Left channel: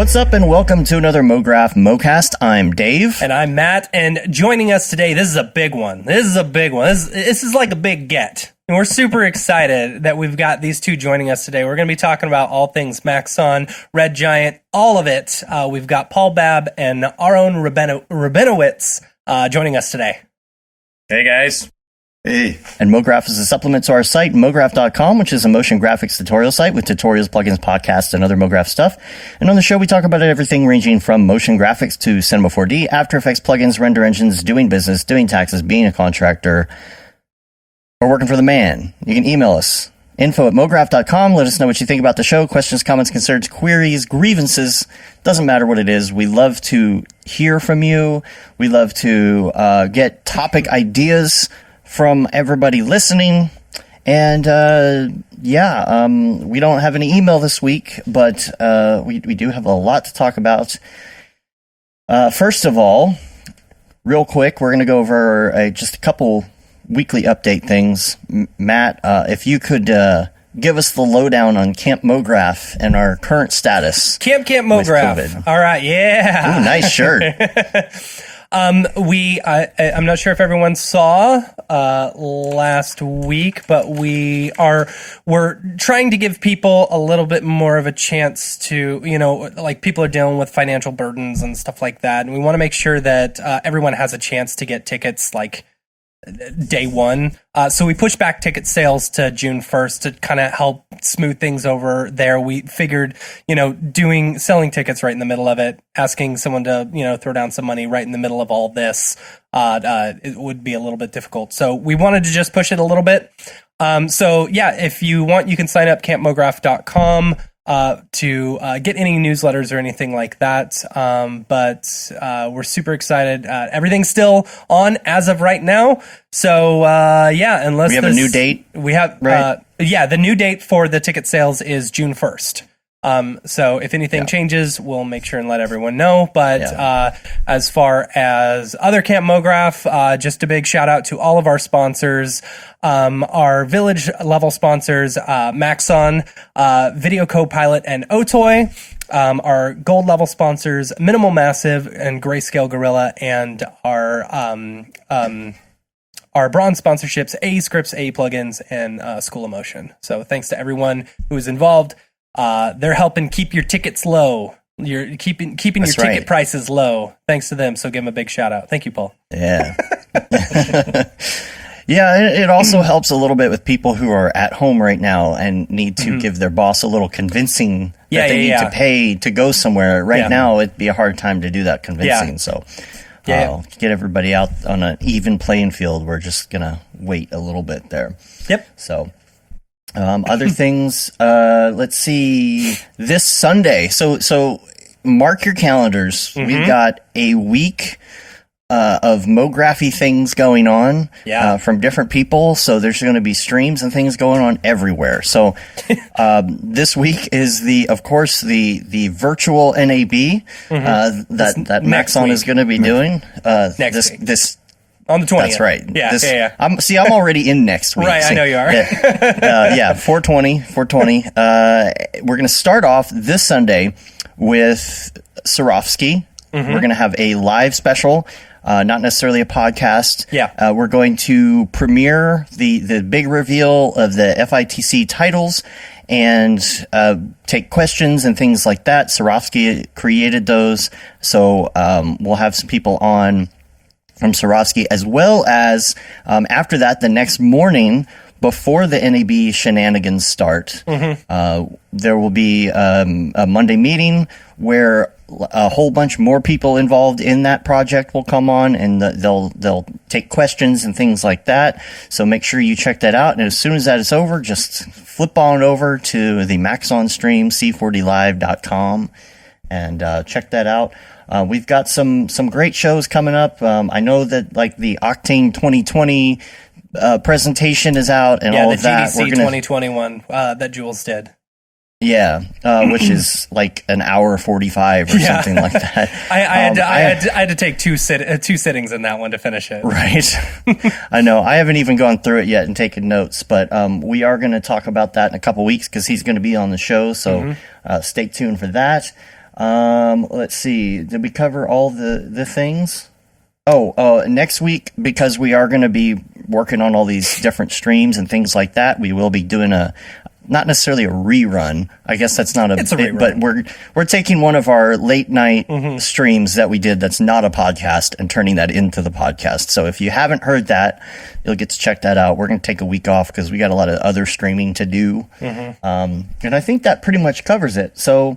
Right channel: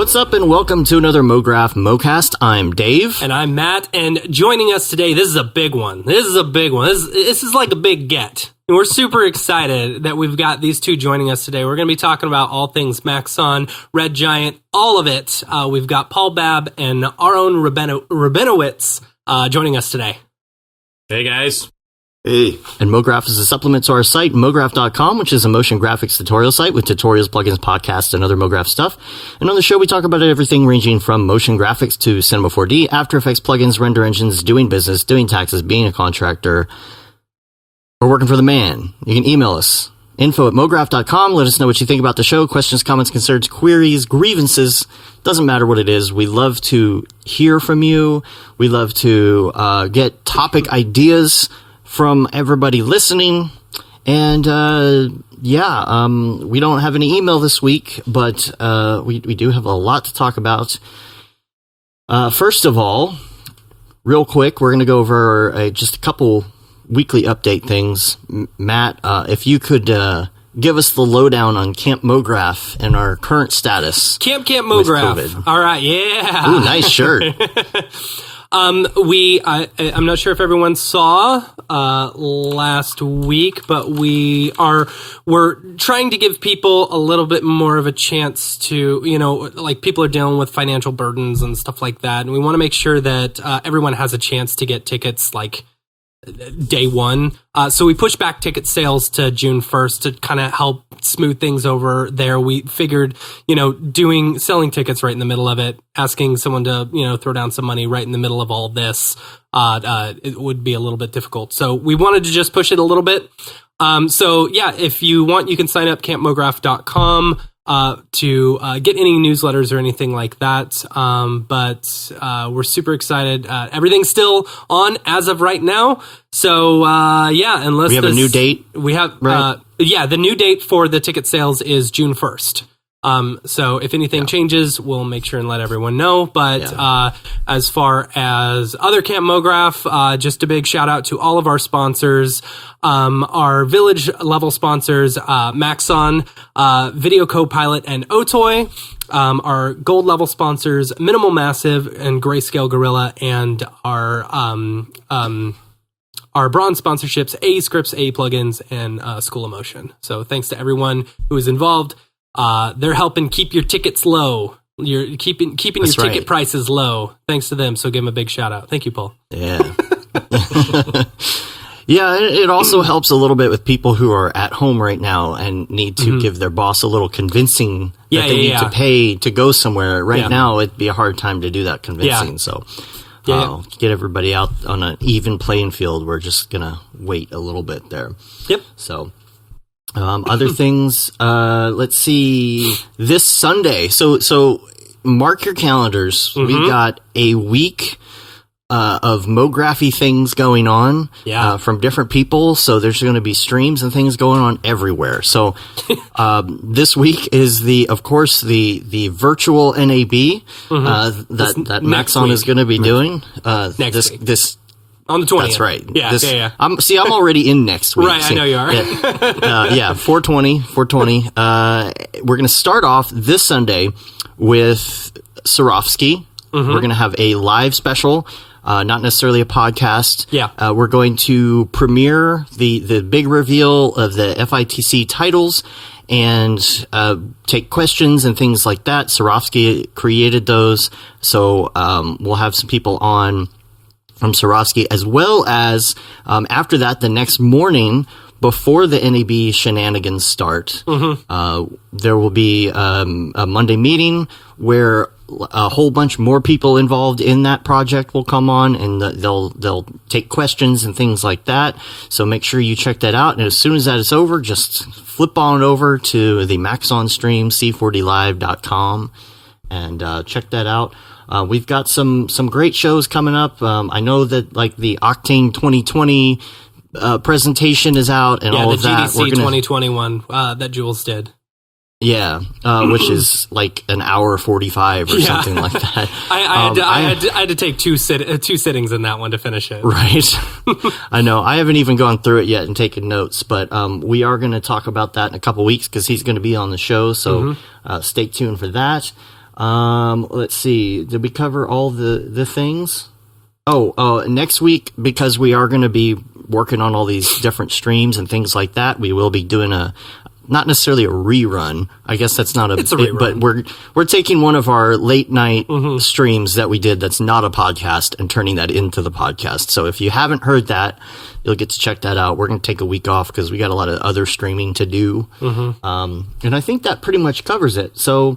What's up, and welcome to another Mograph Mocast. I'm Dave. And I'm Matt, and joining us today, this is a big one. This is like a big get. And we're super excited that we've got these two joining us today. We're going to be talking about all things Maxon, Red Giant, all of it. We've got Babb Ahron Rabinowitz joining us today. Hey, guys. Hey. And Mograph is a supplement to our site, mograph.com, which is a motion graphics tutorial site with tutorials, plugins, podcasts, and other Mograph stuff. And on the show, we talk about everything ranging from motion graphics to Cinema 4D, After Effects, plugins, render engines, doing business, doing taxes, being a contractor, or working for the man. You can email us, info@mograph.com. Let us know what you think about the show. Questions, comments, concerns, queries, grievances. Doesn't matter what it is. We love to hear from you. We love to get topic ideas from everybody listening. And we don't have any email this week, but we do have a lot to talk about. First of all, real quick, we're going to go over just a couple weekly update things. Matt, if you could give us the lowdown on Camp Mograph and our current status. Camp Mograph. All right, yeah. Ooh, nice shirt. I'm not sure if everyone saw last week, but we're trying to give people a little bit more of a chance to, like people are dealing with financial burdens and stuff like that, and we want to make sure that everyone has a chance to get tickets like day one. So we pushed back ticket sales to June 1st to kind of help smooth things over there. We figured, selling tickets right in the middle of it, asking someone to, throw down some money right in the middle of all this, it would be a little bit difficult. So we wanted to just push it a little bit. If you want, you can sign up campmograph.com to get any newsletters or anything like that. But we're super excited. Everything's still on as of right now. So, unless we have a new date. We have, right? The new date for the ticket sales is June 1st. So if anything changes, we'll make sure and let everyone know. But as far as other Camp Mograph, just a big shout out to all of our sponsors. Our village level sponsors, Maxon, Video Copilot, and Otoy. Our gold level sponsors, Minimal Massive and Grayscale Gorilla, and our bronze sponsorships, A Scripts, A Plugins, and School of Motion. So thanks to everyone who is involved. They're helping keep your tickets low. You're keeping your ticket prices low. Thanks to them. So give them a big shout out. Thank you, Paul. Yeah. Yeah, it also helps a little bit with people who are at home right now and need to give their boss a little convincing that they need to pay to go somewhere. Right now, it'd be a hard time to do that convincing. So get everybody out on an even playing field. We're just going to wait a little bit there. Yep. So other things, let's see, this Sunday. So mark your calendars. We've got a week of Mography things going on from different people. So there's going to be streams and things going on everywhere. So this week is the virtual NAB that Maxon is going to be doing next week. This on the 20th. That's right. Yeah. I'm already in next week. Right, I know you are. 420. We're going to start off this Sunday with Swarovski. We're going to have a live special, not necessarily a podcast. Yeah. We're going to premiere the big reveal of the FITC titles and take questions and things like that. Swarovski created those. So we'll have some people on from Swarovski, as well as after that, the next morning, before the NAB shenanigans start, there will be a Monday meeting where a whole bunch more people involved in that project will come on, and they'll take questions and things like that. So make sure you check that out. And as soon as that is over, just flip on over to the Maxon stream, c4dlive.com, and check that out. We've got some great shows coming up. I know that like the Octane 2020 presentation is out and all of that. Yeah, the GDC 2021 that Jules did. Yeah, which is like an hour 45 or something like that. I had to take two sittings in that one to finish it. Right. I know. I haven't even gone through it yet and taken notes, but we are going to talk about that in a couple weeks because he's going to be on the show. So stay tuned for that. Let's see. Did we cover all the things? Next week, because we are going to be working on all these different streams and things like that, we will be doing not necessarily a rerun. I guess that's not It's a rerun. but we're taking one of our late night streams that we did that's not a podcast and turning that into the podcast. So if you haven't heard that, you'll get to check that out. We're going to take a week off because we got a lot of other streaming to do. And I think that pretty much covers it. So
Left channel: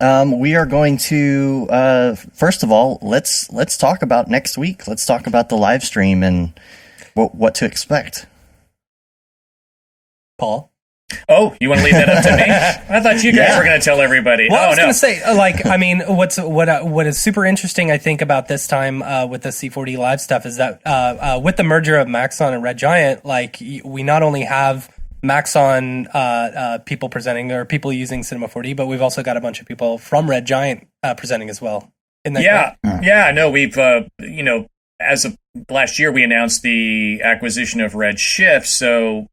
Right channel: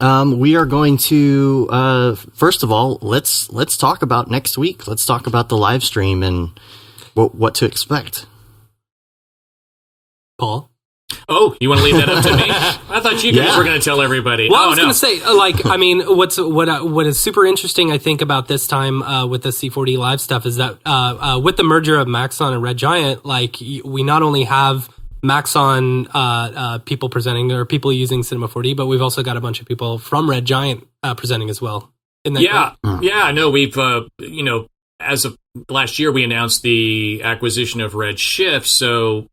we are going to first of all, let's talk about next week. Let's talk about the live stream and what to expect. Paul? Oh, you want to leave that up to me? I thought you guys were going to tell everybody. Well, I was going to say, what is super interesting, I think, about this time with the C4D Live stuff is that with the merger of Maxon and Red Giant, we not only have Maxon people presenting or people using Cinema 4D, but we've also got a bunch of people from Red Giant presenting as well. Isn't that correct? Yeah. No, we've as of last year, we announced the acquisition of Red Shift, so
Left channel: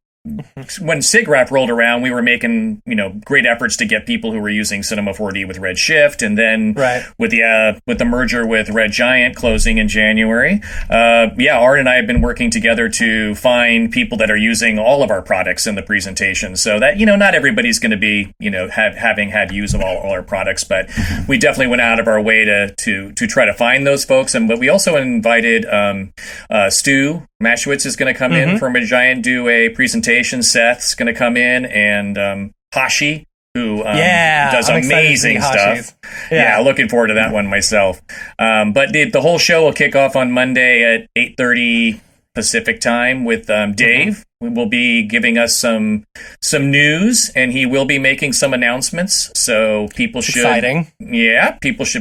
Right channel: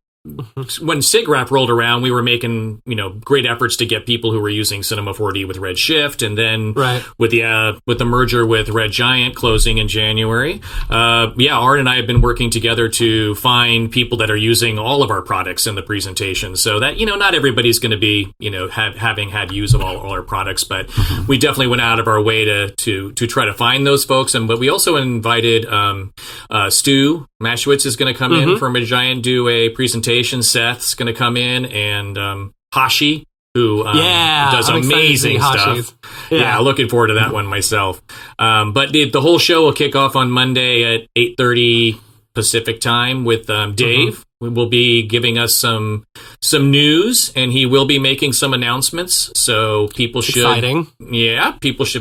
when SIGGRAPH rolled around, we were making great efforts to get people who were using Cinema 4D with Red Shift, and then with the merger with Red Giant closing in January, Art and I have been working together to find people that are using all of our products in the presentation, so that not everybody's going to be having had use of all our products, but we definitely went out of our way to try to find those folks, but we also invited Stu Mashwitz is going to come in from Red Giant, do a presentation. Seth's going to come in, and Hashi, who does amazing stuff. Yeah, looking forward to that one myself. But the whole show will kick off on Monday at 8:30 Pacific time with Dave. We will be giving us some news, and he will be making some announcements. So people should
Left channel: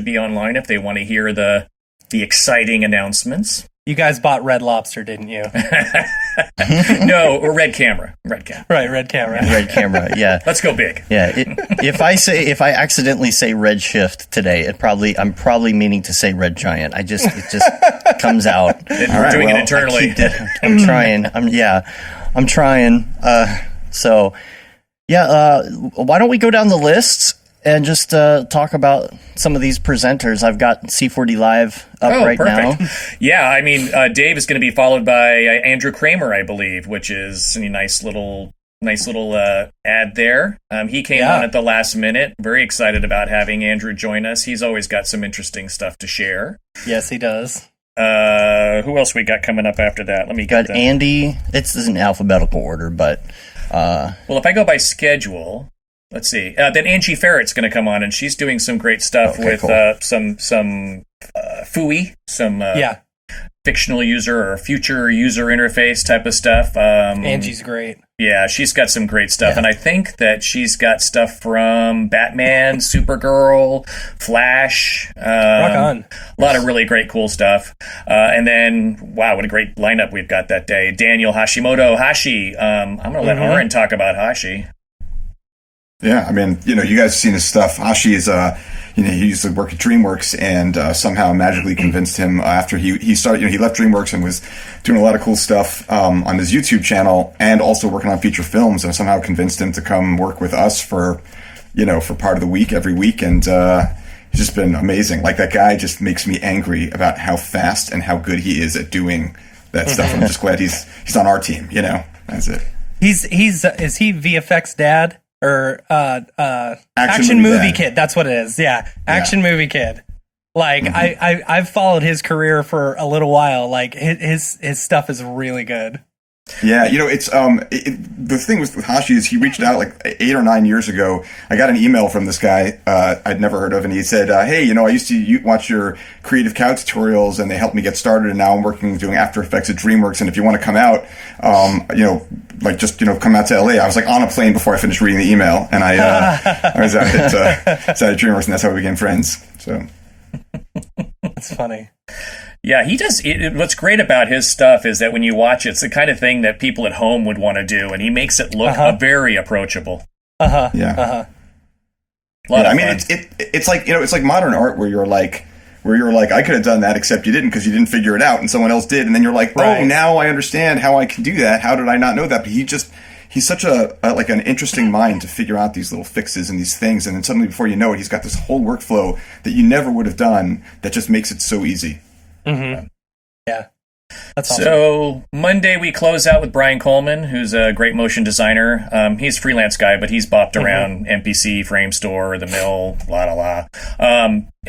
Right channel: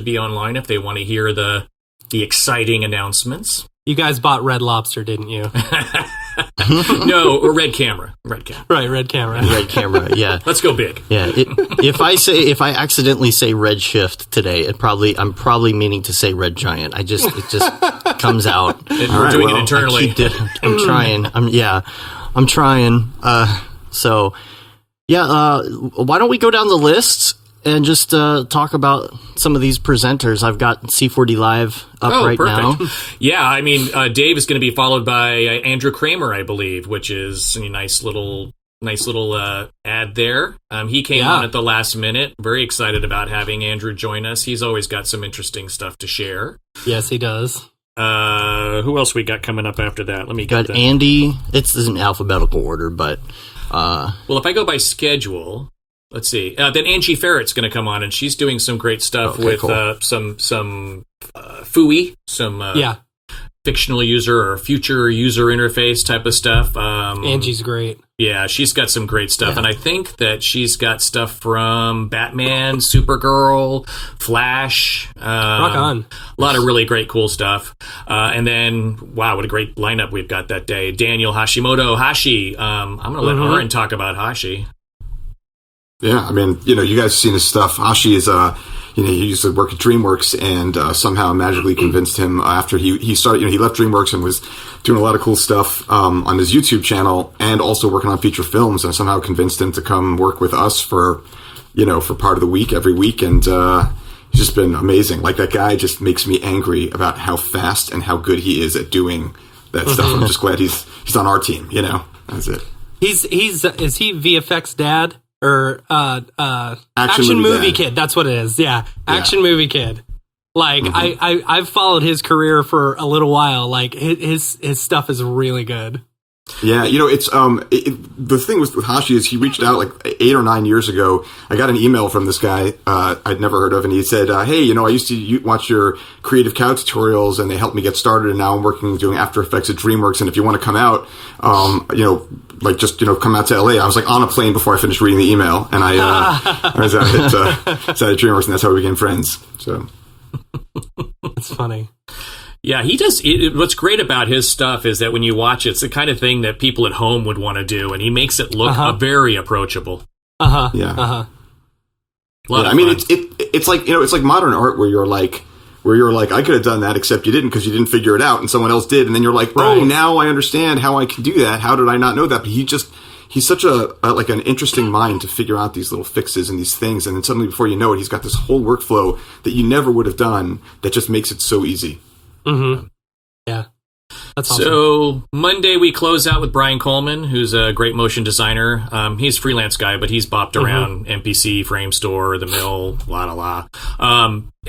be online if they want to hear the exciting announcements. You guys bought Red Lobster, didn't you? No, Red Camera. Red Camera. Right, Red Camera. Red Camera, yeah. Let's go big. Yeah, if I accidentally say Red Shift today, I'm probably meaning to say Red Giant. It just comes out. We're doing it internally. I'm trying. I'm trying. Why don't we go down the list and just talk about some of these presenters? I've got C4D Live up now. Yeah, I mean, Dave is going to be followed by Andrew Kramer, I believe, which is a nice little ad there. He came on at the last minute. Very excited about having Andrew join us. He's always got some interesting stuff to share. Yes, he does. Who else we got coming up after that? Let me get that. Andy. It's in alphabetical order, but well, if I go by schedule. Let's see. Then Angie Ferret's going to come on, and she's doing some great stuff with cool. some FUI, some fictional user or future user interface type of stuff. Angie's great. Yeah, she's got some great stuff, and I think that she's got stuff from Batman, Supergirl, Flash. Rock on. A lot of really great, cool stuff. And then, wow, what a great lineup we've got that day. Daniel Hashimoto, Hashi. I'm going to let Aaron talk about Hashi. Yeah, I mean, you guys have seen his stuff. Hashi is, he used to work at DreamWorks, and somehow magically convinced him after he started, he left DreamWorks and was doing a lot of cool stuff on his YouTube channel and also working on feature films, and somehow convinced him to come work with us for part of the week, every week, and he's just been amazing. Like, that guy just makes me angry about how fast and how good he is at doing that stuff. I'm just glad he's on our team, That's it. Is he VFX dad? Or action movie kid. That's what it is. Yeah, action movie kid. Like I've followed his career for a little while. Like his stuff is really good. Yeah, it's the thing with Hashi is he reached out like 8 or 9 years ago. I got an email from this guy I'd never heard of, and he said, "Hey, I used to watch your Creative Cow tutorials, and they helped me get started. And now I'm doing After Effects at DreamWorks. And if you want to come out, come out to LA." I was like on a plane before I finished reading the email, and I was out at DreamWorks, and that's how we became friends. So that's funny. Yeah, he does. What's great about his stuff is that when you watch it, it's the kind of thing that people at home would want to do, and he makes it look very approachable. Yeah. A lot of fun. It's like it's like modern art where you're like I could have done that, except you didn't because you didn't figure it out, and someone else did, and then you're like, oh, now I understand how I can do that. How did I not know that? But he's such a like an interesting mind to figure out these little fixes and these things, and then suddenly before you know it, he's got this whole workflow that you never would have done that just makes it so easy. Mm-hmm. Yeah. That's awesome. So Monday we close out with Brian Coleman, who's a great motion designer. He's a freelance guy, but he's bopped around MPC, Frame Store, The Mill,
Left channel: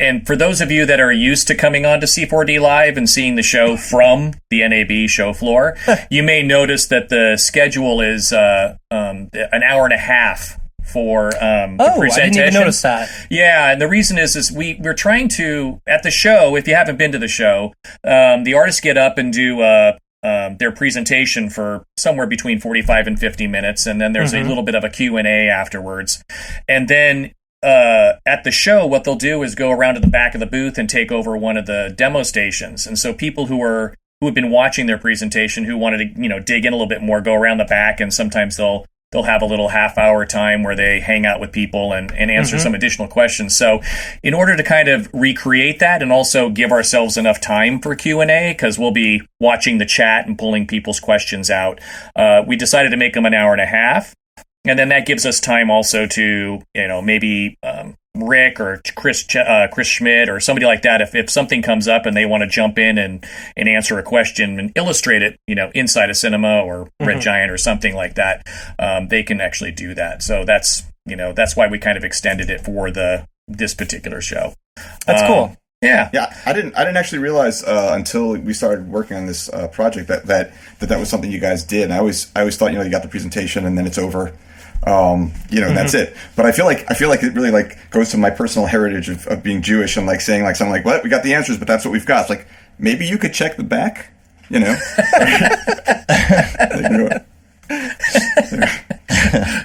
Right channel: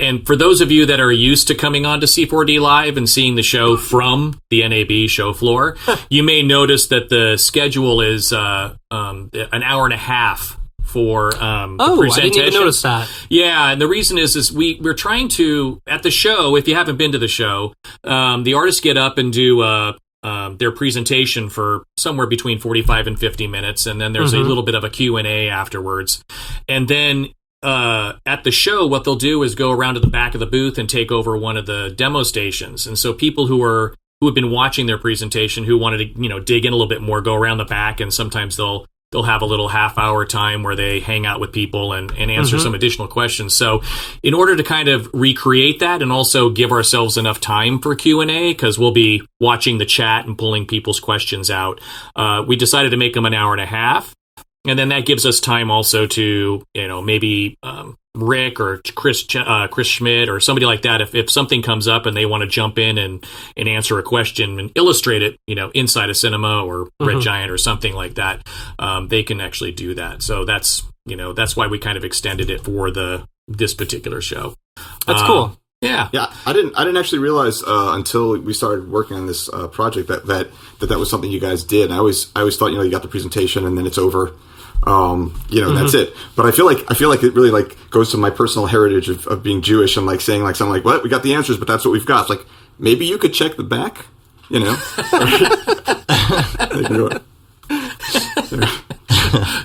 and for those of you that are used to coming on to C4D Live and seeing the show from the NAB show floor, you may notice that the schedule is an hour and a half for the presentation. I didn't even notice that. Yeah, and the reason is we're trying to, at the show, if you haven't been to the show, the artists get up and do their presentation for somewhere between 45 and 50 minutes, and then there's a little bit of a Q&A afterwards. And then at the show, what they'll do is go around to the back of the booth and take over one of the demo stations. And so people who have been watching their presentation, who wanted to dig in a little bit more, go around the back, and sometimes they'll have a little half-hour time where they hang out with people and answer some additional questions. So in order to kind of recreate that and also give ourselves enough time for Q&A, because we'll be watching the chat and pulling people's questions out, we decided to make them an hour and a half. And then that gives us time also to, maybe Rick or Chris Schmidt or somebody like that, if something comes up and they want to jump in and answer a question and illustrate it, inside a cinema or Red Giant or something like that, they can actually do that. So that's why we kind of extended it for this particular show. That's cool. Yeah. Yeah, I didn't actually realize until we started working on this project that was something you guys did. And I always thought, you got the presentation and then it's over. And that's it. But I feel like it really goes to my personal heritage of being Jewish and saying something like, "What? We got the answers, but that's what we've got." It's maybe you could check the back,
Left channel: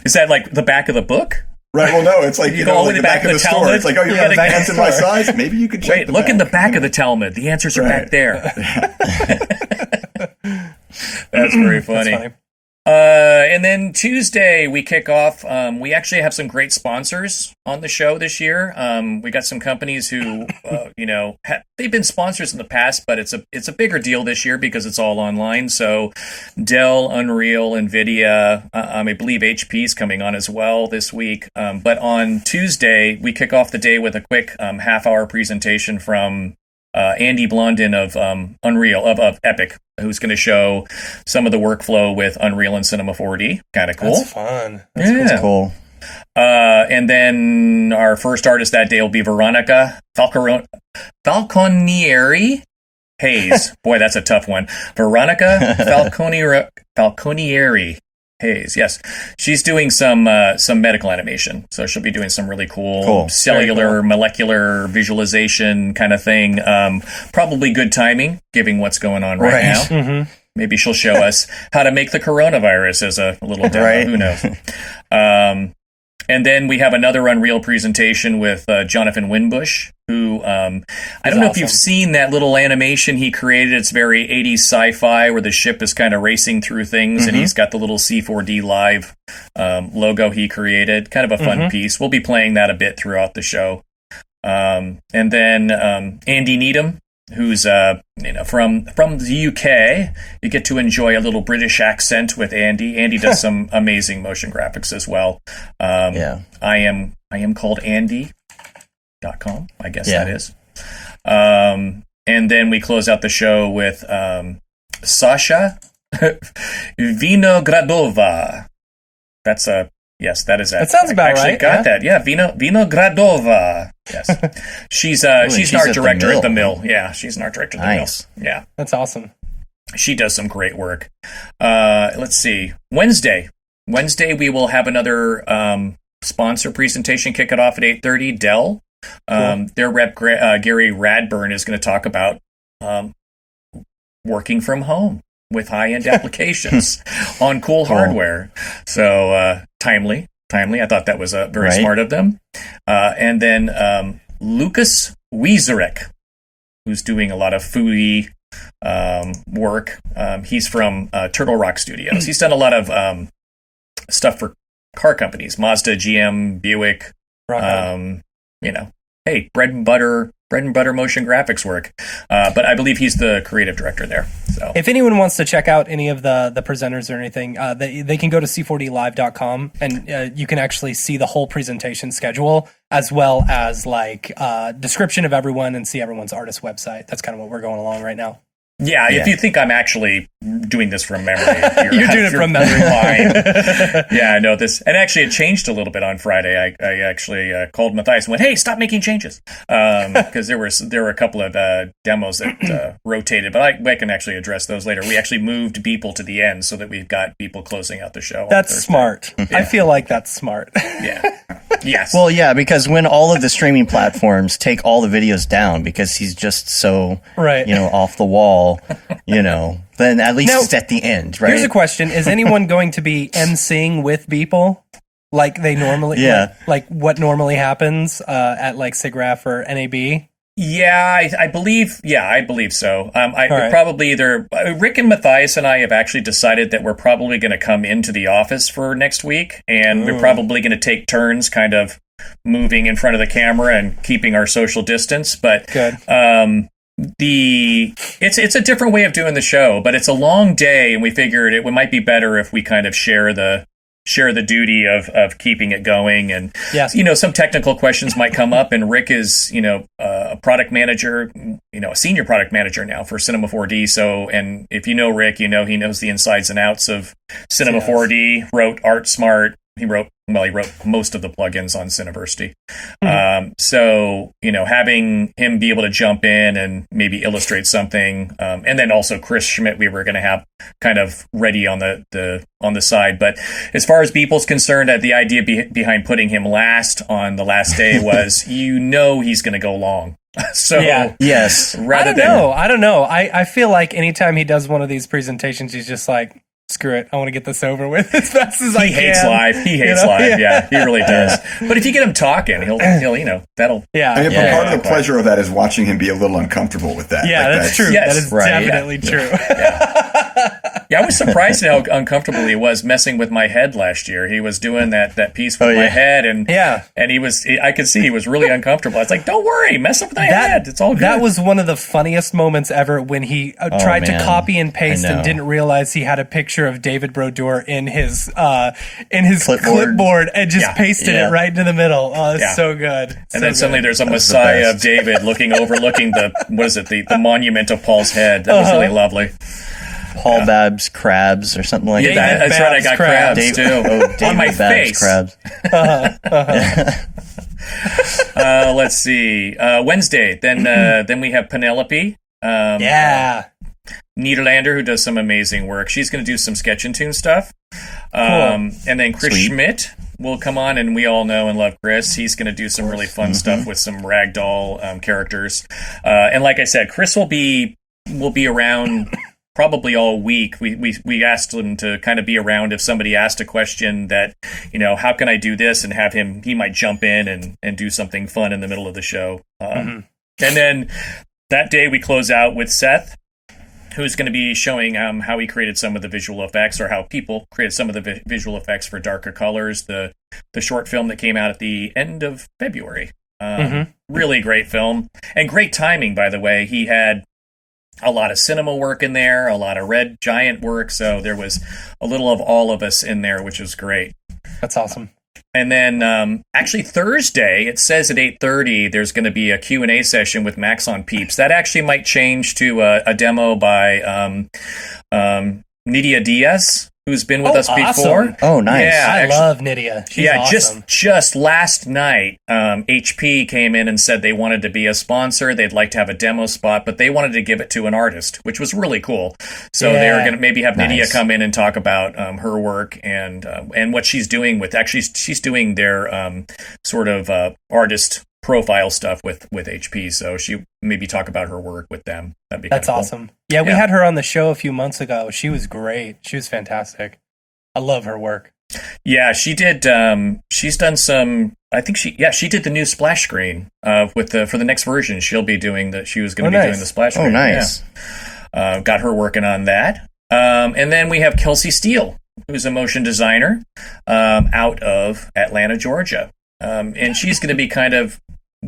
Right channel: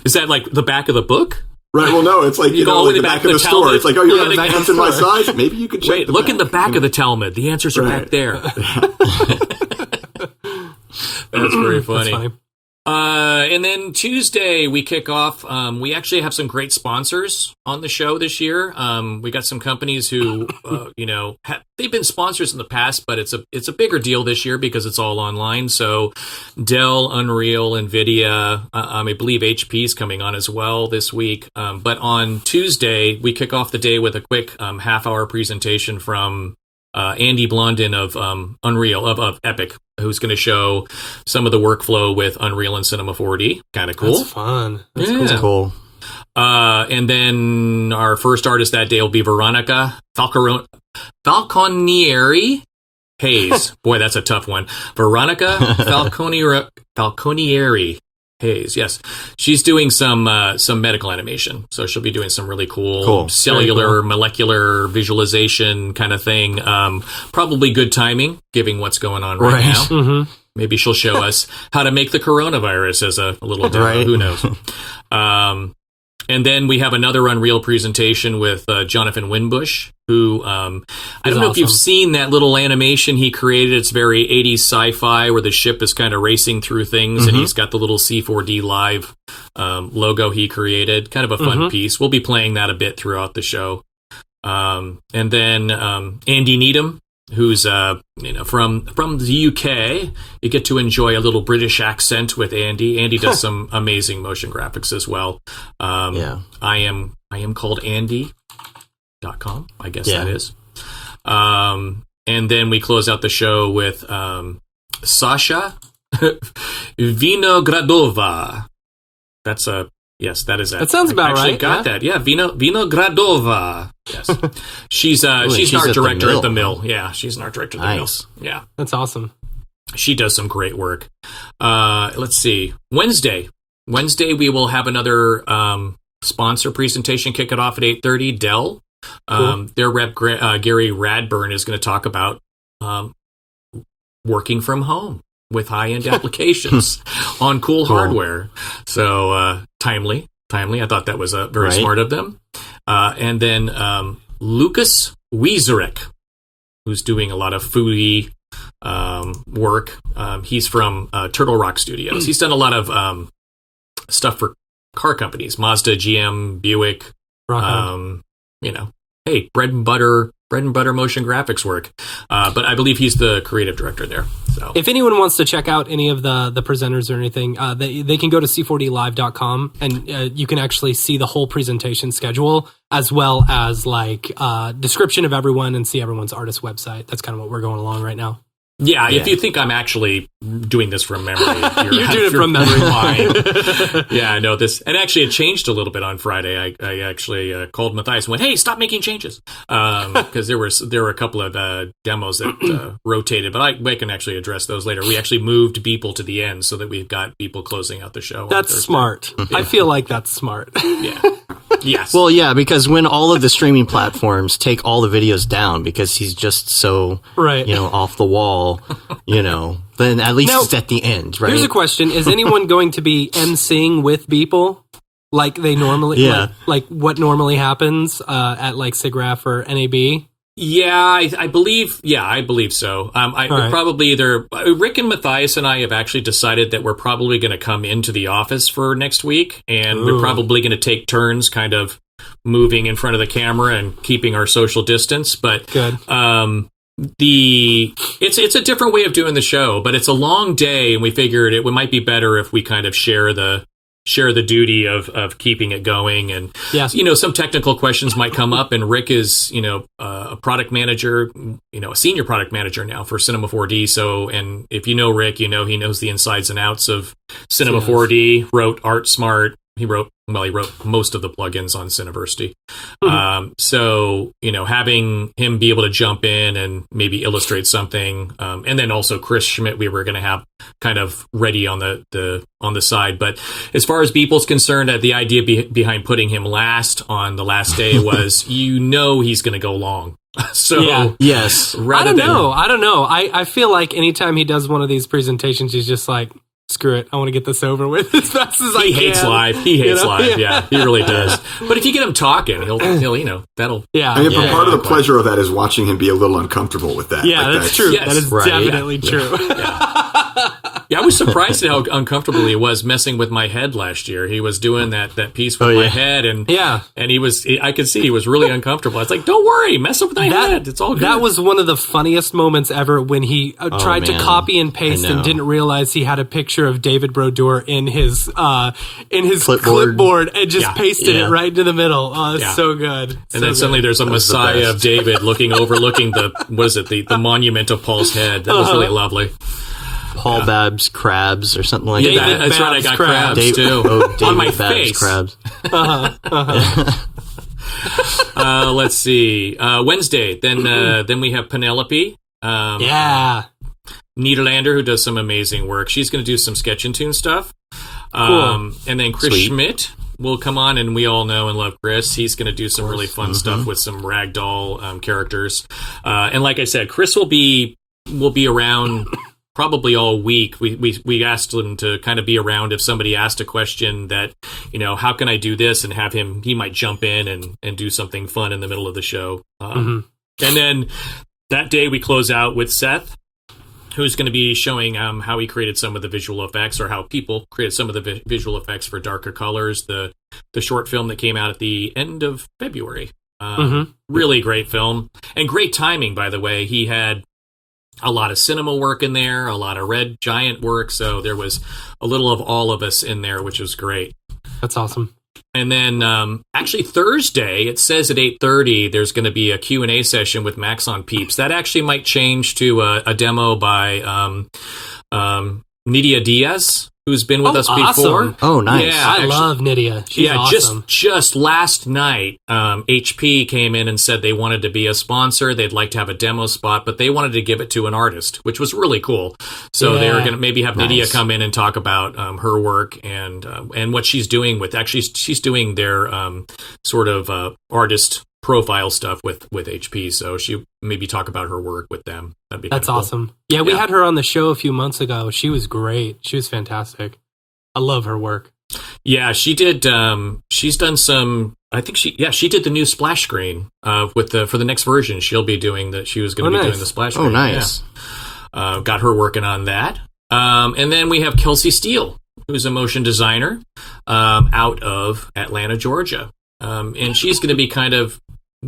Is that the back of the bock? Right. Well, no, it's you go the back of the store. It's you're going to pants in my size. Maybe you could check. Wait, look in the back of the Talmud. The answers are back there. That's very funny. That's funny. And then Tuesday we kick off. We actually have some great sponsors on the show this year. We got some companies who, they've been sponsors in the past, but it's a bigger deal this year because it's all online. So Dell, Unreal, NVIDIA, I believe HP is coming on as well this week. But on Tuesday we kick off the day with a quick half-hour presentation from Andy Blondin of Unreal, of Epic, who's going to show some of the workflow with Unreal and Cinema 4D. Kind of cool. That's fun. That's cool. And then our first artist that day will be Veronica Falconieri Hayes. Boy, that's a tough one. Veronica Falconieri Hayes. Yes, she's doing some medical animation, so she'll be doing some really cool. Cellular, molecular visualization kind of thing. Probably good timing, given what's going on right now. Mm-hmm. Maybe she'll show us how to make the coronavirus as a little demo. Right. Who knows? And then we have another Unreal presentation with Jonathan Winbush, who I don't know if you've seen that little animation he created. It's very 80s sci-fi where the ship is kind of racing through things, and he's got the little C4D Live logo he created. Kind of a fun piece. We'll be playing that a bit throughout the show. And then Andy Needham, who's from the UK. You get to enjoy a little British accent with Andy. Andy does some amazing motion graphics as well. I am called Andy.com, I guess that is. And then we close out the show with Sasha Vinogradova. That's a yes, that is it. That sounds about right. I got that. Yeah, Vinogradova. Yes, she's an art director at the Mill. Yeah, she's an art director at the Mill. Yeah, that's awesome. She does some great work. Let's see. Wednesday we will have another sponsor presentation. Kick it off at 8:30. Dell. Cool. Their rep Gary Radburn is going to talk about working from home with high-end applications on cool hardware. So timely. I thought that was very smart of them. And then Lucas Wiezerek, who's doing a lot of foodie work. He's from Turtle Rock Studios. He's done a lot of stuff for car companies, Mazda, GM, Buick. Hey, bread and butter bread and butter motion graphics work. But I believe he's the creative director there. So If anyone wants to check out any of the presenters or anything, they can go to c4dlive.com and you can actually see the whole presentation schedule as well as like description of everyone and see everyone's artist website. That's kind of what we're going along right now. Yeah, if you think I'm actually doing this from memory, You're doing it from memory. Yeah, I know this. And actually, it changed a little bit on Friday. I actually called Matthias and went, "Hey, stop making changes," because there were a couple of demos that rotated. But I can actually address those later. We actually moved Beeple to the end so that we've got Beeple closing out the show. That's smart. I feel like that's smart. Yeah. Yes. Well, yeah, because when all of the streaming platforms take all the videos down because he's just so, Right. off the wall, then at least Now, it's at the end, right? Here's a question. Is anyone going to be emceeing with Beeple like they normally, Yeah. like what normally happens at like SIGGRAPH or NAB? Yeah, I believe. Yeah, I believe so. right. Probably either Rick and Matthias and I have actually decided that we're probably going to come into the office for next week, and we're probably going to take turns, kind of moving in front of the camera and keeping our social distance. But Good. It's a different way of doing the show, but it's a long day, and we figured it might be better if we kind of share the duty of keeping it going. And Yes. some technical questions might come up, and Rick is a product manager, a senior product manager now for Cinema 4D. So, and if you know Rick, he knows the insides and outs of Cinema 4D. Wrote ArtSmart. He wrote most of the plugins on Cineversity. So, having him be able to jump in and maybe illustrate something, and then also Chris Schmidt, we were going to have kind of ready on the side. But as far as Beeple's concerned, the idea behind putting him last on the last day was, he's going to go long. So Yeah. Yes. I don't know. I feel like anytime he does one of these presentations, he's just like, screw it, I want to get this over with as fast as I can. He hates live. He hates live. Yeah, he really does. But if you get him talking, he'll that'll. Yeah. I mean, but part of the pleasure of that is watching him be a little uncomfortable with that. Yeah, Like, that's true. Yes. That is Right. definitely true. Yeah, I was surprised at how uncomfortable he was messing with my head last year. He was doing that piece with my head, and I could see he was really uncomfortable. I was like, "Don't worry, mess up with my head. It's all good." That was one of the funniest moments ever when he tried to man. copy and paste I and know. didn't realize he had a picture of David Brodeur in his clipboard and just pasted it right into the middle. Oh, it's so good. And then suddenly there's a Messiah of David overlooking the monument of Paul's head. That was really lovely. Paul Babb's crabs or something like Yeah, that. that's right. I got crabs too David on my Babb's face. crabs. Let's see. Wednesday. Then we have Penelope. Yeah. Niederlander, who does some amazing work. She's going to do some Sketch and Tune stuff. Cool. And then Chris Sweet. Schmidt will come on, and we all know and love Chris. He's going to do some really fun stuff with some ragdoll characters. And like I said, Chris will be around probably all week. We asked him to kind of be around if somebody asked a question that, how can I do this, and have him, he might jump in and do something fun in the middle of the show. And then that day we close out with Seth, who's going to be showing how he created some of the visual effects, or how people created some of the visual effects for Darker Colors, the short film that came out at the end of February. Really great film, and great timing, by the way. He had a lot of cinema work in there, a lot of Red Giant work, so there was a little of all of us in there, which was great. That's awesome. And then actually Thursday, it says at 8:30, there's going to be a Q&A session with Maxon Peeps. That actually might change to a demo by Nydia Diaz, who's been with us awesome. before. Oh, nice. Yeah, I actually- love Nydia. She's awesome. just last night, HP came in and said they wanted to be a sponsor. They'd like to have a demo spot, but they wanted to give it to an artist, which was really cool. So they were going to maybe have Nydia come in and talk about her work and what she's doing with. Actually, she's doing their sort of artist profile stuff with HP. So she maybe talk about her work with them. That'd be That's kinda cool. awesome. Yeah, we had her on the show a few months ago. She was great. She was fantastic. I love her work. Yeah, she did. She's done some. I think she did the new splash screen for the next version. She'll be doing that. She was going to be doing the splash screen. Oh, nice. Yeah. Got her working on that. And then we have Kelsey Steele, who's a motion designer out of Atlanta, Georgia. And she's going to be kind of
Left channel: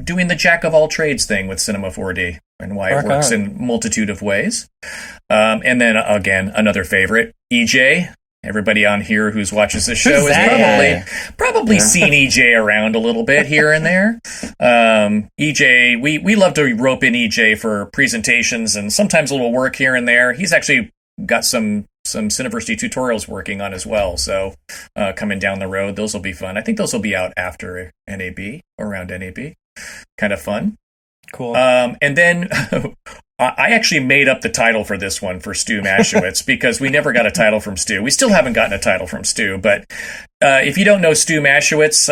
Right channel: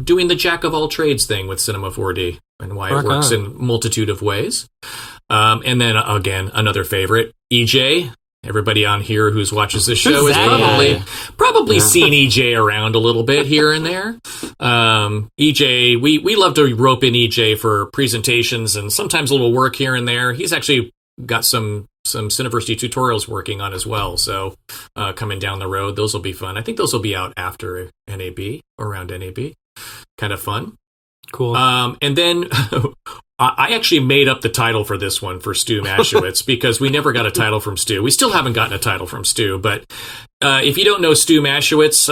doing the jack of all trades thing with Cinema 4D and why it works in multitude of ways. And then again, another favorite, EJ. Everybody on here who watches this show has probably seen EJ around a little bit here and there. EJ, we love to rope in EJ for presentations and sometimes a little work here and there. He's actually got some Cineversity tutorials working on as well. So coming down the road, those will be fun. I think those will be out after NAB, around NAB. Kind of fun. Cool. And then I actually made up the title for this one for Stu Maschwitz because we never got a title from Stu. We still haven't gotten a title from Stu, but if you don't know Stu Maschwitz,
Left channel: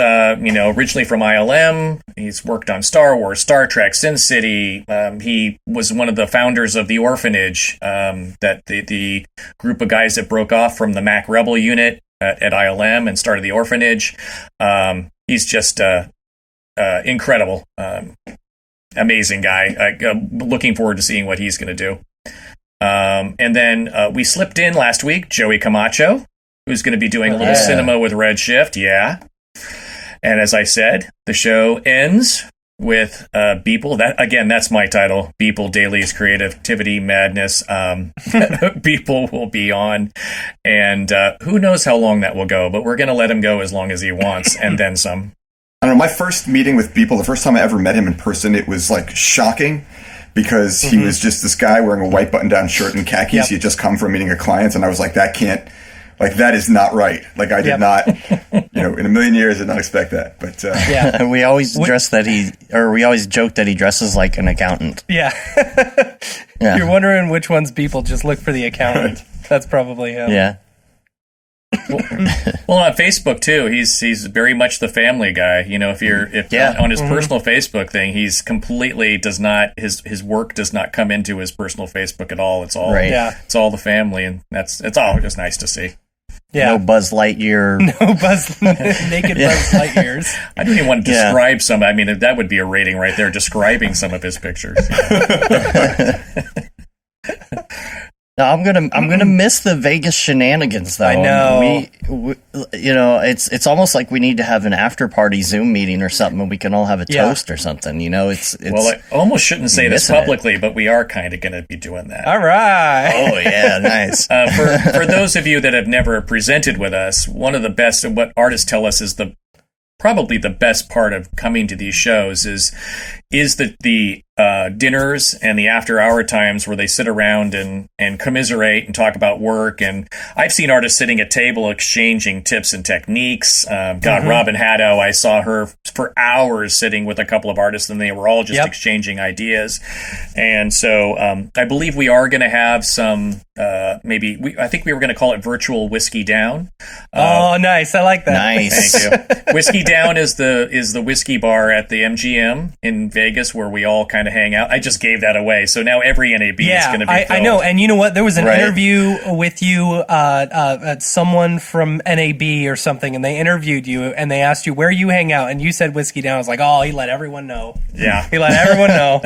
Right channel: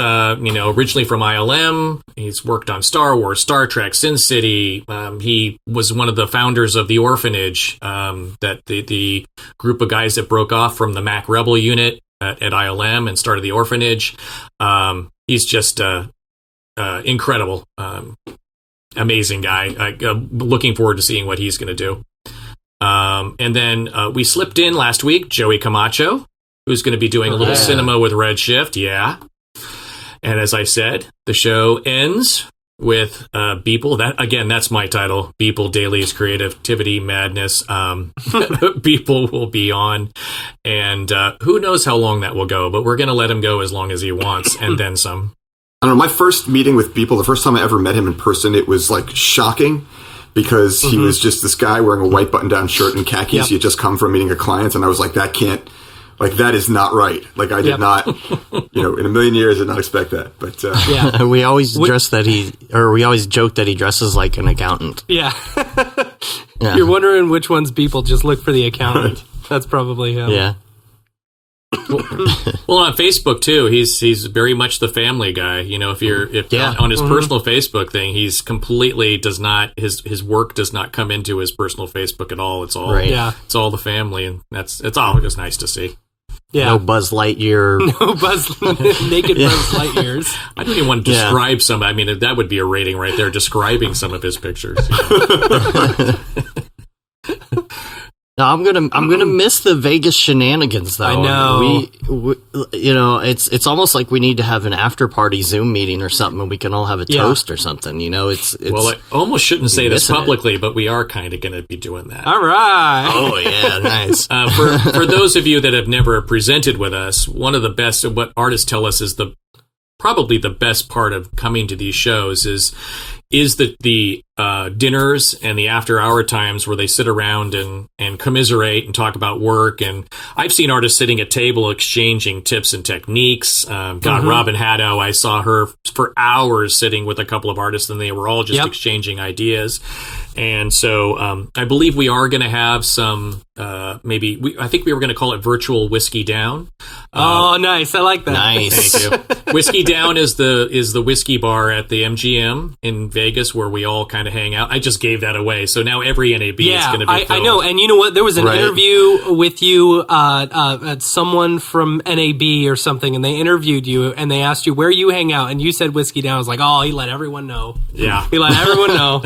originally from ILM, he's worked on Star Wars, Star Trek, Sin City. He was one of the founders of The Orphanage, that the group of guys that broke off from the Mac Rebel unit at ILM and started The Orphanage. He's just incredible. Amazing guy. Looking forward to seeing what he's going to do. And then we slipped in last week Joey Camacho, who's going to be doing a little cinema with Redshift. Yeah. And as I said, the show ends with Beeple. That's my title. Beeple Daily's Creativity Madness. Beeple will be on. And who knows how long that will go, but we're going to let him go as long as he wants and then some. I don't know, my first meeting with Beeple, the first time I ever met him in person, it was like shocking because he was just this guy wearing a white button-down shirt and khakis. Yep. He had just come from meeting a client, and I was like, that is not right. Like, I did not, in a million years, did not expect that. But we always we always joke that he dresses like an accountant. Yeah. You're wondering which one's Beeple, just look for the accountant. That's probably him. Yeah. Well, on Facebook too, he's very much the family guy. On his personal Facebook thing, he's completely does not his work does not come into his personal Facebook at all. It's all it's all the family, and it's all just nice to see. Yeah, no Buzz Lightyear, naked Buzz Lightyears. I don't even want to describe some. I mean, that would be a rating right there, describing some of his pictures. No, I'm gonna miss the Vegas shenanigans though. I know. We it's almost like we need to have an after party Zoom meeting or something, and we can all have a toast or something. It's well, I almost shouldn't say this publicly, but we are kind of going to be doing that. All right. Oh yeah, nice. For those of you that have never presented with us, one of the best what artists tell us is probably the best part of coming to these shows is the dinners and the after hour times where they sit around and commiserate and talk about work. And I've seen artists sitting at table exchanging tips and techniques. Robin Haddo, I saw her for hours sitting with a couple of artists, and they were all just exchanging ideas. And so I believe we are going to have some I think we were going to call it virtual whiskey down. Oh, nice. I like that. Nice. Thank you. Whiskey Down is the whiskey bar at the MGM in Vegas where we all kind of hang out. I just gave that away. So now every NAB is going to be filled. I know. And you know what? There was an interview with you, someone from NAB or something, and they interviewed you and they asked you where you hang out, and you said Whiskey Down. I was like, oh, he let everyone know. Yeah. He let everyone know.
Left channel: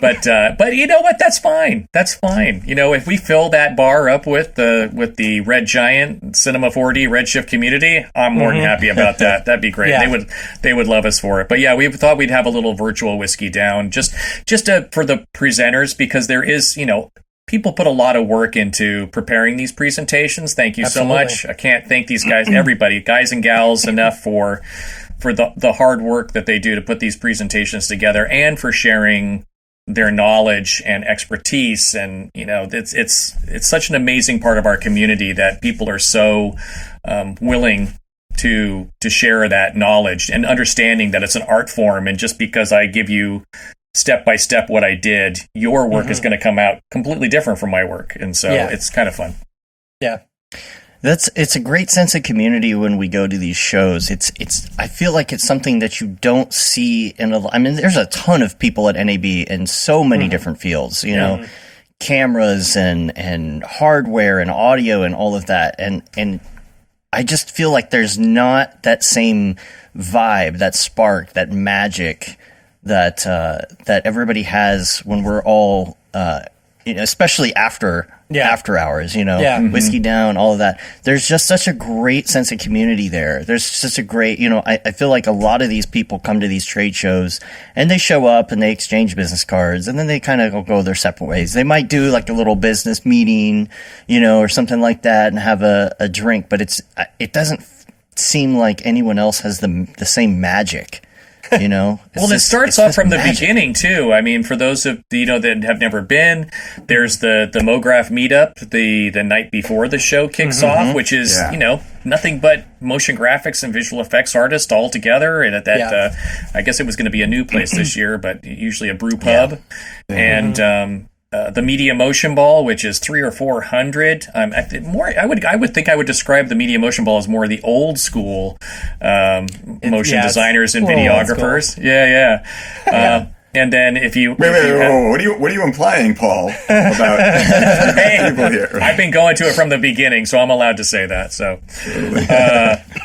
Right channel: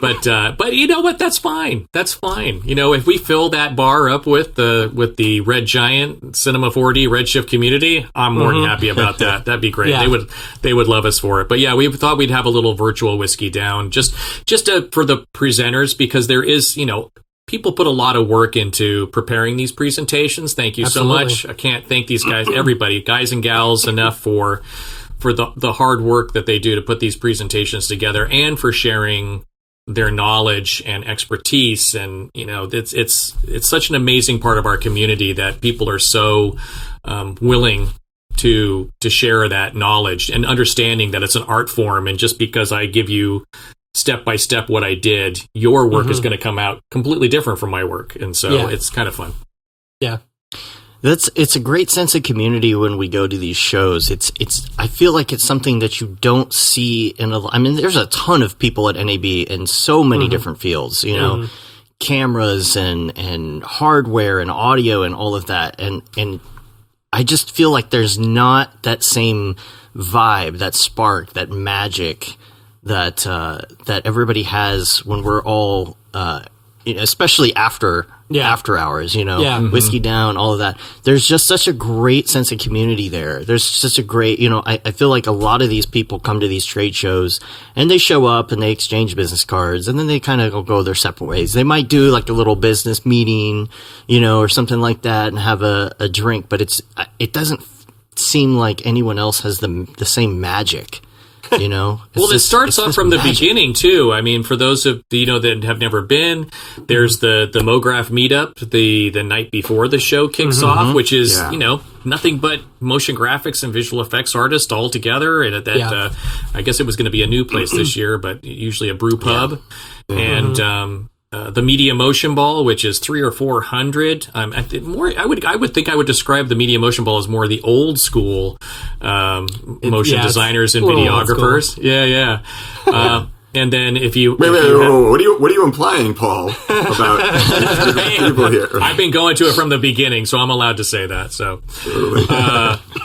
But you know what? That's fine. That's fine. If we fill that bar up with the Red Giant Cinema 4D Redshift community, I'm more than happy about that. That'd be great. Yeah. They would love us for it. But yeah, we thought we'd have a little virtual Whiskey Down just for the presenters, because there is, people put a lot of work into preparing these presentations. Thank you so much. I can't thank these guys, everybody, guys and gals, enough for the hard work that they do to put these presentations together and for sharing their knowledge and expertise. And it's such an amazing part of our community that people are so willing to share that knowledge and understanding that it's an art form, and just because I give you step by step what I did, your work is going to come out completely different from my work, and so it's kind of fun. Yeah. It's a great sense of community when we go to these shows. I feel like it's something that you don't see there's a ton of people at NAB in so many different fields, cameras and hardware and audio and all of that. And I just feel like there's not that same vibe, that spark, that magic that everybody has when we're all especially after hours, whiskey down, all of that. There's just such a great sense of community there. There's such a great, I feel like a lot of these people come to these trade shows and they show up and they exchange business cards and then they kind of go their separate ways. They might do like a little business meeting, or something like that and have a drink, but it doesn't seem like anyone else has the same magic. Well, it starts off from the beginning too. I mean, for those of that have never been, there's the Mograph meetup the night before the show kicks off, which is nothing but motion graphics and visual effects artists all together. And at that, I guess it was going to be a new place this year, but usually a brew pub, and the Media Motion Ball, which is 300 or 400. I would think I would describe the Media Motion Ball as more the old school motion designers and videographers. Yeah. And then if you wait, what are you implying, Paul, about people here? I've been going to it from the beginning, so I'm allowed to say that. So,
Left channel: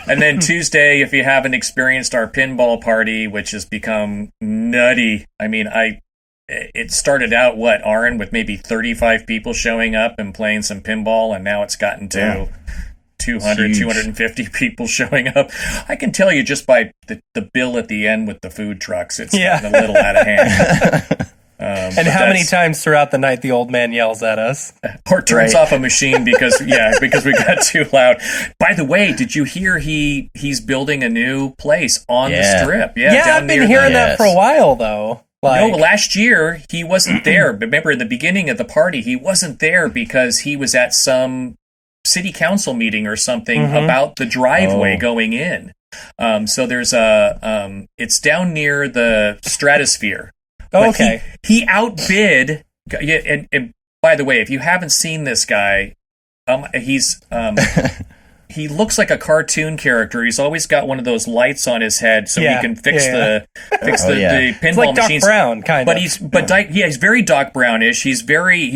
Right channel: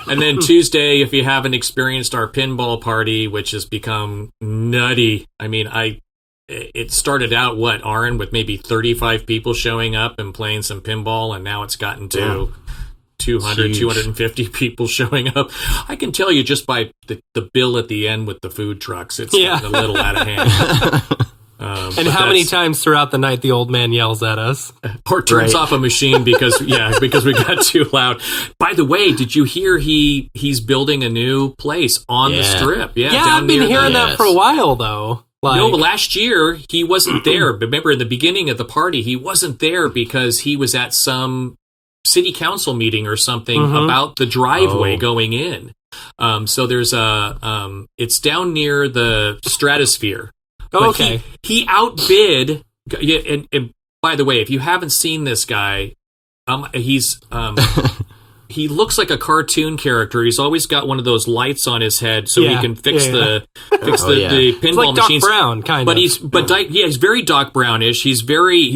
and then Tuesday, if you haven't experienced our pinball party, which has become nutty. I mean, it started out, Aaron, with maybe 35 people showing up and playing some pinball, and now it's gotten to 200, 250 people showing up. I can tell you just by the bill at the end with the food trucks, it's gotten a little out of hand. And how many times throughout the night the old man yells at us? Or turns off a machine because we got too loud. By the way, did you hear he's building a new place on the strip? Yeah, I've been hearing that for a while, though. No, last year he wasn't there. Remember, in the beginning of the party, he wasn't there because he was at some city council meeting or something about the driveway going in. So there's it's down near the Stratosphere. Oh, okay. He outbid. And by the way, if you haven't seen this guy, he's he looks like a cartoon character. He's always got one of those lights on his head so he can fix the pinball it's like machines. Doc Brown, kind of. He's very Doc Brownish. He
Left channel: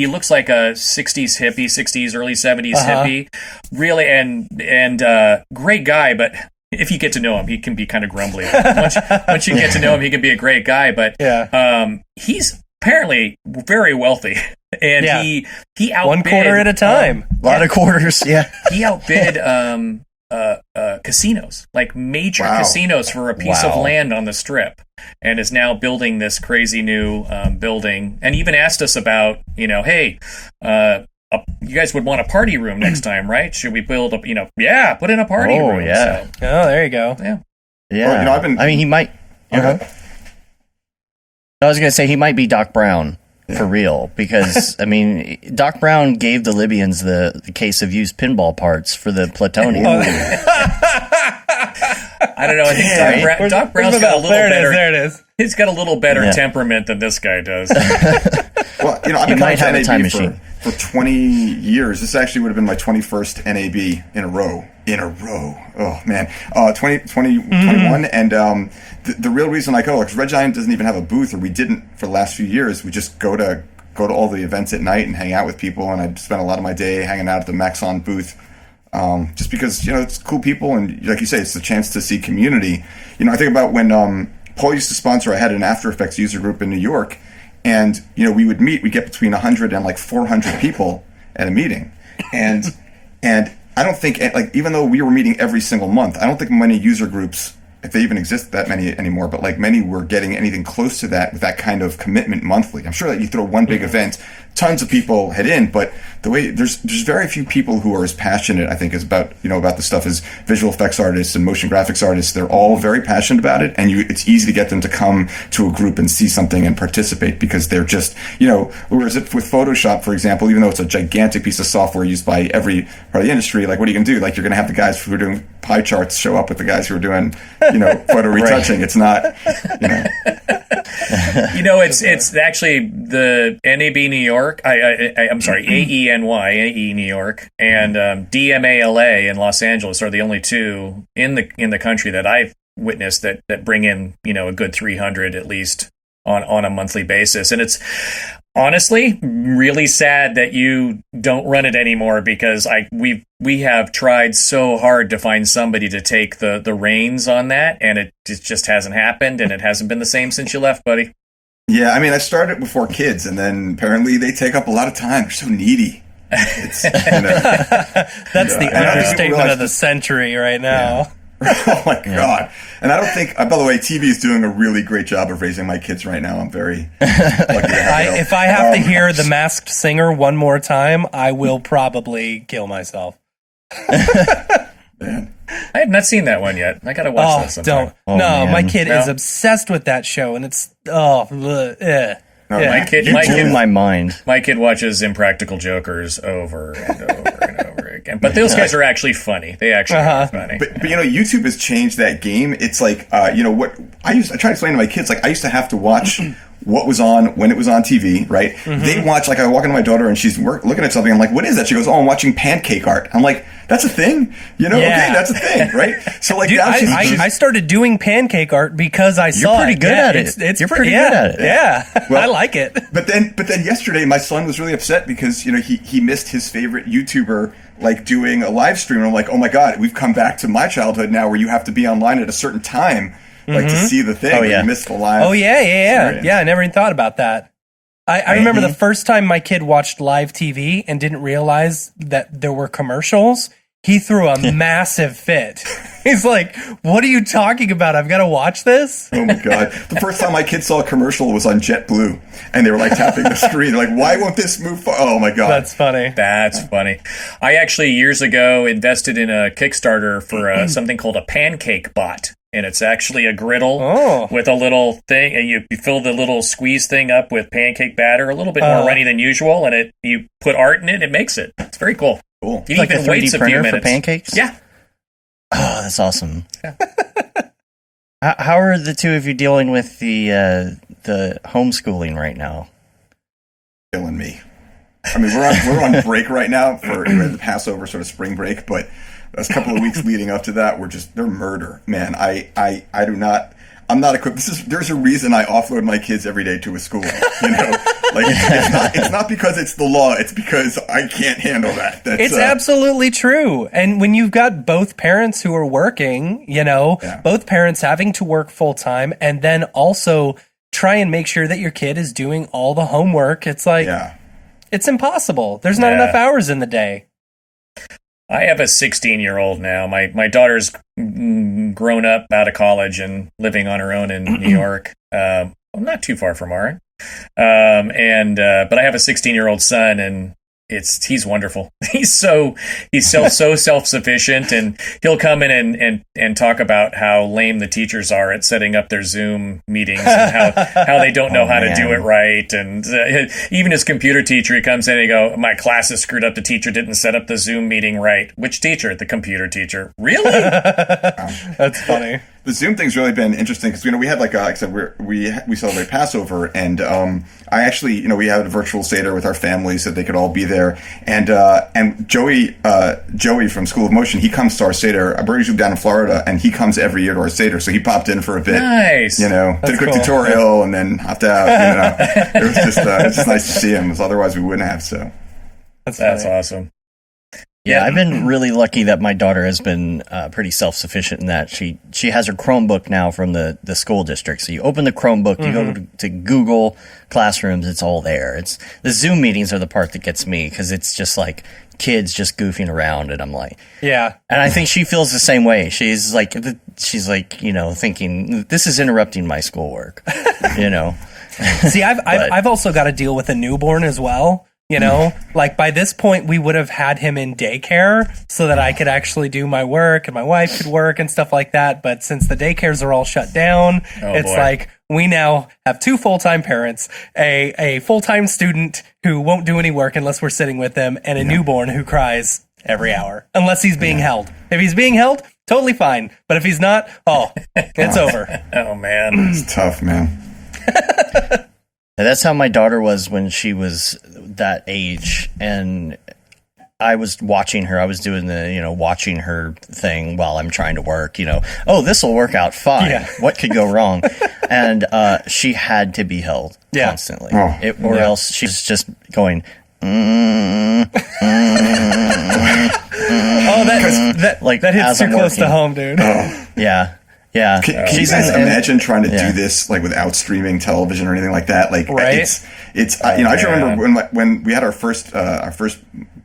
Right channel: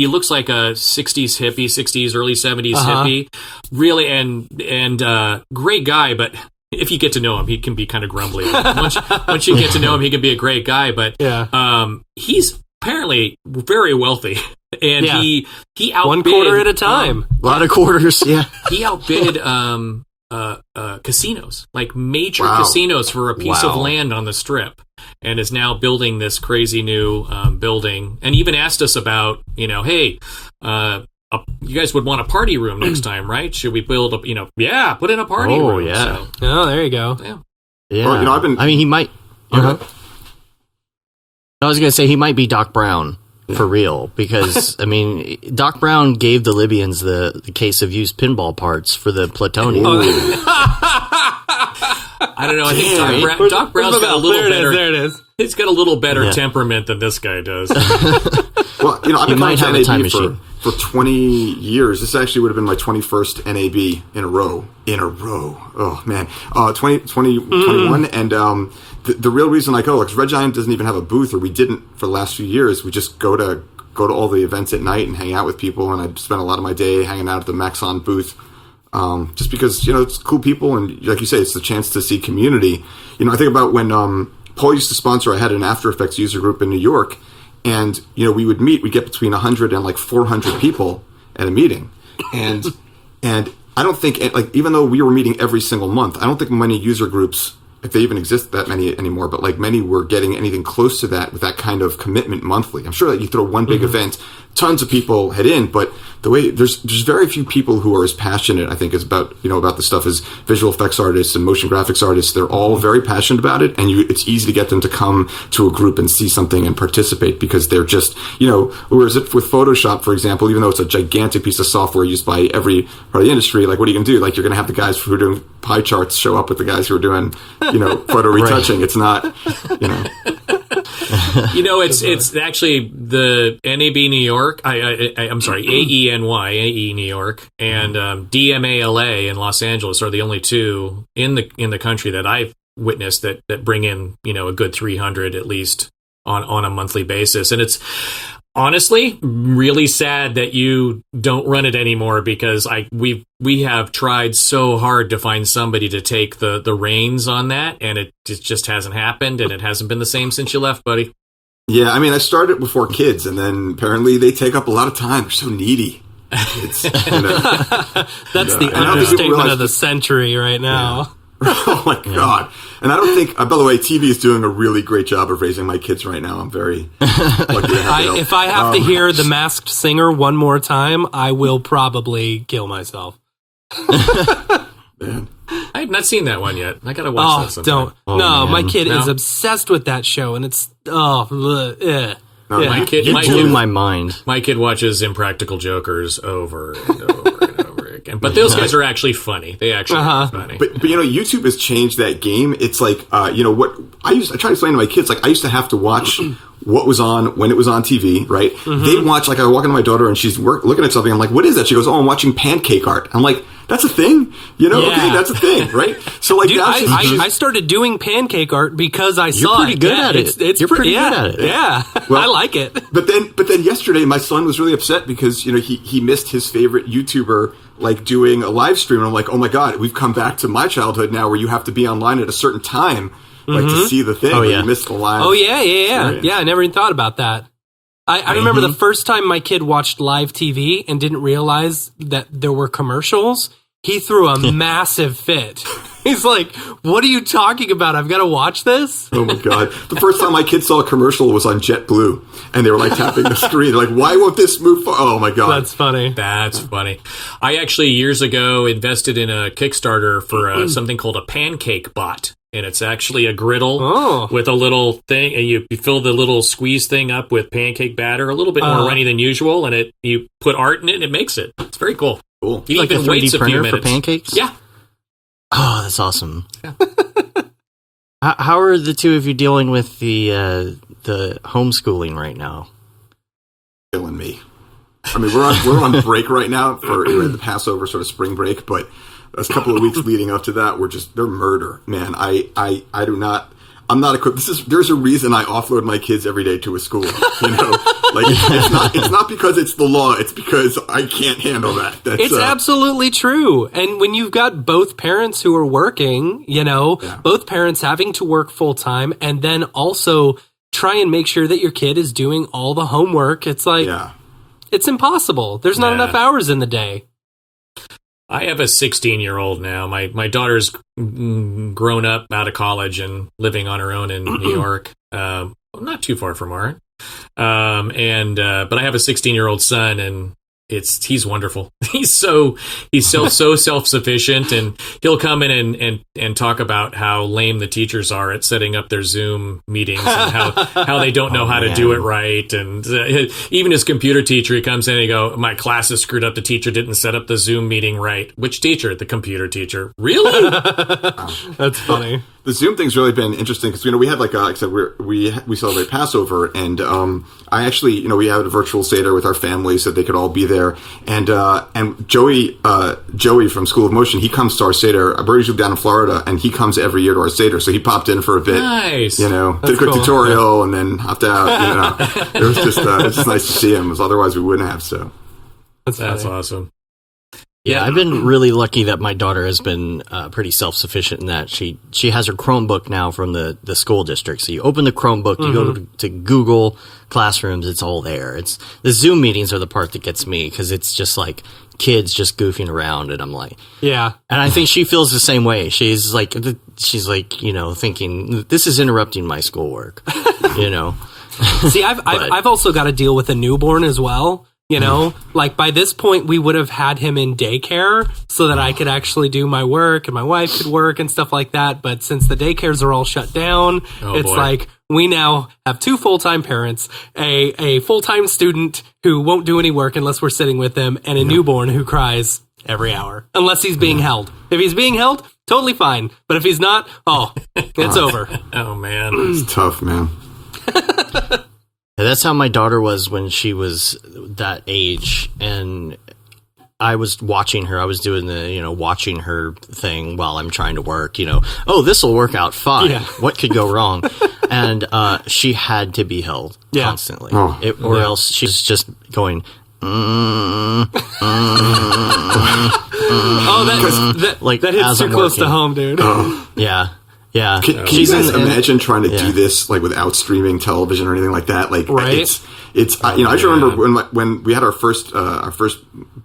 looks like a 60s hippie, 60s, early 70s hippie. Really, and great guy, but if you get to know him, he can be kind of grumbly. Once you get to know him, he can be a great guy, but he's apparently very wealthy. And he outbid 1 quarter at a time. A lot of quarters, He outbid casinos, like major casinos, for a piece of land on the strip, and is now building this crazy new building. And even asked us about, hey, you guys would want a party room next time, right? Should we build put in a party room. Yeah. So. Oh, there you go. Yeah. Well, he might. I was going to say he might be Doc Brown. For real, because Doc Brown gave the Libyans the case of used pinball parts for the plutonium. I don't know. I think Doc Brown's got a little better. There it is. He's got a little better temperament than this guy does. Well, I've been coming to NAB for 20 years. This actually would have been my 21st NAB in a row. Oh man, 21, and the real reason I go, because Red Giant doesn't even have a booth, or we didn't for the last few years. We just go to all the events at night and hang out with people, and I spent a lot of my day hanging out at the Maxon booth, just because it's cool people, and like you say, it's the chance to see community. I think about when Paul used to sponsor. I had an After Effects user group in New York, and we would meet. We'd get between 100 and like 400 people at a meeting, and I don't think, even though we were meeting every single month, I don't think many user groups, if they even exist, that many anymore, but many were getting anything close to that with that kind of commitment monthly. I'm sure that you throw one big event, tons of people head in, but the way there's very few people who are as passionate, I think, as about the stuff as visual effects artists and motion graphics artists. They're all very passionate about it, and it's easy to get them to come to a group and see something and participate because they're just, whereas if with Photoshop, for example, even though it's a gigantic piece of software used by every part of the industry, what are you going to do? You're going to have the guys who are doing pie charts show up with the guys who are doing, photo retouching. It's not, it's actually the NAB New York. I'm sorry, AE New York and DMALA in Los Angeles are the only two in the country that I've witnessed that bring in a good 300 at least on a monthly basis. And it's honestly really sad that you don't run it anymore, because we have tried so hard to find somebody to take the reins on that, and it just hasn't happened, and it hasn't been the same since you left, buddy. Yeah, I mean, I started before kids, and then apparently they take up a lot of time. They're so needy. It's, That's the understatement of the century right now. Oh my God. And I don't think, by the way, TV is doing a really great job of raising my kids right now. I'm very lucky to have help. If I have to hear The Masked Singer one more time, I will probably kill myself. Man. I have not seen that one yet. I gotta watch that sometime. Don't. Oh, no, man. my kid is obsessed with that show, and it's No, yeah. My kid, You blew my mind. my kid watches Impractical Jokers over and over and over again. But those guys are actually funny. They actually are funny. But YouTube has changed that game. It's like what I try to explain to my kids. Like I used to have to watch what was on when it was on TV. Right? They watch. Like I walk into my daughter and she's looking at something. I'm like, what is that? She goes, oh, I'm watching pancake art. I'm like, that's a thing. Yeah. Okay, that's a thing, right? So like Dude, now I started doing pancake art because I saw You're pretty good at it. You're pretty good at it. Yeah, Well, I like it. But then yesterday, my son was really upset because he missed his favorite YouTuber like doing a live stream. And I'm like, oh my God, we've come back to my childhood now, where you have to be online at a certain time, like to see the thing. Oh, or yeah. You missed the live. Oh yeah. experience. I never even thought about that. I remember the first time my kid watched live TV and didn't realize that there were commercials. He threw a massive fit. He's like, what are you talking about? I've got to watch this? Oh my God. The first time my kids saw a commercial was on JetBlue, and they were like tapping the screen. They're like, why won't this move Oh my God. That's funny. That's funny. I actually years ago invested in a Kickstarter for something called a pancake bot. And it's actually a griddle with a little thing, and you fill the little squeeze thing up with pancake batter, a little bit more runny than usual, and you put art in it, and it makes it. It's very cool. Cool. It Like a even 3D waits a few printer minutes. for pancakes? Yeah. Oh, that's awesome. Yeah. How are the two of you dealing with the homeschooling right now? Killing me. I mean, we're on break right now for the Passover sort of spring break, but a couple of weeks leading up to that, they're murder, man. I'm not equipped. There's a reason I offload my kids every day to a school. Like it's not because it's the law. It's because I can't handle that. It's absolutely true. And when you've got both parents who are working, both parents having to work full time, and then also try and make sure that your kid is doing all the homework, it's like, it's impossible. There's not enough hours in the day. I have a 16-year-old now. My daughter's grown up out of college and living on her own in New York. Not too far from Aaron. But I have a 16-year-old son, and he's wonderful. He's so self-sufficient, and he'll come in and talk about how lame the teachers are at setting up their Zoom meetings and how they don't know how to do it right. And even his computer teacher, he comes in and he go, my class is screwed up. The teacher didn't set up the Zoom meeting right. Which teacher? The computer teacher. Really? That's funny. The Zoom thing's really been interesting because we had like I said we celebrate Passover, and I actually we had a virtual Seder with our family so they could all be there, and Joey from School of Motion, he comes to our Seder. We're usually down in Florida, and he comes every year to our Seder, so he popped in for a bit. Nice. Did a quick cool. tutorial and then hopped out. It was just nice to see him, because otherwise we wouldn't have. So that's awesome. Yeah, I've been really lucky that my daughter has been pretty self-sufficient in that she has her Chromebook now from the school district. So you open the Chromebook, you go to Google Classrooms, it's all there. It's the Zoom meetings are the part that gets me, because it's just like kids just goofing around, and I'm like, yeah. And I think she feels the same way. She's like thinking, this is interrupting my schoolwork, See, I've also got to deal with a newborn as well. Like by this point, we would have had him in daycare so that I could actually do my work and my wife could work and stuff like that. But since the daycares are all shut down, it's like we now have two full-time parents, a full-time student who won't do any work unless we're sitting with them, and a newborn who cries every hour unless he's being held. If he's being held, totally fine. But if he's not, it's over. Oh, man. it's tough, man. That's how my daughter was when she was that age, and I was watching her. I was doing the, watching her thing while I'm trying to work, oh, this will work out fine. Yeah. What could go wrong? And she had to be held constantly, or else she's just going, that hits too close to home, dude. Yeah. Yeah. Can you guys imagine trying to do this like without streaming television or anything like that? Like, right? It's I just remember when we had our first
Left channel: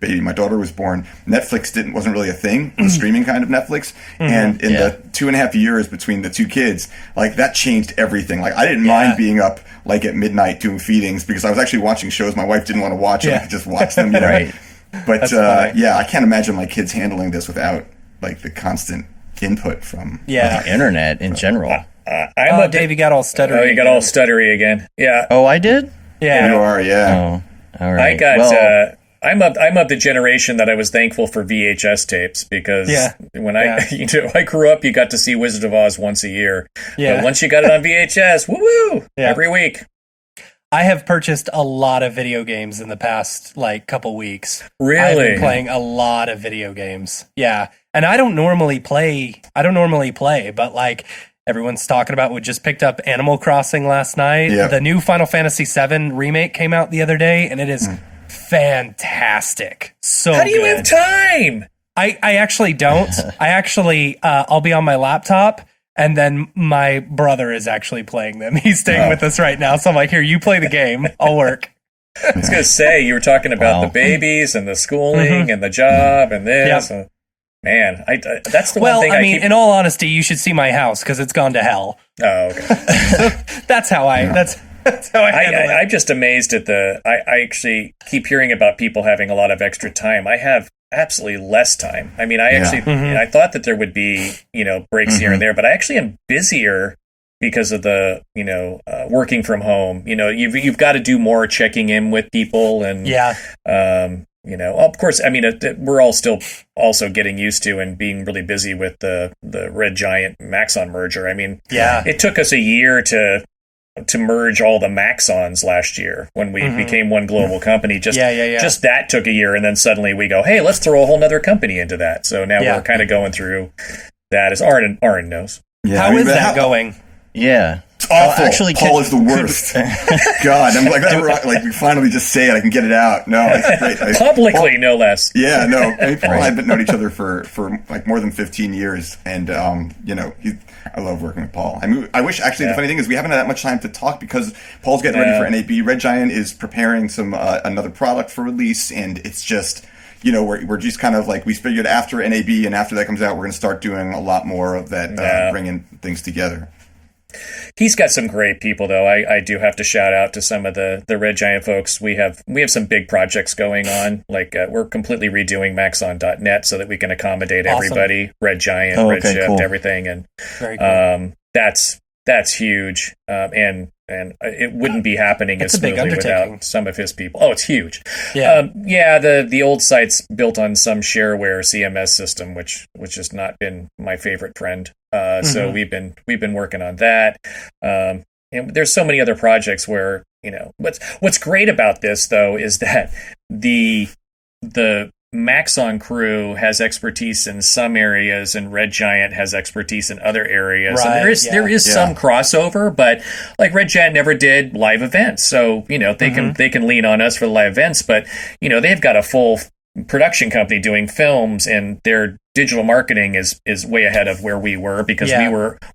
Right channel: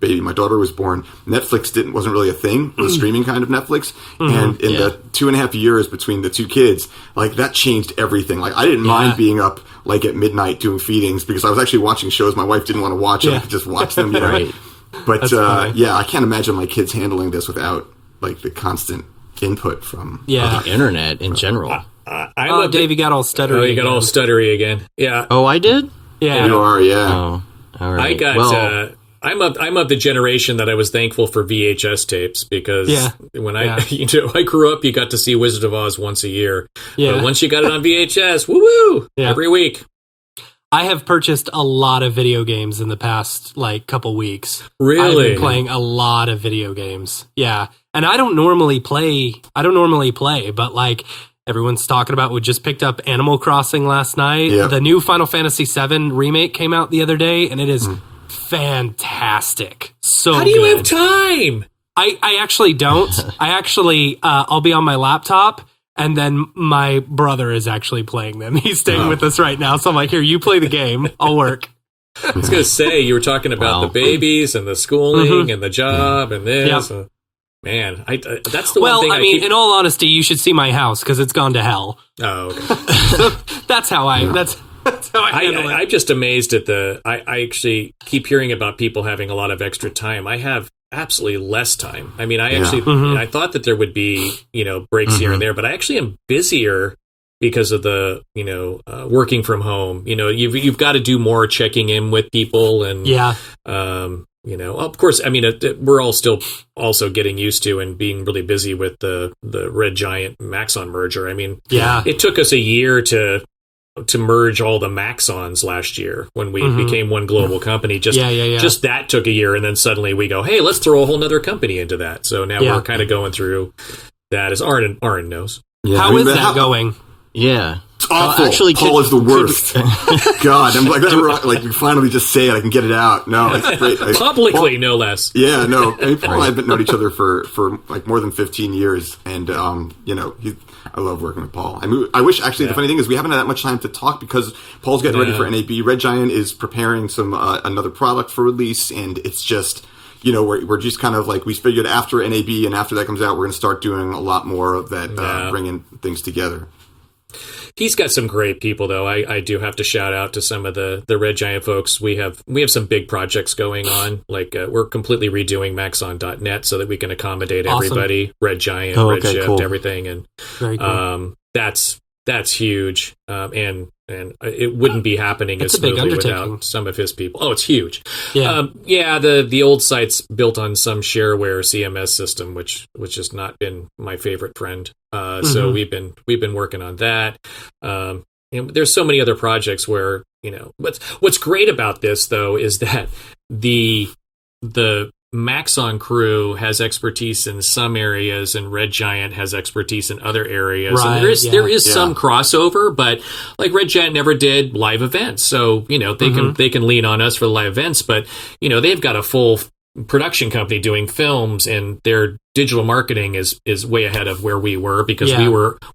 baby, my daughter was born. Netflix wasn't really a thing. It was streaming kind of Netflix, and in the 2.5 years between the two kids, like that changed everything. Like I didn't mind being up like at midnight doing feedings because I was actually watching shows my wife didn't want to watch, and I could just watch them. You know? Right. But I can't imagine my kids handling this without like the constant input from the internet in general. Dave, you got all stuttery. Oh, you got all stuttery again. Yeah. Oh, I did? Yeah. You are, yeah. Oh, all right. I got. I'm of the generation that I was thankful for VHS tapes because when I grew up, you got to see Wizard of Oz once a year. Yeah. But once you got it on VHS, woo every week. I have purchased a lot of video games in the past like couple weeks. Really? I've been playing a lot of video games. Yeah. And I don't normally play, but like everyone's talking about, we just picked up Animal Crossing last night. Yeah. The new Final Fantasy VII remake came out the other day and it is fantastic. So how do you good. have time? I actually don't. I'll be on my laptop. And then my brother is actually playing them. He's staying with us right now. So I'm like, here, you play the game. I'll work. I was going to say, you were talking about the babies and the schooling and the job and this. Yep. Man, that's the one thing I mean, in all honesty, you should see my house because it's gone to hell. Oh, okay. That's how I handle it. I'm just amazed at I actually keep hearing about people having a lot of extra time. I have absolutely less time. I mean, I thought that there would be, breaks here and there, but I actually am busier because of the, working from home. You've got to do more checking in with people and, of course, I mean, we're all still also getting used to and being really busy with the Red Giant Maxon merger. I mean, it took us a year to merge all the Maxons last year when we became one global company. Just that took a year, and then suddenly we go, hey, let's throw a whole nother company into that. So now we're kind of going through that, as Aaron knows. Yeah, How is that going? Yeah. It's awful. Actually, Paul is the worst. God, I'm like that. Like we finally just say it. I can get it out. No, it's great. Publicly, no less. Yeah, no. I mean, Paul and I have known each other for like more than 15 years, and I love working with Paul. I wish actually the funny thing is we haven't had that much time to talk because Paul's getting ready for NAB. Red Giant is preparing some another product for release, and it's just. We're just kind of like we figured after NAB and after that comes out, we're going to start doing a lot more of that, bringing things together. He's got some great people, though. I do have to shout out to some of the Red Giant folks. We have some big projects going on. Like we're completely redoing Maxon.net so that we can accommodate everybody. Red Giant, Redshift, everything, and very cool. That's huge. And it wouldn't be happening as smoothly without some of his people. Oh, it's huge. Yeah. The old site's built on some shareware CMS system, which has not been my favorite friend. So we've been working on that. And there's so many other projects where, what's great about this though is that the Maxon crew has expertise in some areas and Red Giant has expertise in other areas. Right, and there is some crossover, but like Red Giant never did live events. So, they can lean on us for the live events, but they've got a full production company doing films and their digital marketing is way ahead of where we were because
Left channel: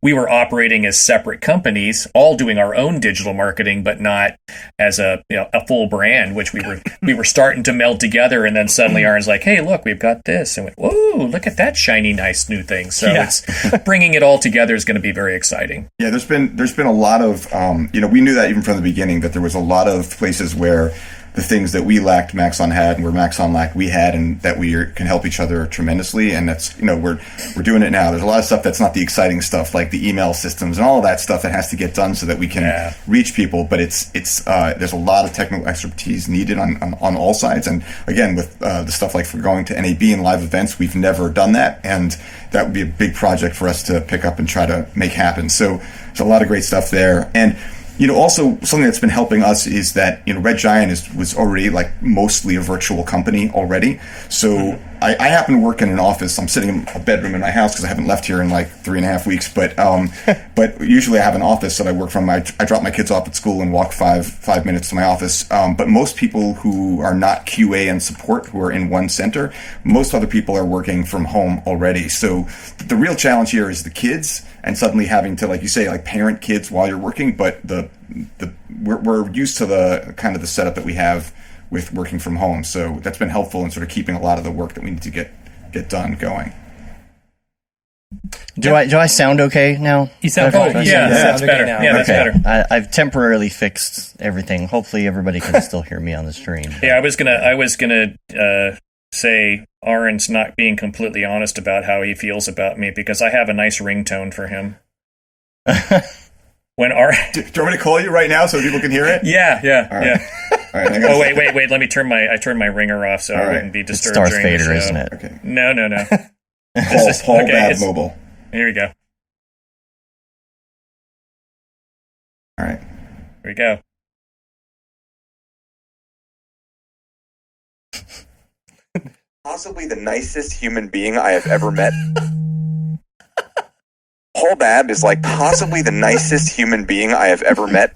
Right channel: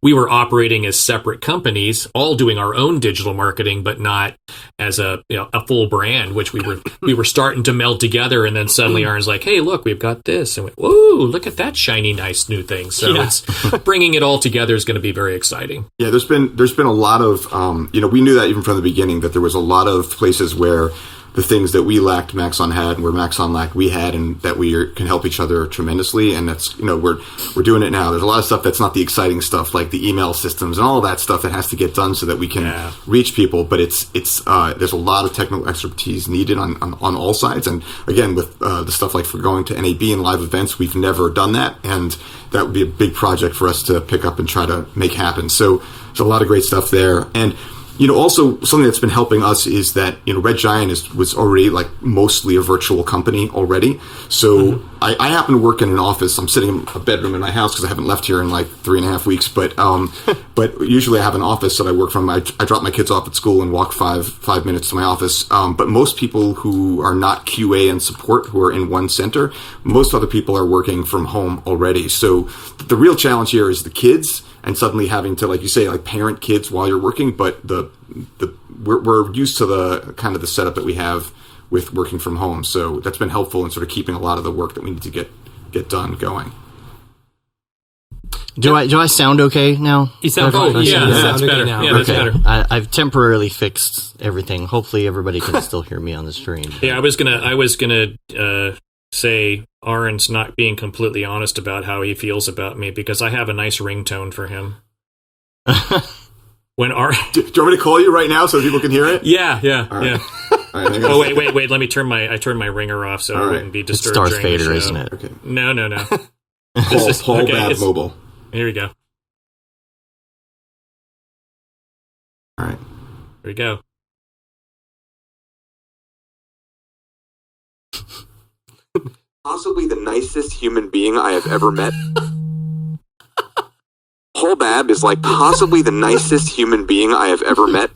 we were operating as separate companies, all doing our own digital marketing, but not as a full brand, which we were starting to meld together. And then suddenly Aaron's like, hey, look, we've got this. And whoa, look at that shiny, nice new thing. So it's bringing it all together is going to be very exciting. Yeah, there's been a lot of, we knew that even from the beginning that there was a lot of places where the things that we lacked, Maxon had, and where Maxon lacked, we had, and that we can help each other tremendously. And that's, we're doing it now. There's a lot of stuff that's not the exciting stuff, like the email systems and all of that stuff that has to get done so that we can reach people. But it's there's a lot of technical expertise needed on all sides. And again, with the stuff like for going to NAB and live events, we've never done that, and that would be a big project for us to pick up and try to make happen. So there's a lot of great stuff there. And also something that's been helping us is that, Red Giant was already like mostly a virtual company already. So I happen to work in an office. I'm sitting in a bedroom in my house because I haven't left here in like 3.5 weeks. But but usually I have an office that I work from. I drop my kids off at school and walk five minutes to my office. But most people who are not QA and support, who are in one center, most other people are working from home already. So the real challenge here is the kids, and suddenly having to, like you say, like parent kids while you're working. But we're used to the kind of the setup that we have with working from home, so that's been helpful in sort of keeping a lot of the work that we need to get done going. Do I sound okay now? You sound that's better. now. Yeah, that's better. I've temporarily fixed everything. Hopefully, everybody can still hear me on the stream. Yeah, I was gonna say Ahron's not being completely honest about how he feels about me, because I have a nice ringtone for him. When do you want me to call you right now so people can hear it? Yeah. All right. All right, oh wait. Let me turn my ringer off so I wouldn't be disturbed. It's Darth during Vader, the show. isn't it? Okay. No. Paul Babb Mobile. Here we go. All right. Here we go. Possibly the nicest human being I have ever met. Paul Babb is like possibly the nicest human being I have ever met.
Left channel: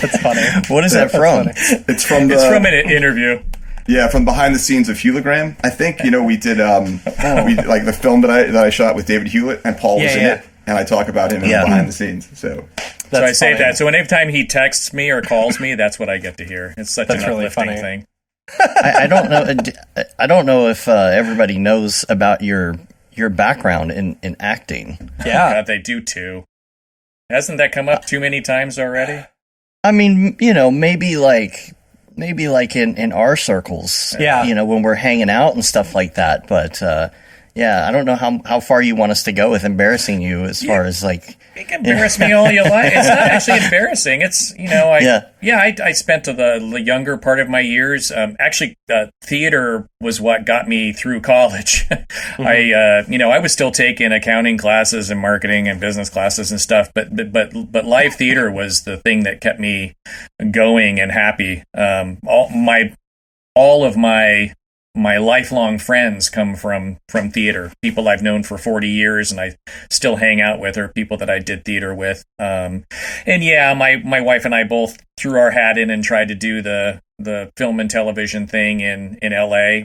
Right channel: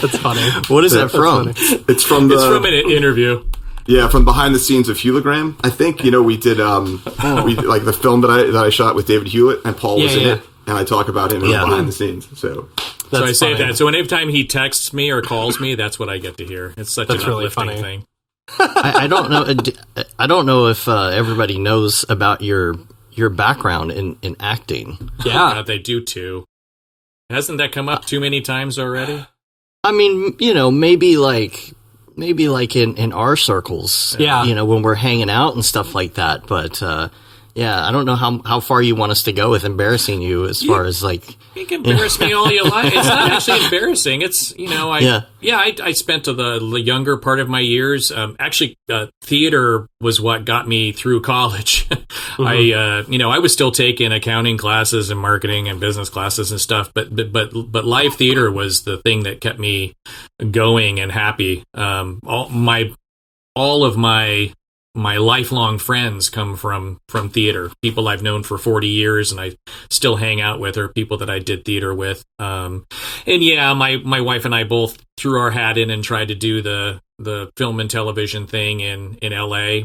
That's funny. What is that from? It's from an interview. Yeah, from behind the scenes of Hewlett. I think we did we like the film that I shot with David Hewlett, and Paul was in it, and I talk about him in behind the scenes. So I saved that. So anytime he texts me or calls me, that's what I get to hear. It's such an uplifting thing. I don't know. I don't know if everybody knows about your background in acting. Yeah, God, they do too. Hasn't that come up too many times already? I mean, maybe like in our circles, when we're hanging out and stuff like that. But I don't know how far you want us to go with embarrassing you as far as like. You can embarrass me all you like. It's not actually embarrassing. It's I spent the younger part of my years. Actually, theater was what got me through college. Mm-hmm. I was still taking accounting classes and marketing and business classes and stuff, but live theater was the thing that kept me going and happy. All of my lifelong friends come from theater. People I've known for 40 years and I still hang out with, or people that I did theater with. My wife and I both threw our hat in and tried to do the film and television thing in LA.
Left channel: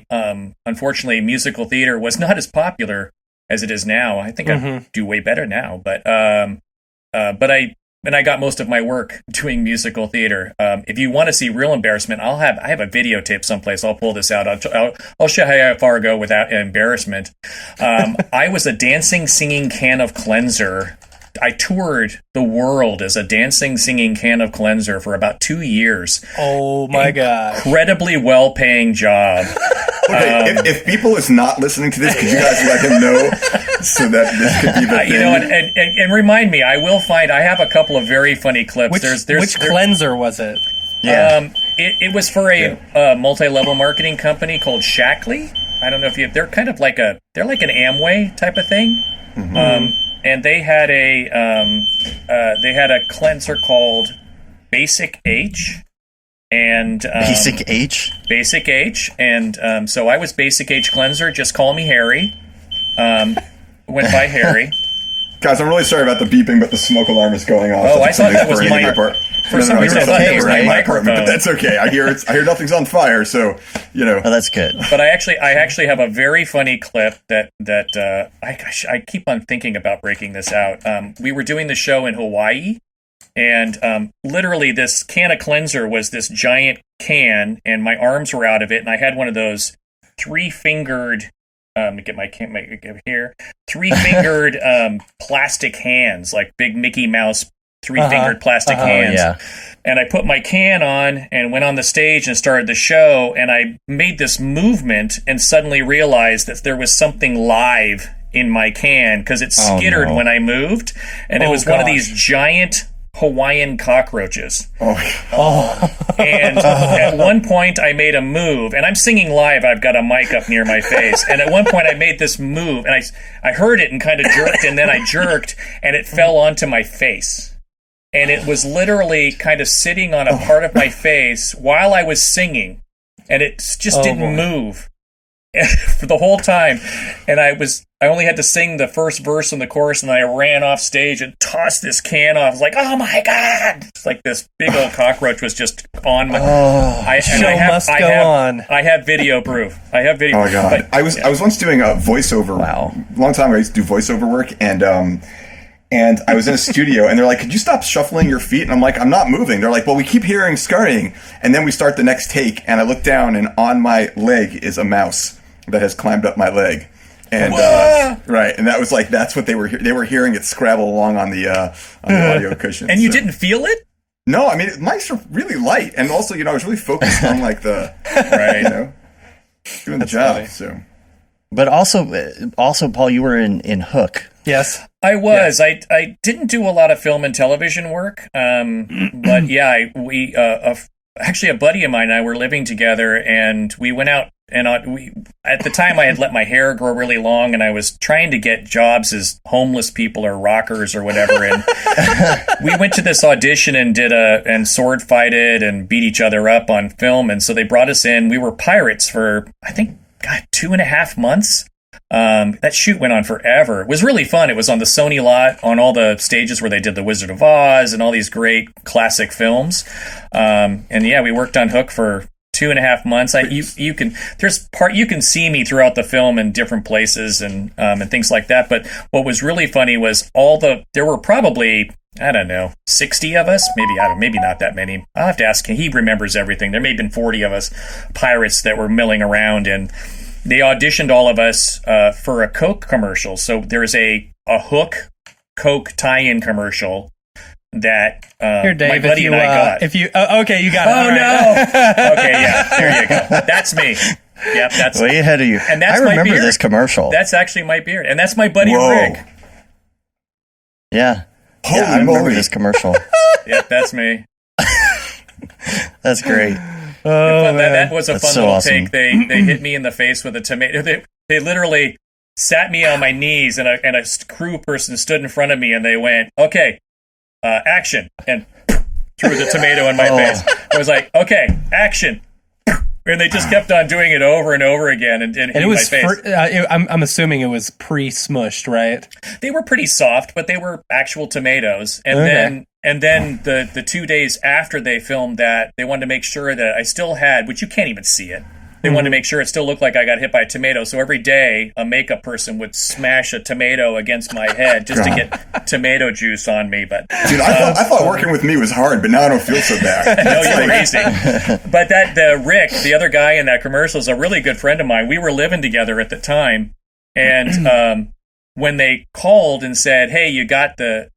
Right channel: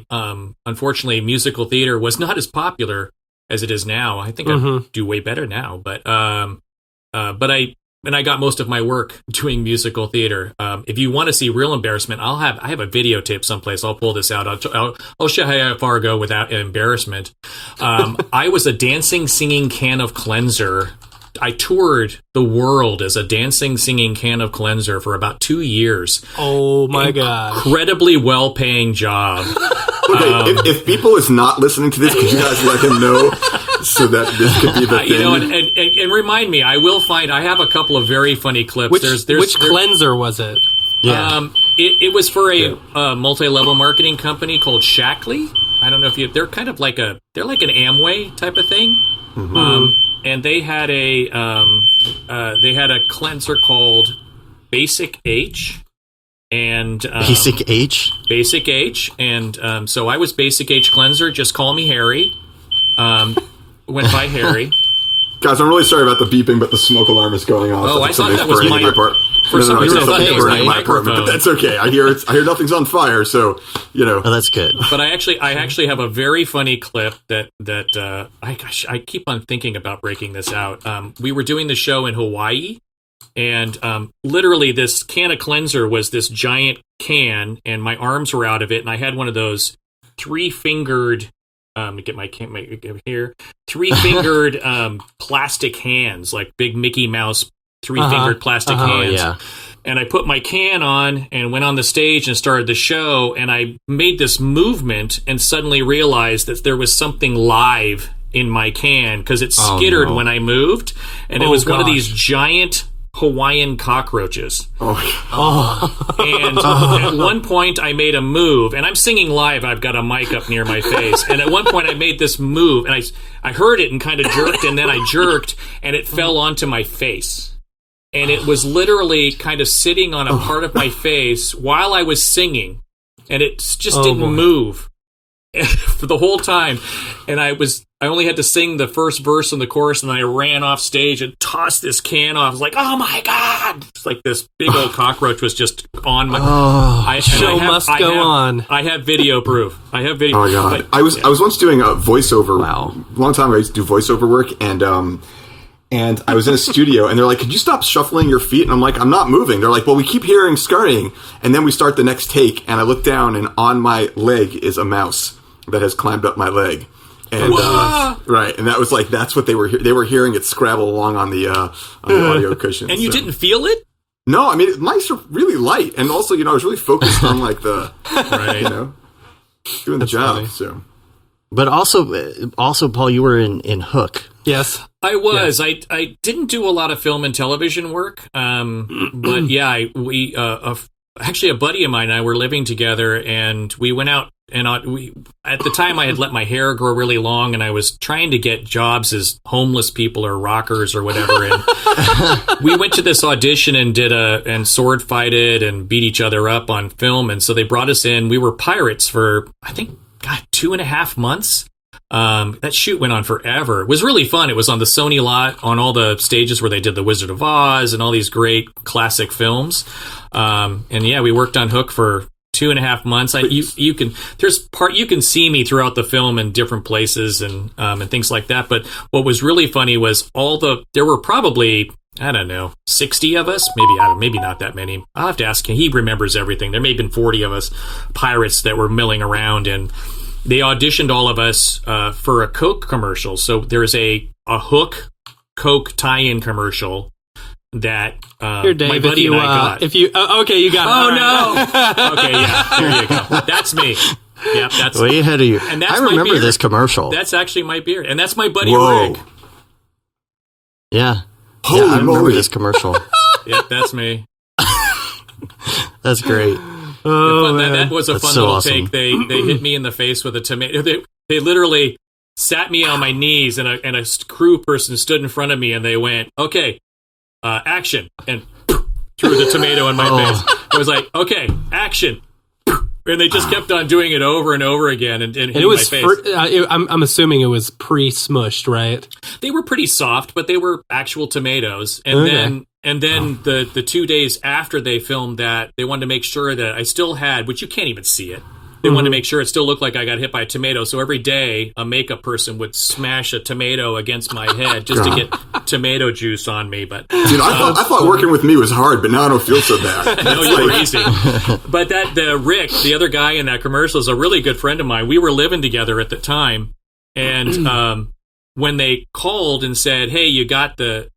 Unfortunately, musical theater was not as popular as it is now. I think I do way better now, but I got most of my work doing musical theater. If you want to see real embarrassment, I have a videotape someplace. I'll pull this out. I'll show how far I go without embarrassment. I was a dancing, singing can of cleanser. I toured the world as a dancing, singing can of cleanser for about 2 years. Oh my God. Incredibly well-paying job. Okay, if people is not listening to this, could you guys let him know so that this could be the thing? And remind me, I have a couple of very funny clips. Which cleanser was it? Yeah. It was for a multi-level marketing company called Shackley. I don't know if they're kind of like an Amway type of thing. Mm-hmm. And they had a cleanser called Basic H. And Basic H? Basic H. And so I was Basic H cleanser. Just call me Harry. Went by Harry. Guys, I'm really sorry about the beeping, but the smoke alarm is going off. Oh, I thought that was my... For some reason, I thought it was my microphone. But that's okay. I hear nothing's on fire, so Oh, that's good. But I actually have a very funny clip that I keep on thinking about breaking this out. We were doing the show in Hawaii, and literally this can of cleanser was this giant can, and my arms were out of it, and I had one of those three-fingered. Get my here. Three-fingered plastic hands, like big Mickey Mouse three-fingered plastic hands. Yeah. And I put my can on and went on the stage and started the show, and I made this movement and suddenly realized that there was something live in my can because it skittered when I moved, and it was one of these giant Hawaiian cockroaches. And at one point I made a move, and I'm singing live. I've got a mic up near my face, and at one point I made this move, and I heard it and kind of jerked, and then I jerked, and it fell onto my face. And it was literally kind of sitting on a part of my face while I was singing, and it just didn't move. for the whole time. And I only had to sing the first verse and the chorus, and then I ran off stage and tossed this can off. I was like, oh my God. It's like this big old cockroach was just on my... Show must go on. I have video proof. I have video. Oh my God. But, I was once doing a voiceover. Wow. A long time ago, I used to do voiceover work, and I was in a studio, and they're like, could you stop shuffling your feet? And I'm like, I'm not moving. They're like, well, we keep hearing scurrying. And then we start the next take, and I look down, and on my leg is a mouse that has climbed up my leg. And right, and that was like, that's what they were hearing it scrabble along on the audio cushion. And you didn't feel it? No, I mean, mice are really light, and also, I was really focused on like the right, doing the job. Funny. So, but also, Paul, you were in Hook. Yes, I was. Yeah. I didn't do a lot of film and television work, but yeah, we actually a buddy of mine and I were living together, and we went out. And at the time, I had let my hair grow really long, and I was trying to get jobs as homeless people or rockers or whatever. And we went to this audition and sword fighted and beat each other up on film. And so they brought us in. We were pirates for, I think, 2.5 months. That shoot went on forever. It was really fun. It was on the Sony lot, on all the stages where they did The Wizard of Oz and all these great classic films. And yeah, we worked on Hook for 2.5 months. You can see me throughout the film in different places and things like that. But what was really funny was there were probably, I don't know, 60 of us, maybe not that many. I'll have to ask him. He remembers everything. There may have been 40 of us pirates that were milling around, and they auditioned all of us for a Coke commercial. So there's a Hook Coke tie-in commercial that Here, Dave, my buddy and I got. Okay, you got it. Oh, right. no. Okay, yeah, there you go. That's me. Yep, that's way ahead of you. And that's I remember my beard. this commercial. That's actually my beard, and that's my buddy Whoa. Rick. Yeah. Holy I remember moly. this commercial. Yep, that's me. That's great. Oh, that was a That's fun so little awesome. take. They hit me in the face with a tomato. They literally sat me on my knees, and a crew person stood in front of me, and they went, "Okay, action," and threw the tomato in my face. I was like, "Okay, action." And they just kept on doing it over and over again, and hitting it was my face. I'm assuming it was pre-smushed, right? They were pretty soft, but they were actual tomatoes. And Okay. then the 2 days after they filmed that, they wanted to make sure that I still had, which you can't even see it. They wanted to make sure it still looked like I got hit by a tomato. So every day, a makeup person would smash a tomato against my head just to get tomato juice on me. But Dude, I thought working with me was hard, but now I don't feel so bad. no, you were easy. But Rick, the other guy in that commercial, is a really good friend of mine. We were living together at the time, and when they called and said, "Hey, you got the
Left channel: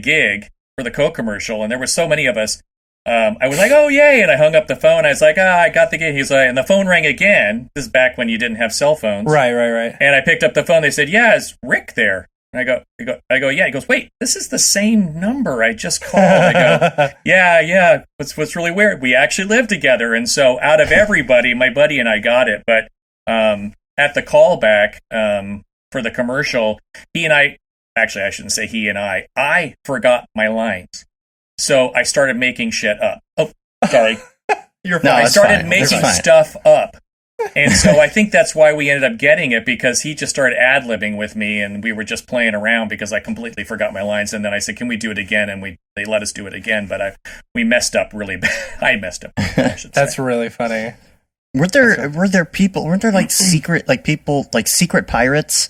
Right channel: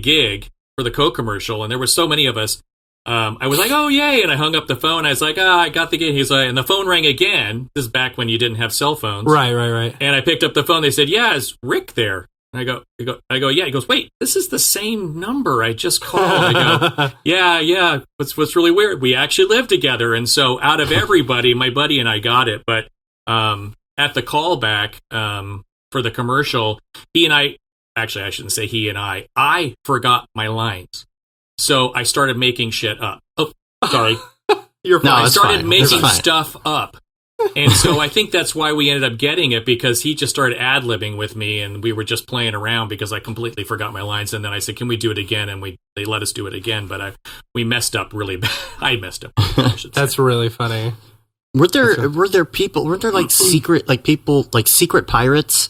gig for the Coke commercial," and there were so many of us, I was like, "Oh, yay!" And I hung up the phone. I was like, I got the gig. He's like, and the phone rang again. This is back when you didn't have cell phones, Right. And I picked up the phone. They said, "Yeah, is Rick there?" And I go, "Yeah." He goes, "Wait, this is the same number I just called." I go, "Yeah. What's really weird? We actually live together." And so out of everybody, my buddy and I got it. But at the callback for the commercial, he and I, actually, I shouldn't say he and I forgot my lines. So I started making shit up. Oh, sorry. You're fine. No, I it's started fine. making It's fine. stuff up. And so I think that's why we ended up getting it, because he just started ad-libbing with me, and we were just playing around because I completely forgot my lines. And then I said, "Can we do it again?" And they let us do it again, but we messed up really bad. I messed up, I should say. That's really funny. Weren't there like secret pirates?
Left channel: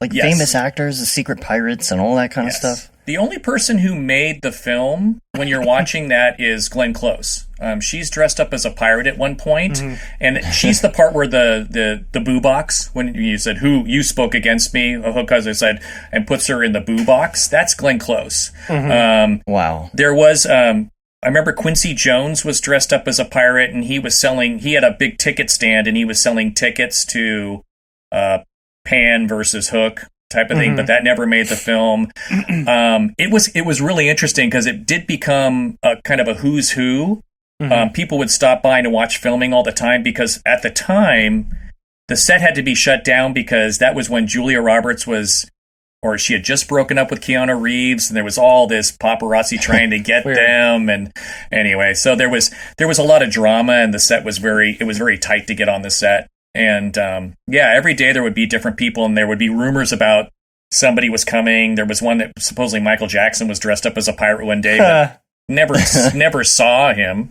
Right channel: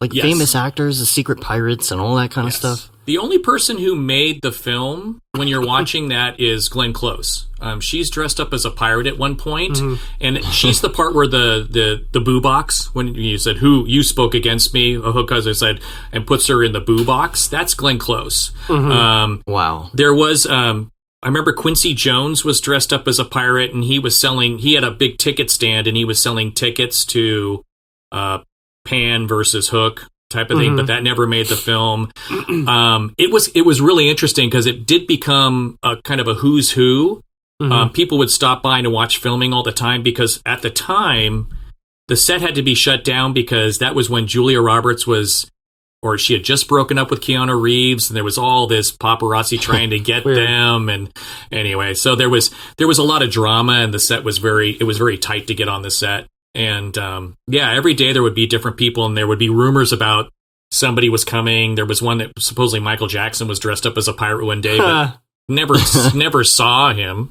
Like Yes. famous actors, the secret pirates and all that kind of Yes. stuff? The only person who made the film, when you're watching that, is Glenn Close. She's dressed up as a pirate at one point, and she's the part where the boo box, when you said, "Who you spoke against me," because I said, and puts her in the boo box. That's Glenn Close. Wow. There was, I remember Quincy Jones was dressed up as a pirate, and he had a big ticket stand, and he was selling tickets to Pan versus Hook type of thing, but that never made the film. It was really interesting because it did become a kind of a who's who. People would stop by to watch filming all the time, because at the time the set had to be shut down because that was when Julia Roberts she had just broken up with Keanu Reeves, and there was all this paparazzi trying to get them. And anyway, so there was a lot of drama, and the set was very tight to get on the set. And yeah, every day there would be different people, and there would be rumors about somebody was coming. There was one that supposedly Michael Jackson was dressed up as a pirate one day, but never saw him.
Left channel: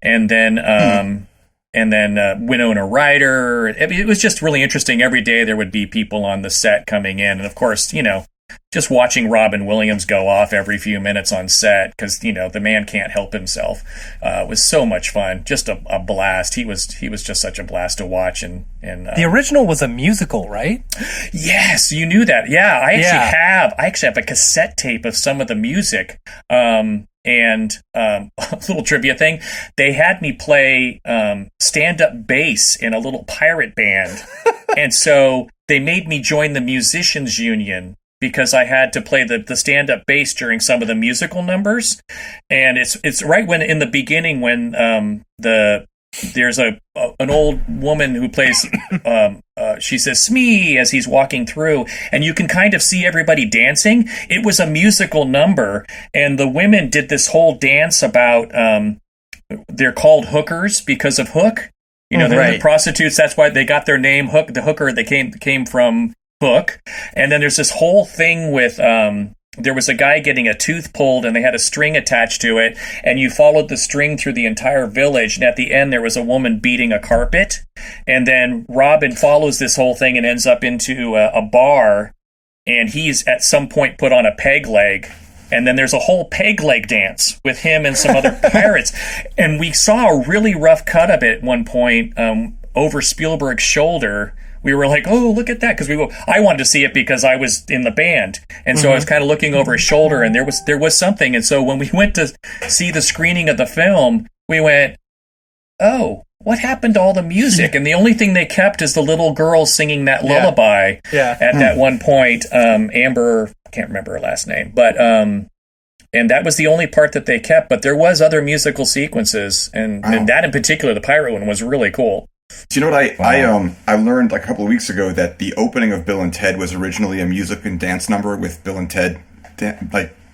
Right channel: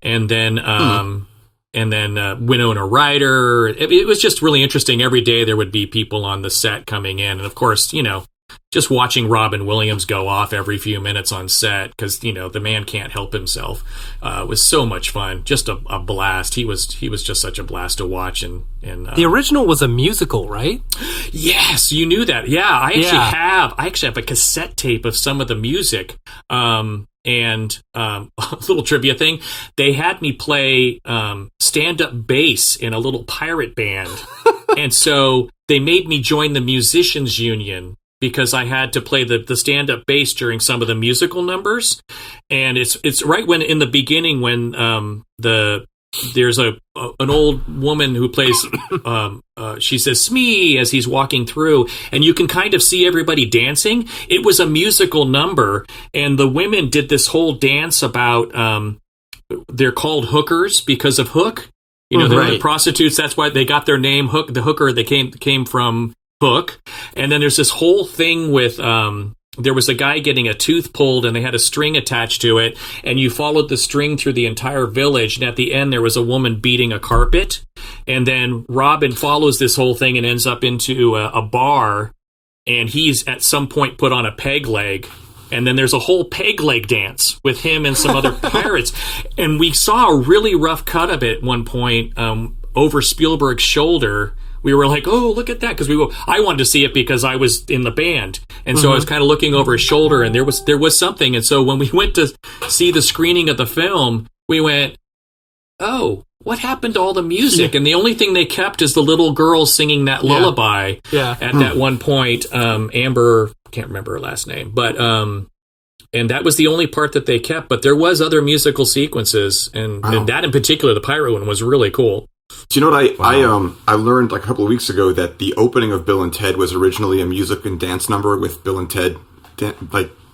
And then Winona Ryder. It was just really interesting. Every day there would be people on the set coming in, and of course, just watching Robin Williams go off every few minutes on set, because the man can't help himself, was so much fun. Just a blast. He was just such a blast to watch. And the original was a musical, right? Yes, you knew that. Yeah, I actually have a cassette tape of some of the music. And a little trivia thing, they had me play stand-up bass in a little pirate band, and so they made me join the musicians union, because I had to play the stand-up bass during some of the musical numbers. And it's right when, in the beginning, when there's an old woman who plays, she says "Smee" as he's walking through, and you can kind of see everybody dancing. It was a musical number, and the women did this whole dance about, they're called hookers because of Hook. They're the prostitutes. That's why they got their name, Hook. The hooker, they came from Hook. And then there's this whole thing with there was a guy getting a tooth pulled, and they had a string attached to it, and you followed the string through the entire village, and at the end there was a woman beating a carpet, and then Robin follows this whole thing and ends up into a bar, and he's at some point put on a peg leg, and then there's a whole peg leg dance with him and some other pirates. And we saw a really rough cut of it at one point over Spielberg's shoulder. We were like, oh, look at that, because I wanted to see it because I was in the band, and so I was kind of looking over his shoulder, and there was something. And so when we went to see the screening of the film, we went, oh, what happened to all the music? And the only thing they kept is the little girl singing that lullaby at that one point. Amber, can't remember her last name, but and that was the only part that they kept. But there was other musical sequences, and that in particular, the pirate one, was really cool. Do you know what I learned like a couple of weeks ago, that the opening of Bill and Ted was originally a music and dance number with Bill and Ted,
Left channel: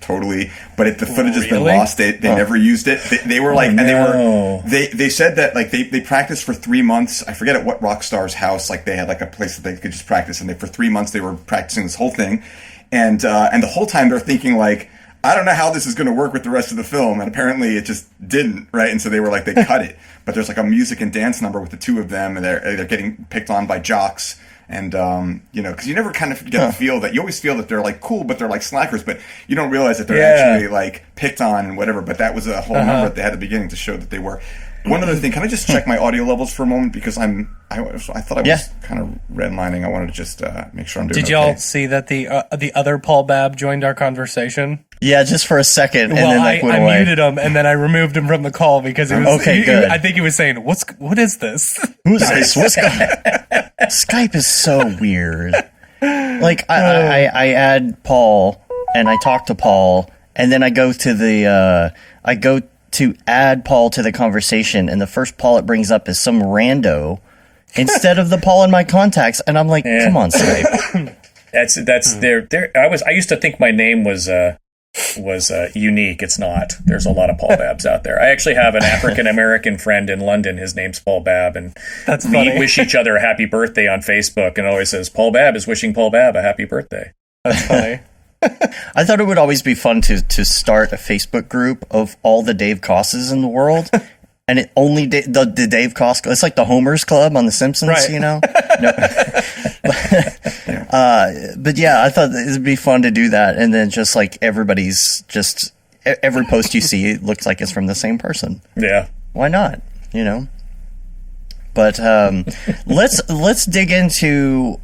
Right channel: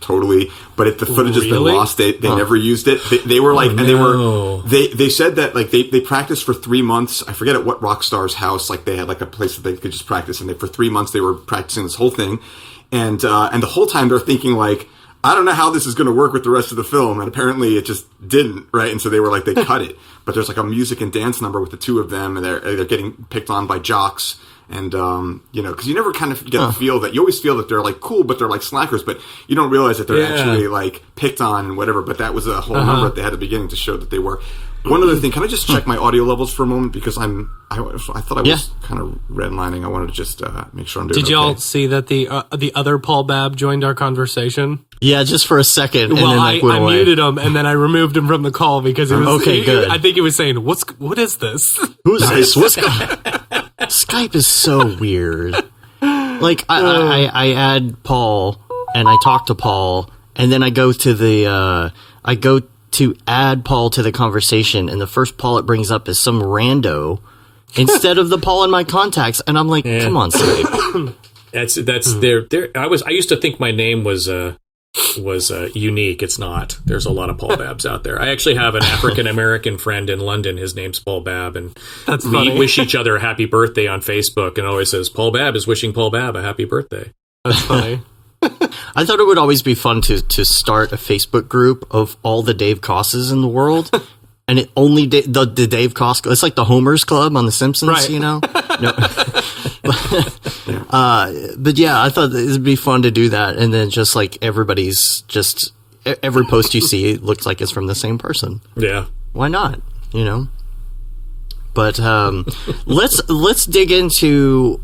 totally. But the footage has been lost. They never used it. They were like, they said that like they practiced for 3 months. I forget at what rock star's house. Like they had like a place that they could just practice, and for 3 months they were practicing this whole thing, and the whole time they're thinking like, I don't know how this is going to work with the rest of the film, and apparently it just didn't, right? And so they were like, they cut it. But there's like a music and dance number with the two of them, and they're getting picked on by jocks, and because you never kind of get the feel that, you always feel that they're like cool, but they're like slackers, but you don't realize that they're actually like picked on and whatever. But that was a whole number that they had at the beginning to show that they were. One other thing, can I just check my audio levels for a moment, because I thought I was kind of redlining. I wanted to just make sure I'm doing. Did y'all see that the other Paul Babb joined our conversation? Yeah, just for a second. Well, and then, I muted him, and then I removed him from the call because it was good. I think he was saying, "What is this? Who's this? What's going?" Skype is so weird. Like I add Paul, and I talk to Paul, and then I go to add Paul to the conversation, and the first Paul it brings up is some rando instead of the Paul in my contacts, and I'm like, come on, Skype. That's there. I used to think my name was unique. It's not. There's a lot of Paul Babbs out there. I actually have an African American friend in London. His name's Paul Babb, and that's we funny. Wish each other a happy birthday on Facebook, and always says Paul Babb is wishing Paul Babb a happy birthday. That's funny. I thought it would always be fun to start a Facebook group of all the Dave Kosses in the world, and it only the Dave Koss. It's like the Homer's Club on The Simpsons, right. No. But yeah, I thought it'd be fun to do that, and then just like every post you see looks like it's from the same person. Yeah, why not? But let's dig into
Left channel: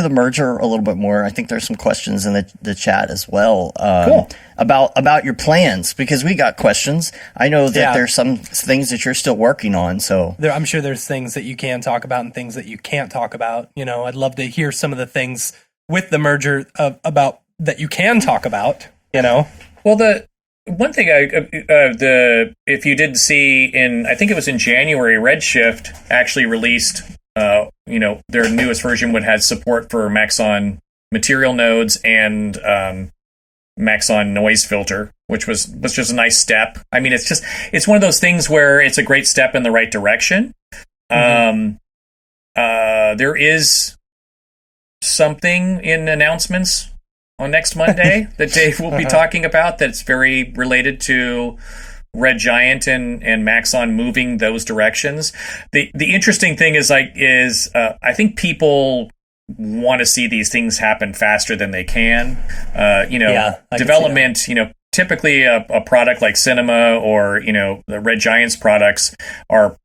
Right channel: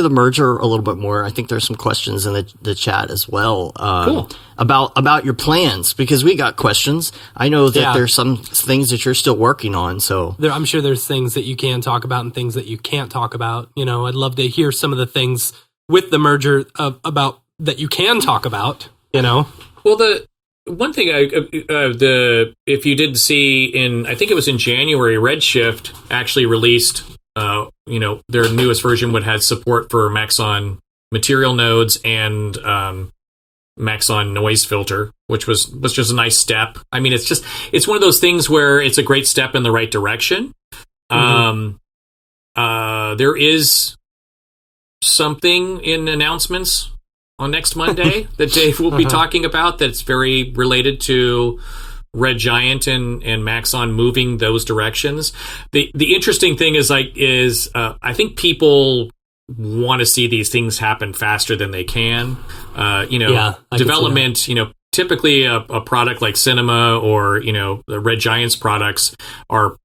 the merger a little bit more. I think there's some questions in the chat as well. Cool. About your plans, because we got questions. I know that there's some things that you're still working on. So I'm sure there's things that you can talk about and things that you can't talk about. I'd love to hear some of the things with the merger about that you can talk about. Well, the one thing if you did see I think it was in January, Redshift actually released. Their newest version would have support for Maxon material nodes and Maxon noise filter, which was just a nice step. I mean, it's one of those things where it's a great step in the right direction. Mm-hmm. there is something in announcements on next Monday that Dave will be talking about that's very related to Red Giant and Maxon moving those directions. The interesting thing is I think people want to see these things happen faster than they can. Development, typically a product like Cinema or, the Red Giant's products are,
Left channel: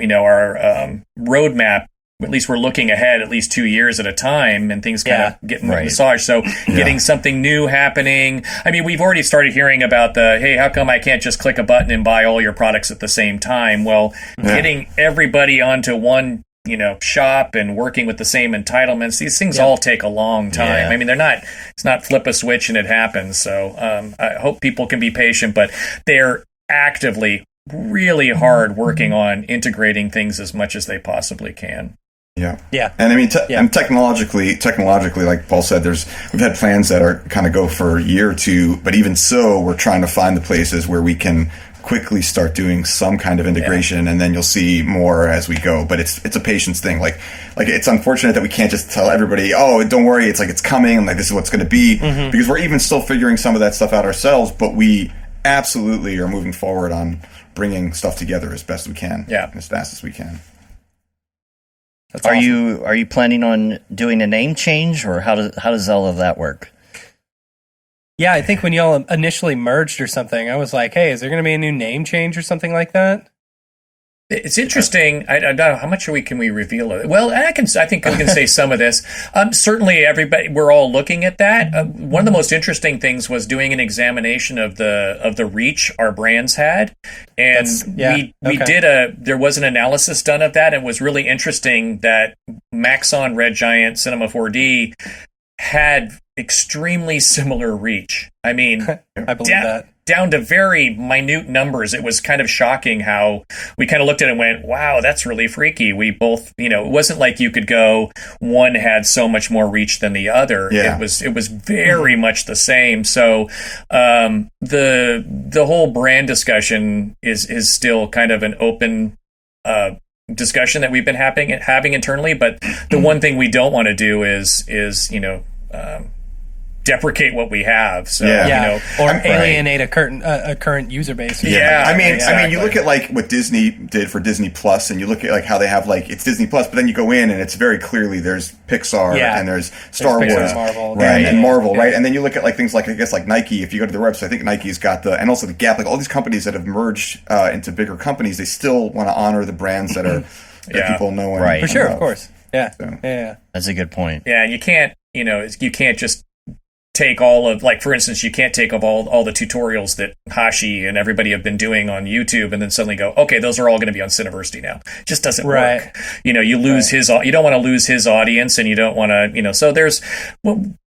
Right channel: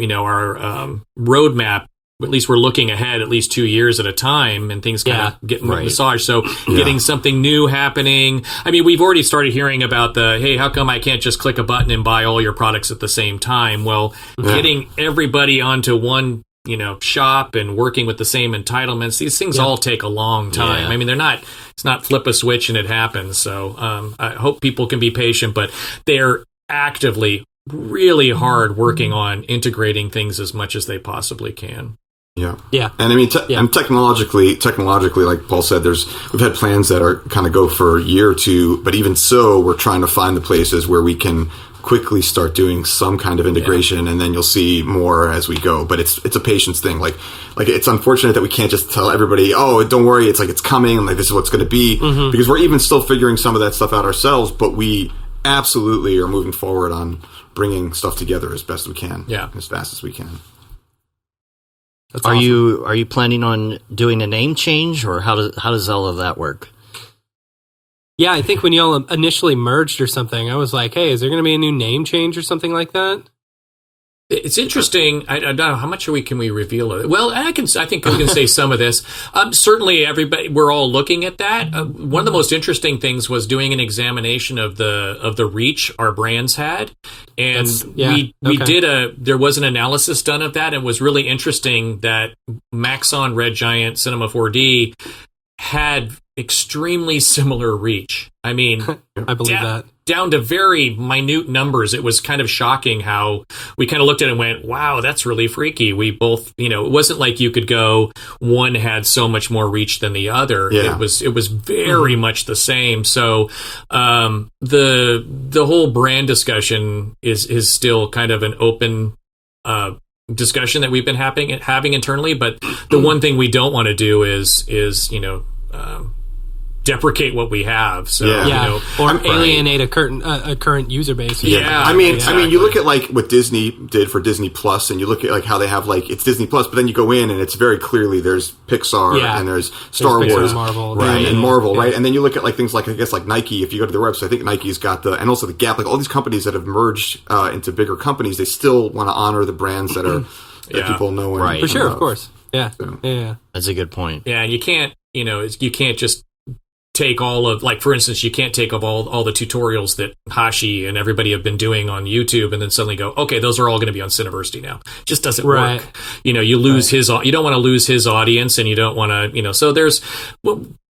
our roadmap. At least we're looking ahead at least 2 years at a time, and things kind of get massaged. So getting something new happening. I mean, we've already started hearing about hey, how come I can't just click a button and buy all your products at the same time? Well, getting everybody onto one, shop and working with the same entitlements, these things all take a long time. I mean, it's not flip a switch and it happens. So I hope people can be patient, but they're actively really hard working on integrating things as much as they possibly can. Yeah. And I mean, and technologically, like Paul said, we've had plans that are kind of go for a year or two, but even so, we're trying to find the places where we can quickly start doing some kind of integration, and then you'll see more as we go. But it's a patience thing. Like it's unfortunate that we can't just tell everybody, oh, don't worry, it's coming, and this is what's going to be, because we're even still figuring some of that stuff out ourselves. But we absolutely are moving forward on bringing stuff together as best we can, as fast as we can. That's awesome. Are you planning on doing a name change, or how does all of that work? Yeah, I think when y'all initially merged or something, I was like, hey, is there going to be a new name change or something like that? It's interesting. I don't know how much can we reveal of it. Well, I think we can say some of this. Certainly, we're all looking at that. One of the most interesting things was doing an examination of the reach our brands had, and there was an analysis done of that, and it was really interesting that Maxon, Red Giant, Cinema 4D had extremely similar reach. I mean, I believe that. Down to very minute numbers. It was kind of shocking how we kind of looked at it and went, wow, that's really freaky. We both, it wasn't like you could go, one had so much more reach than the other. Yeah. It was very much the same. So the whole brand discussion is still kind of an open discussion that we've been having internally. But the one thing we don't want to do is deprecate what we have, or alienate a current user base. I mean, you look at what Disney did for Disney Plus, and you look at how they have it's Disney Plus, but then you go in and it's very clearly there's Pixar and there's Star Wars, Pixar, Marvel, and Marvel, right? And then you look at things like Nike. If you go to their website, I think Nike's got and also the Gap, all these companies that have merged into bigger companies. They still want to honor the brands that are that people know, and for sure, love. Of course, yeah. That's a good point. Yeah, and you can't just take all of, for instance, you can't take all the tutorials that Hashi and everybody have been doing on YouTube and then suddenly go, okay, those are all going to be on Cineversity now. It just doesn't work. You lose you don't want to lose his audience, and you don't want to, so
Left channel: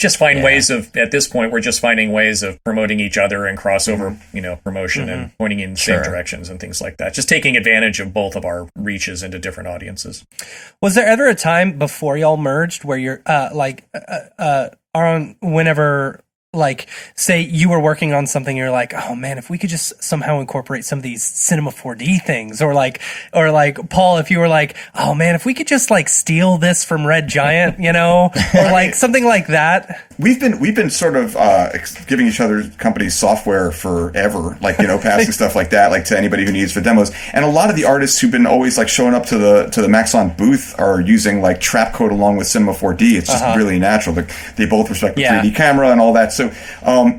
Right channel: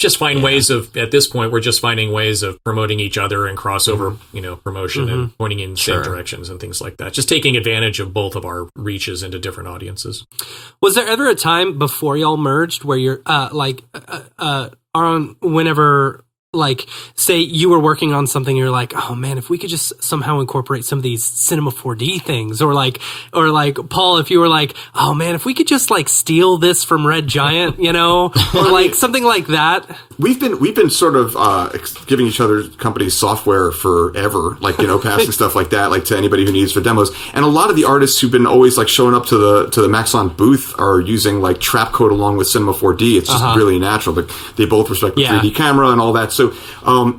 just find ways of, at this point, we're just finding ways of promoting each other and crossover, promotion and pointing in the same directions and things like that. Just taking advantage of both of our reaches into different audiences. Was there ever a time before y'all merged where you're whenever, say you were working on something, you're like, oh man, if we could just somehow incorporate some of these Cinema 4D things, or Paul, if you were like, oh man, if we could just steal this from Red Giant, or something like that. We've been sort of giving each other companies software forever, passing stuff like that, to anybody who needs for demos. And a lot of the artists who've been always showing up to the Maxon booth are using trap code along with Cinema 4D. It's just really natural. They both respect the 3D camera and all that. So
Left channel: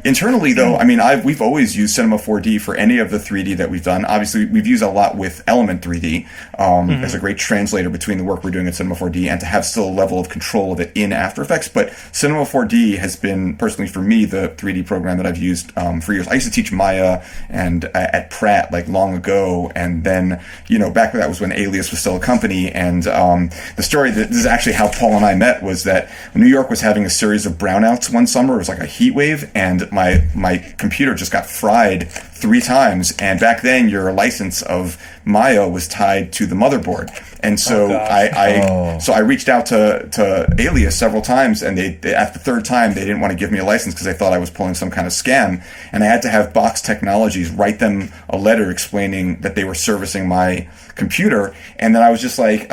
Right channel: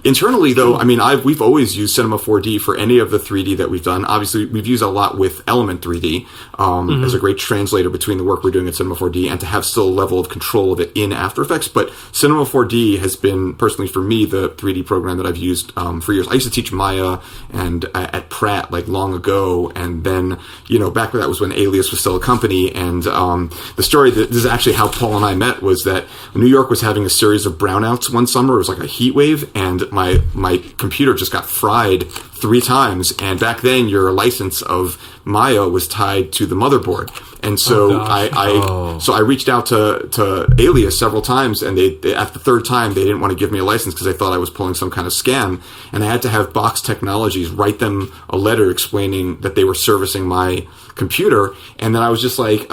internally, though, I mean, we've always used Cinema 4D for any of the 3D that we've done. Obviously, we've used a lot with Element 3D as a great translator between the work we're doing at Cinema 4D and to have still a level of control of it in After Effects. But Cinema 4D has been, personally for me, the 3D program that I've used for years. I used to teach Maya and at Pratt long ago, and then back when that was when Alias was still a company. And the story this is actually how Paul and I met, was that New York was having a series of brownouts one summer. It was like a heat wave, and my computer just got fried 3 times. And back then, your license of Maya was tied to the motherboard. And so I reached out to Alias several times, and they at the 3rd time they didn't want to give me a license because they thought I was pulling some kind of scam. And I had to have Box Technologies write them a letter explaining that they were servicing my computer. And then I was just like,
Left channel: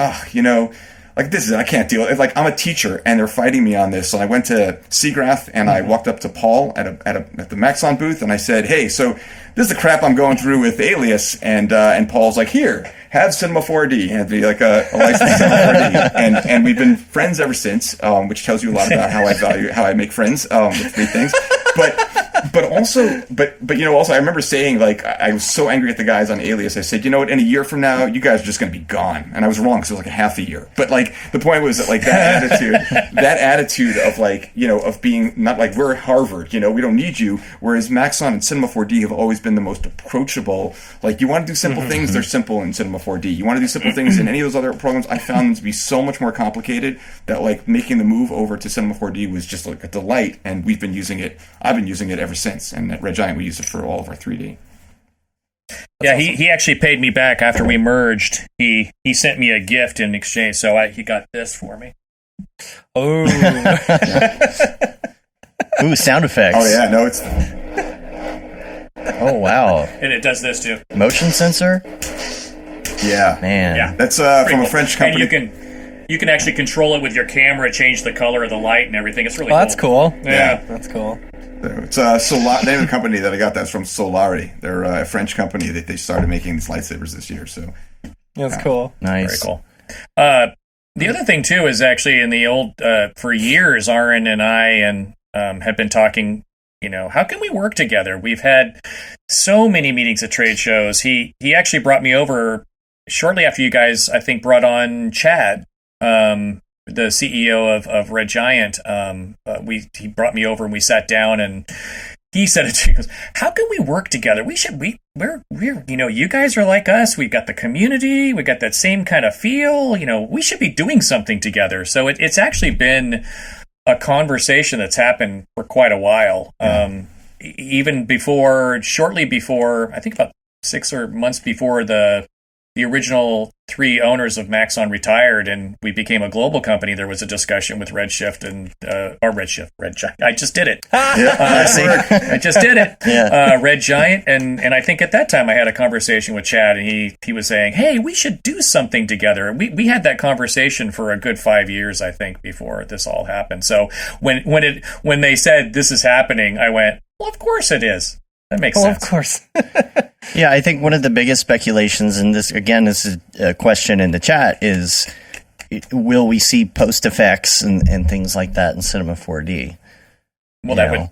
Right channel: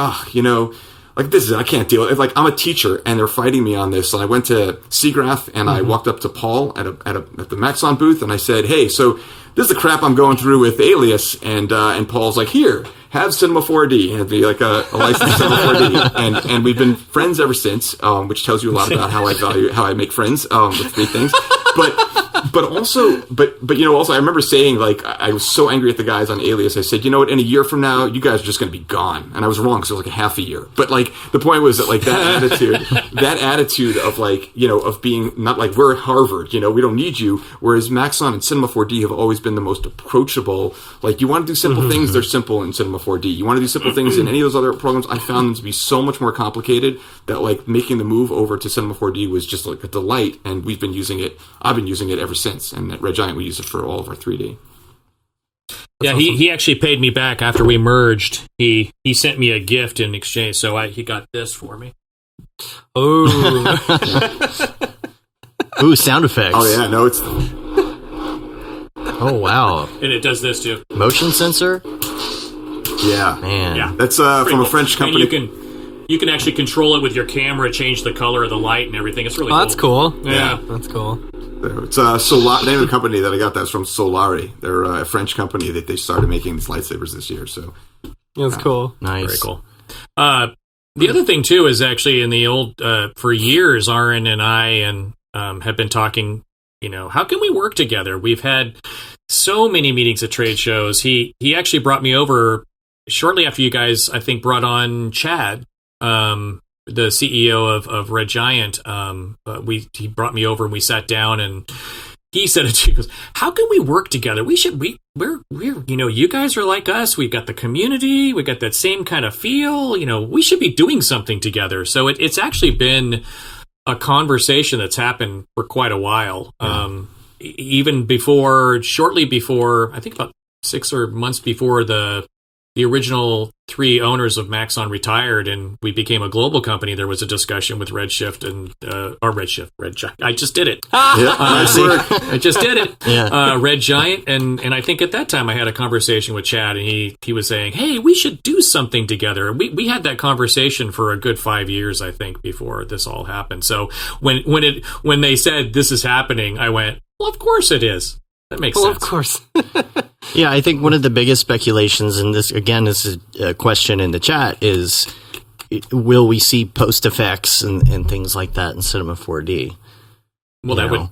like this is, I can't deal with it. Like, I'm a teacher and they're fighting me on this. And I went to Seagraph and I walked up to Paul at the Maxon booth and I said, hey, so this is the crap I'm going through with Alias. And Paul's like, here, have Cinema 4D, and be like a licensed Cinema 4D. And we've been friends ever since, which tells you a lot about how I make friends, with three things. But also, I remember saying, like, I was so angry at the guys on Alias. I said, you know what, in a year from now, you guys are just going to be gone. And I was wrong, because it was like a half a year. But, like, the point was that, like, that attitude of, like, of being not like, we're Harvard, we don't need you. Whereas Maxon and Cinema 4D have always been the most approachable. Like, you want to do simple things, they're simple in Cinema 4D. You want to do simple things in any of those other programs, I found them to be so much more complicated that, like, making the move over to Cinema 4D was just, like, a delight. And we've been using it. I've been using it ever since, and at Red Giant we use it for all of our 3D. Yeah, awesome. He actually paid me back after we merged. He sent me a gift in exchange, so he got this for me. Oh, ooh, sound effects. Oh yeah, no, it's. Oh wow, and it does this too. Motion sensor. Yeah, man. Yeah, that's from a French company. And you can actually control it with your camera, change the color of the light and everything. It's really cool. That's cool. Yeah, that's cool. It's the name of the company that I got that's from Solari. They're a French company that they started making these lightsabers this year. So that's cool. Nice. Very cool. The other thing too is actually in the old for years, Aaron and I have been talking. How can we work together? We've had so many meetings at trade shows. He actually brought me over shortly after you guys, I think, brought on Chad. The CEO of Red Giant, he brought me over and we sat down and he said it. He goes, "How can we work together? We're you guys are like us. We've got the community. We got that same kind of feel. We should be doing something together." So it's actually been a conversation that's happened for quite a while. Even shortly before, I think about 6 months before the original 3 owners of Maxon retired and we became a global company, there was a discussion with Redshift and Red Giant. I just did it. I just did it. Yeah. Red Giant, and I think at that time I had a conversation with Chad, and he was saying, "Hey, we should do something together." And we had that conversation for a good 5 years, I think, before this all happened. So when they said this is happening, I went, "Well, of course it is. That makes sense." Well, of course. Yeah, I think one of the biggest speculations, and this is a question in the chat, is will we see post effects and things like that in Cinema 4D? Well, that would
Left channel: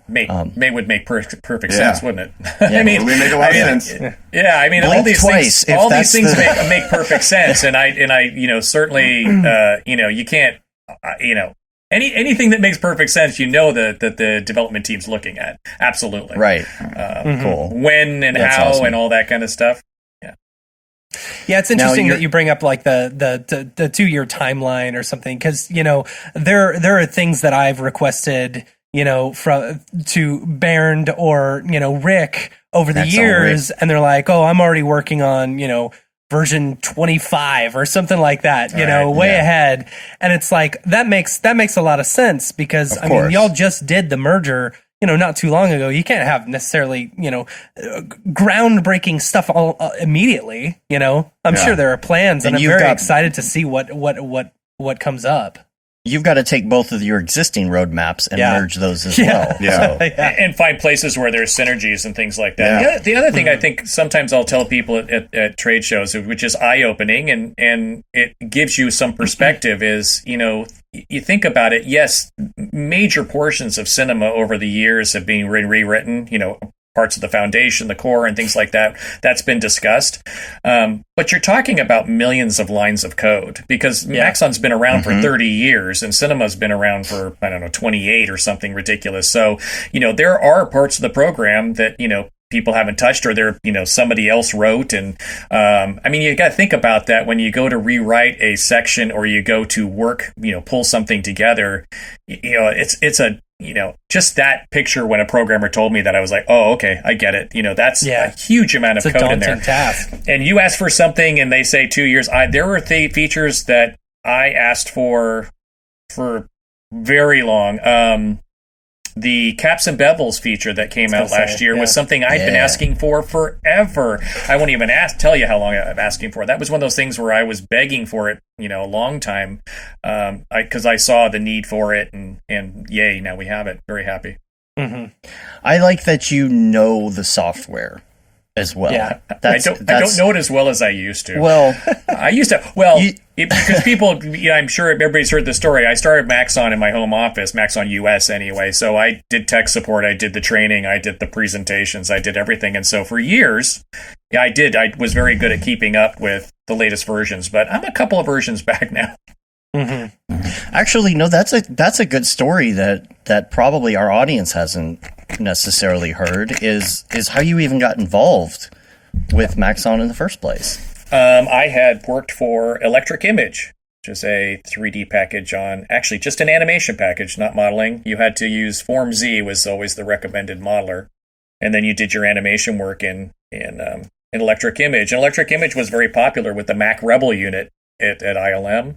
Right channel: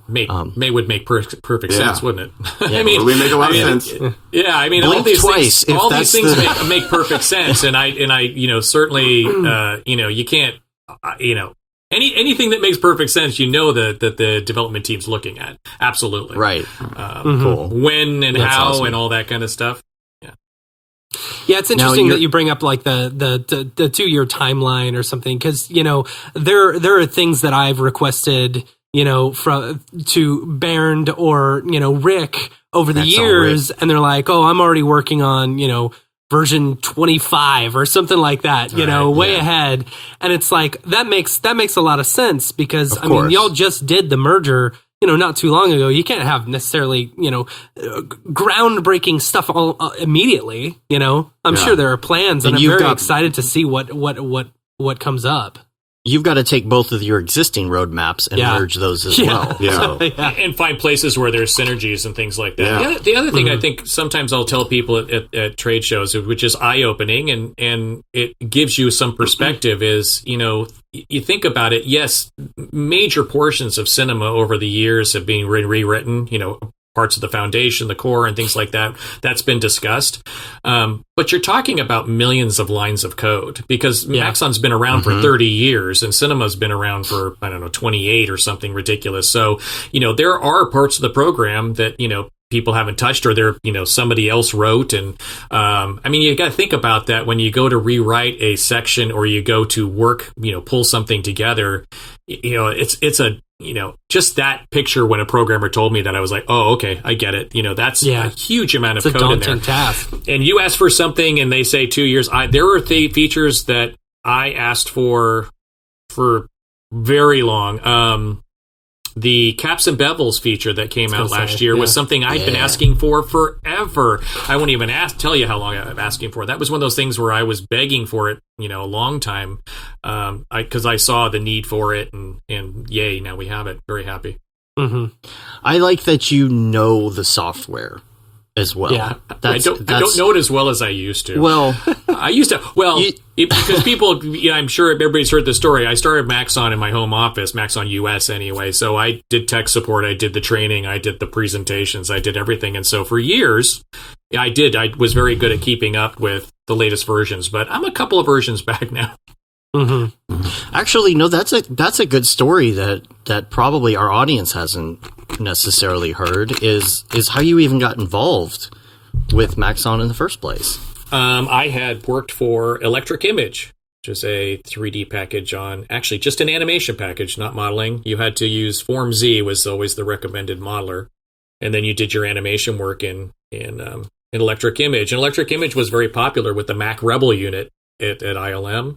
make perfect sense, wouldn't it? Yeah, I mean, it would make a lot of sense. Yeah, I mean, Blink all these twice, things make perfect sense, and I certainly, you can't, anything that makes perfect sense, that the development team's looking at. Absolutely. Right. Cool. When and That's how awesome. and all that kind of stuff. Yeah, it's interesting that you bring up like the 2-year timeline or something, because there are things that I've requested to Bernd or Rick over the years, and they're like, "Oh, I'm already working on version 25 or something like that, way ahead." And it's like that makes a lot of sense, because I mean, y'all just did the merger not too long ago. You can't have necessarily groundbreaking stuff all immediately. I'm sure there are plans, and I'm very excited to see what comes up. You've got to take both of your existing roadmaps and merge those as well. Yeah. So. And find places where there's synergies and things like that. Yeah. The other thing I think sometimes I'll tell people at trade shows, which is eye-opening and it gives you some perspective, is, you think about it, yes, major portions of cinema over the years have been rewritten, parts of the foundation, the core, and things like that. That's been discussed. But you're talking about millions of lines of code, because Maxon's been around for 30 years and cinema's been around for, 28 or something ridiculous. So, there are parts of the program that, people haven't touched, or somebody else wrote. And you got to think about that when you go to rewrite a section or you go to work, pull something together. It's a just that picture when a programmer told me that, I was like, oh, okay, I get it. That's a huge amount of code in there. Task. And you ask for something and they say 2 years. There were features that I asked for very long. the caps and bevels feature that came out last year was something I'd been asking for forever. I won't even tell you how long I'm asking for. That was one of those things where I was begging for it, a long time, because I saw the need for it, and yay, now we have it. Very happy. Mm-hmm. I like that you know the software as well. Yeah, I don't know it as well as I used to. Well, I used to. Well, because people, I'm sure everybody's heard the story. I started Maxon in my home office, Maxon US anyway. So I did tech support, I did the training, I did the presentations, I did everything. And so for years, I was very good at keeping up with the latest versions. But I'm a couple of versions back now. Mm-hmm. Actually, no, that's a good story that probably our audience hasn't necessarily heard is how you even got involved with Maxon in the first place. I had worked for Electric Image, which is a 3D package actually just an animation package, not modeling. You had to use Form Z was always the recommended modeler, and then you did your animation work in Electric Image. And Electric Image was very popular with the Mac Rebel unit at ILM.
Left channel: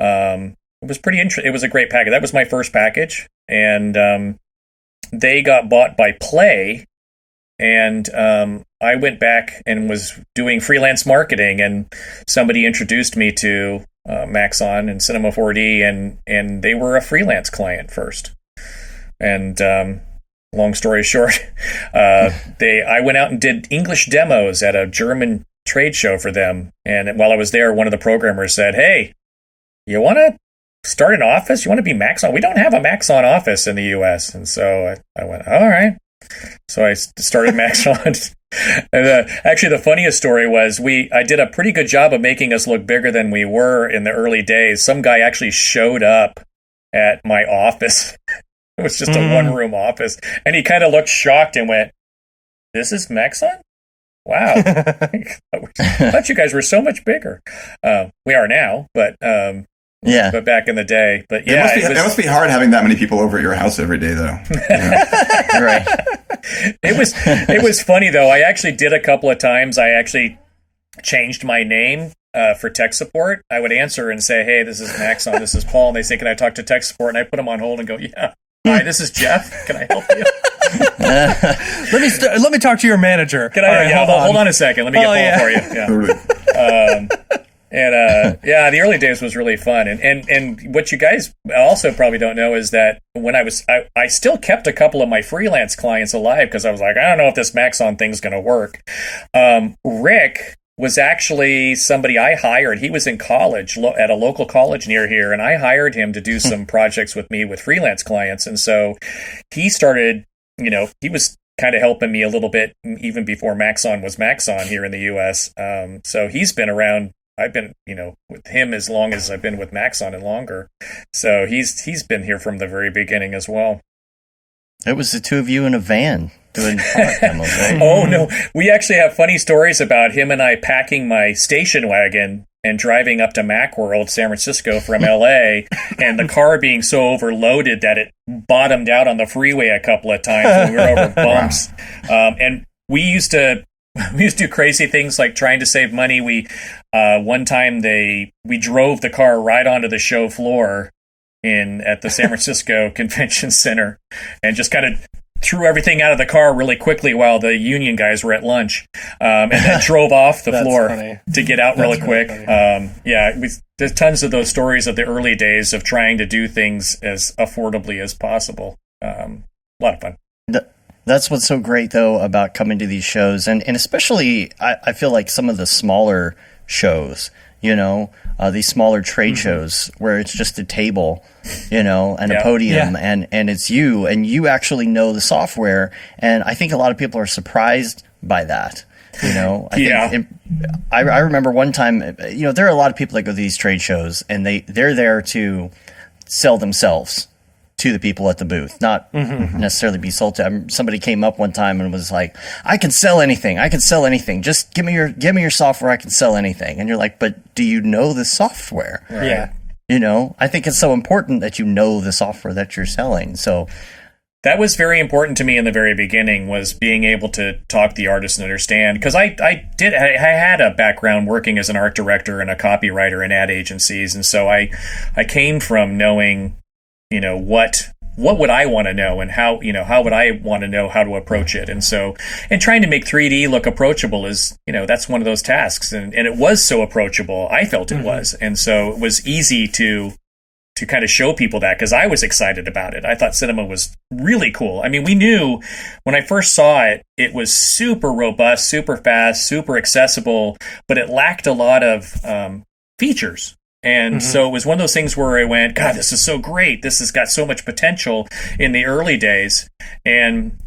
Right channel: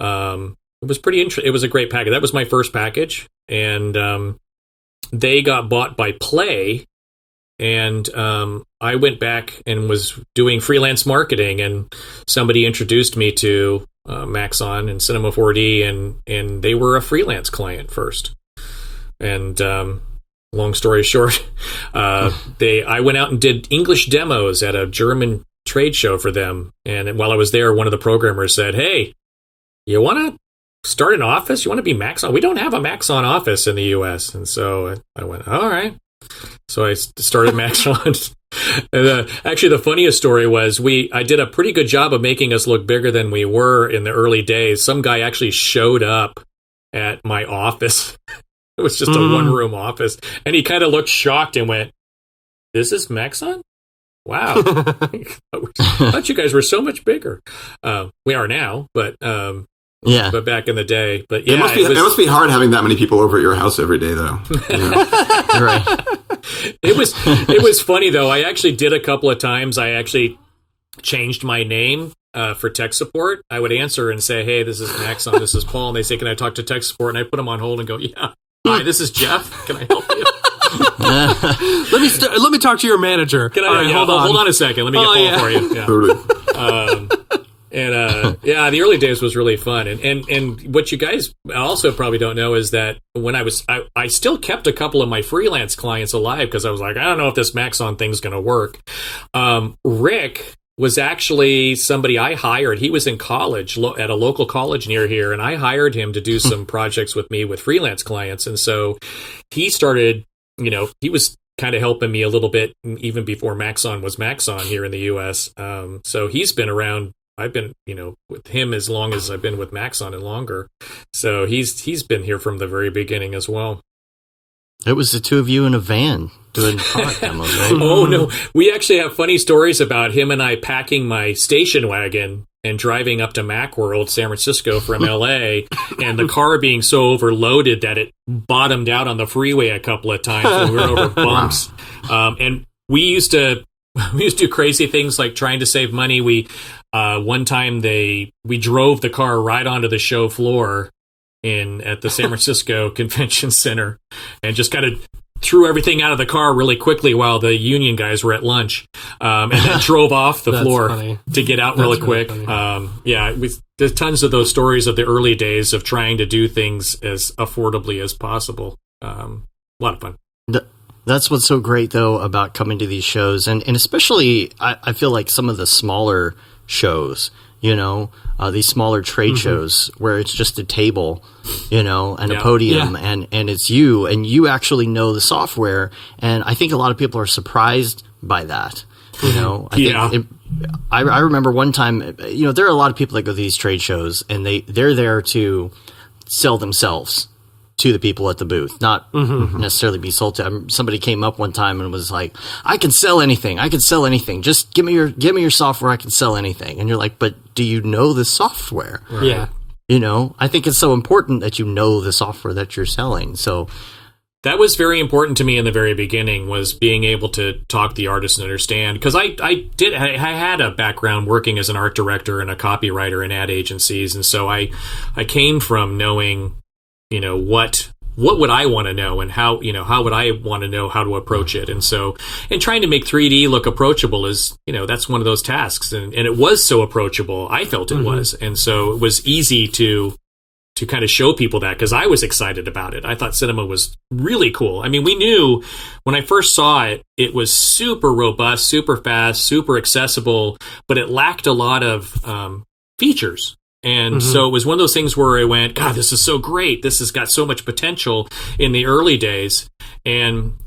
It was pretty interesting. It was a great package. That was my first package, and they got bought by Play, and I went back and was doing freelance marketing, and somebody introduced me to Maxon and Cinema 4D, and they were a freelance client first. And long story short, I went out and did English demos at a German trade show for them, and while I was there, one of the programmers said, "Hey, you want to start an office? You want to be Maxon? We don't have a Maxon office in the US." And so I went, all right. So I started Maxon. And actually, the funniest story was I did a pretty good job of making us look bigger than we were in the early days. Some guy actually showed up at my office. It was just a one-room office. And he kind of looked shocked and went, "This is Maxon? Wow. I thought you guys were so much bigger." We are now, but but back in the day. But yeah, it must be hard having that many people over at your house every day, though. Right. It was funny though. I actually did a couple of times. I actually changed my name for tech support. I would answer and say, "Hey, this is Maxon. This is Paul." And they say, "Can I talk to tech support?" And I put them on hold and go, "Yeah. Hi, this is Jeff. Can I help you?" Let me talk to your manager. Can I? Hold on a second. Let me get Paul for you. Yeah. The early days was really fun, and what you guys also probably don't know is that when I still kept a couple of my freelance clients alive because I was like, I don't know if this Maxon thing's going to work. Rick was actually somebody I hired. He was in college at a local college near here, and I hired him to do some projects with me with freelance clients, and so he started. He was kind of helping me a little bit even before Maxon was Maxon here in the U.S. So he's been around. I've been, with him as long as I've been with Maxon and longer. So he's been here from the very beginning as well. It was the two of you in a van doing product demos, right? Oh, no. We actually have funny stories about him and I packing my station wagon and driving up to Macworld, San Francisco from LA, and the car being so overloaded that it bottomed out on the freeway a couple of times when we were over bumps. And we used to do crazy things like trying to save money. One time we drove the car right onto the show floor at the San Francisco Convention Center and just kind of threw everything out of the car really quickly while the union guys were at lunch, and then drove off the floor to get out really quick. There's tons of those stories of the early days of trying to do things as affordably as possible. A lot of fun. That's what's so great, though, about coming to these shows. And especially, I feel like some of the smaller shows, these smaller trade shows where it's just a table, and a podium and it's you, and you actually know the software. And I think a lot of people are surprised by that. I remember one time, there are a lot of people that go to these trade shows and they're there to sell themselves to the people at the booth, not necessarily be sold to. Somebody came up one time and was like, I can sell anything. Just give me your software. I can sell anything. And you're like, but do you know the software? Right. Yeah. I think it's so important that you know the software that you're selling. So that was very important to me in the very beginning, was being able to talk to the artist and understand, because I had a background working as an art director and a copywriter in ad agencies. And so I came from knowing what what would I want to know, and how would I want to know how to approach it? And so, and trying to make 3D look approachable is, that's one of those tasks. And it was so approachable. I felt it was. And so it was easy to kind of show people that, because I was excited about it. I thought cinema was really cool. I mean, we knew when I first saw it, it was super robust, super fast, super accessible, but it lacked a lot of features. And so it was one of those things where I went, God, this is so great. This has got so much potential in the early days. And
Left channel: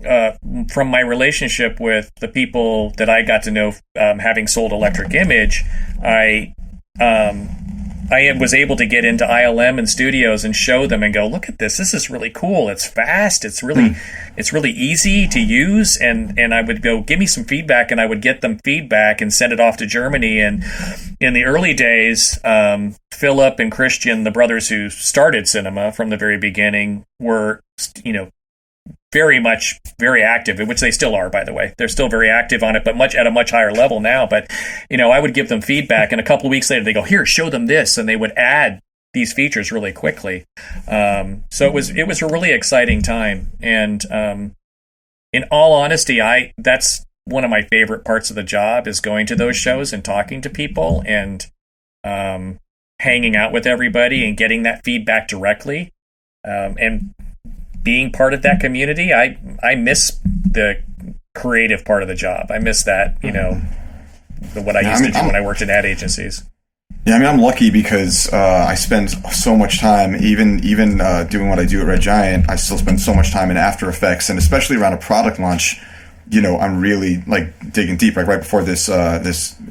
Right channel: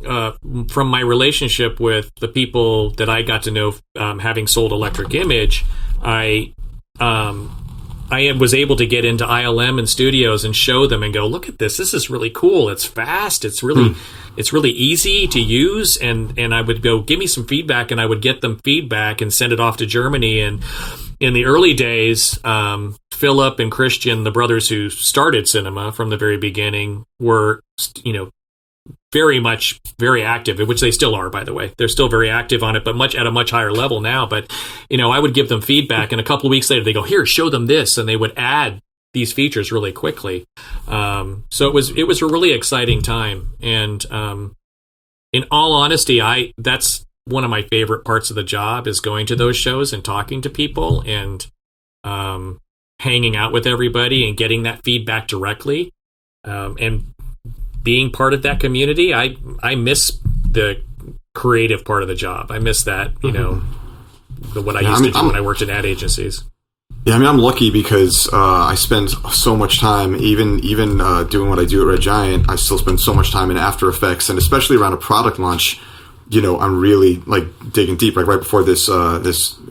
from my relationship with the people that I got to know, having sold Electric Image, I was able to get into ILM and studios and show them and go, look at this. This is really cool. It's fast. It's really easy to use. And I would go, give me some feedback, and I would get them feedback and send it off to Germany. And in the early days, Philip and Christian, the brothers who started cinema from the very beginning, were, very active, which they still are, by the way. They're still very active on it, but at a much higher level now. But, I would give them feedback, and a couple of weeks later, they go, here, show them this. And they would add these features really quickly. So it was a really exciting time. And in all honesty, that's one of my favorite parts of the job, is going to those shows and talking to people and hanging out with everybody and getting that feedback directly. And being part of that community. I miss the creative part of the job. I miss that, what I used to do when I worked in ad agencies. Yeah, I'm lucky because I spend so much time, even doing what I do at Red Giant, I still spend so much time in After Effects, and especially around a product launch, I'm really digging deep. Like right before this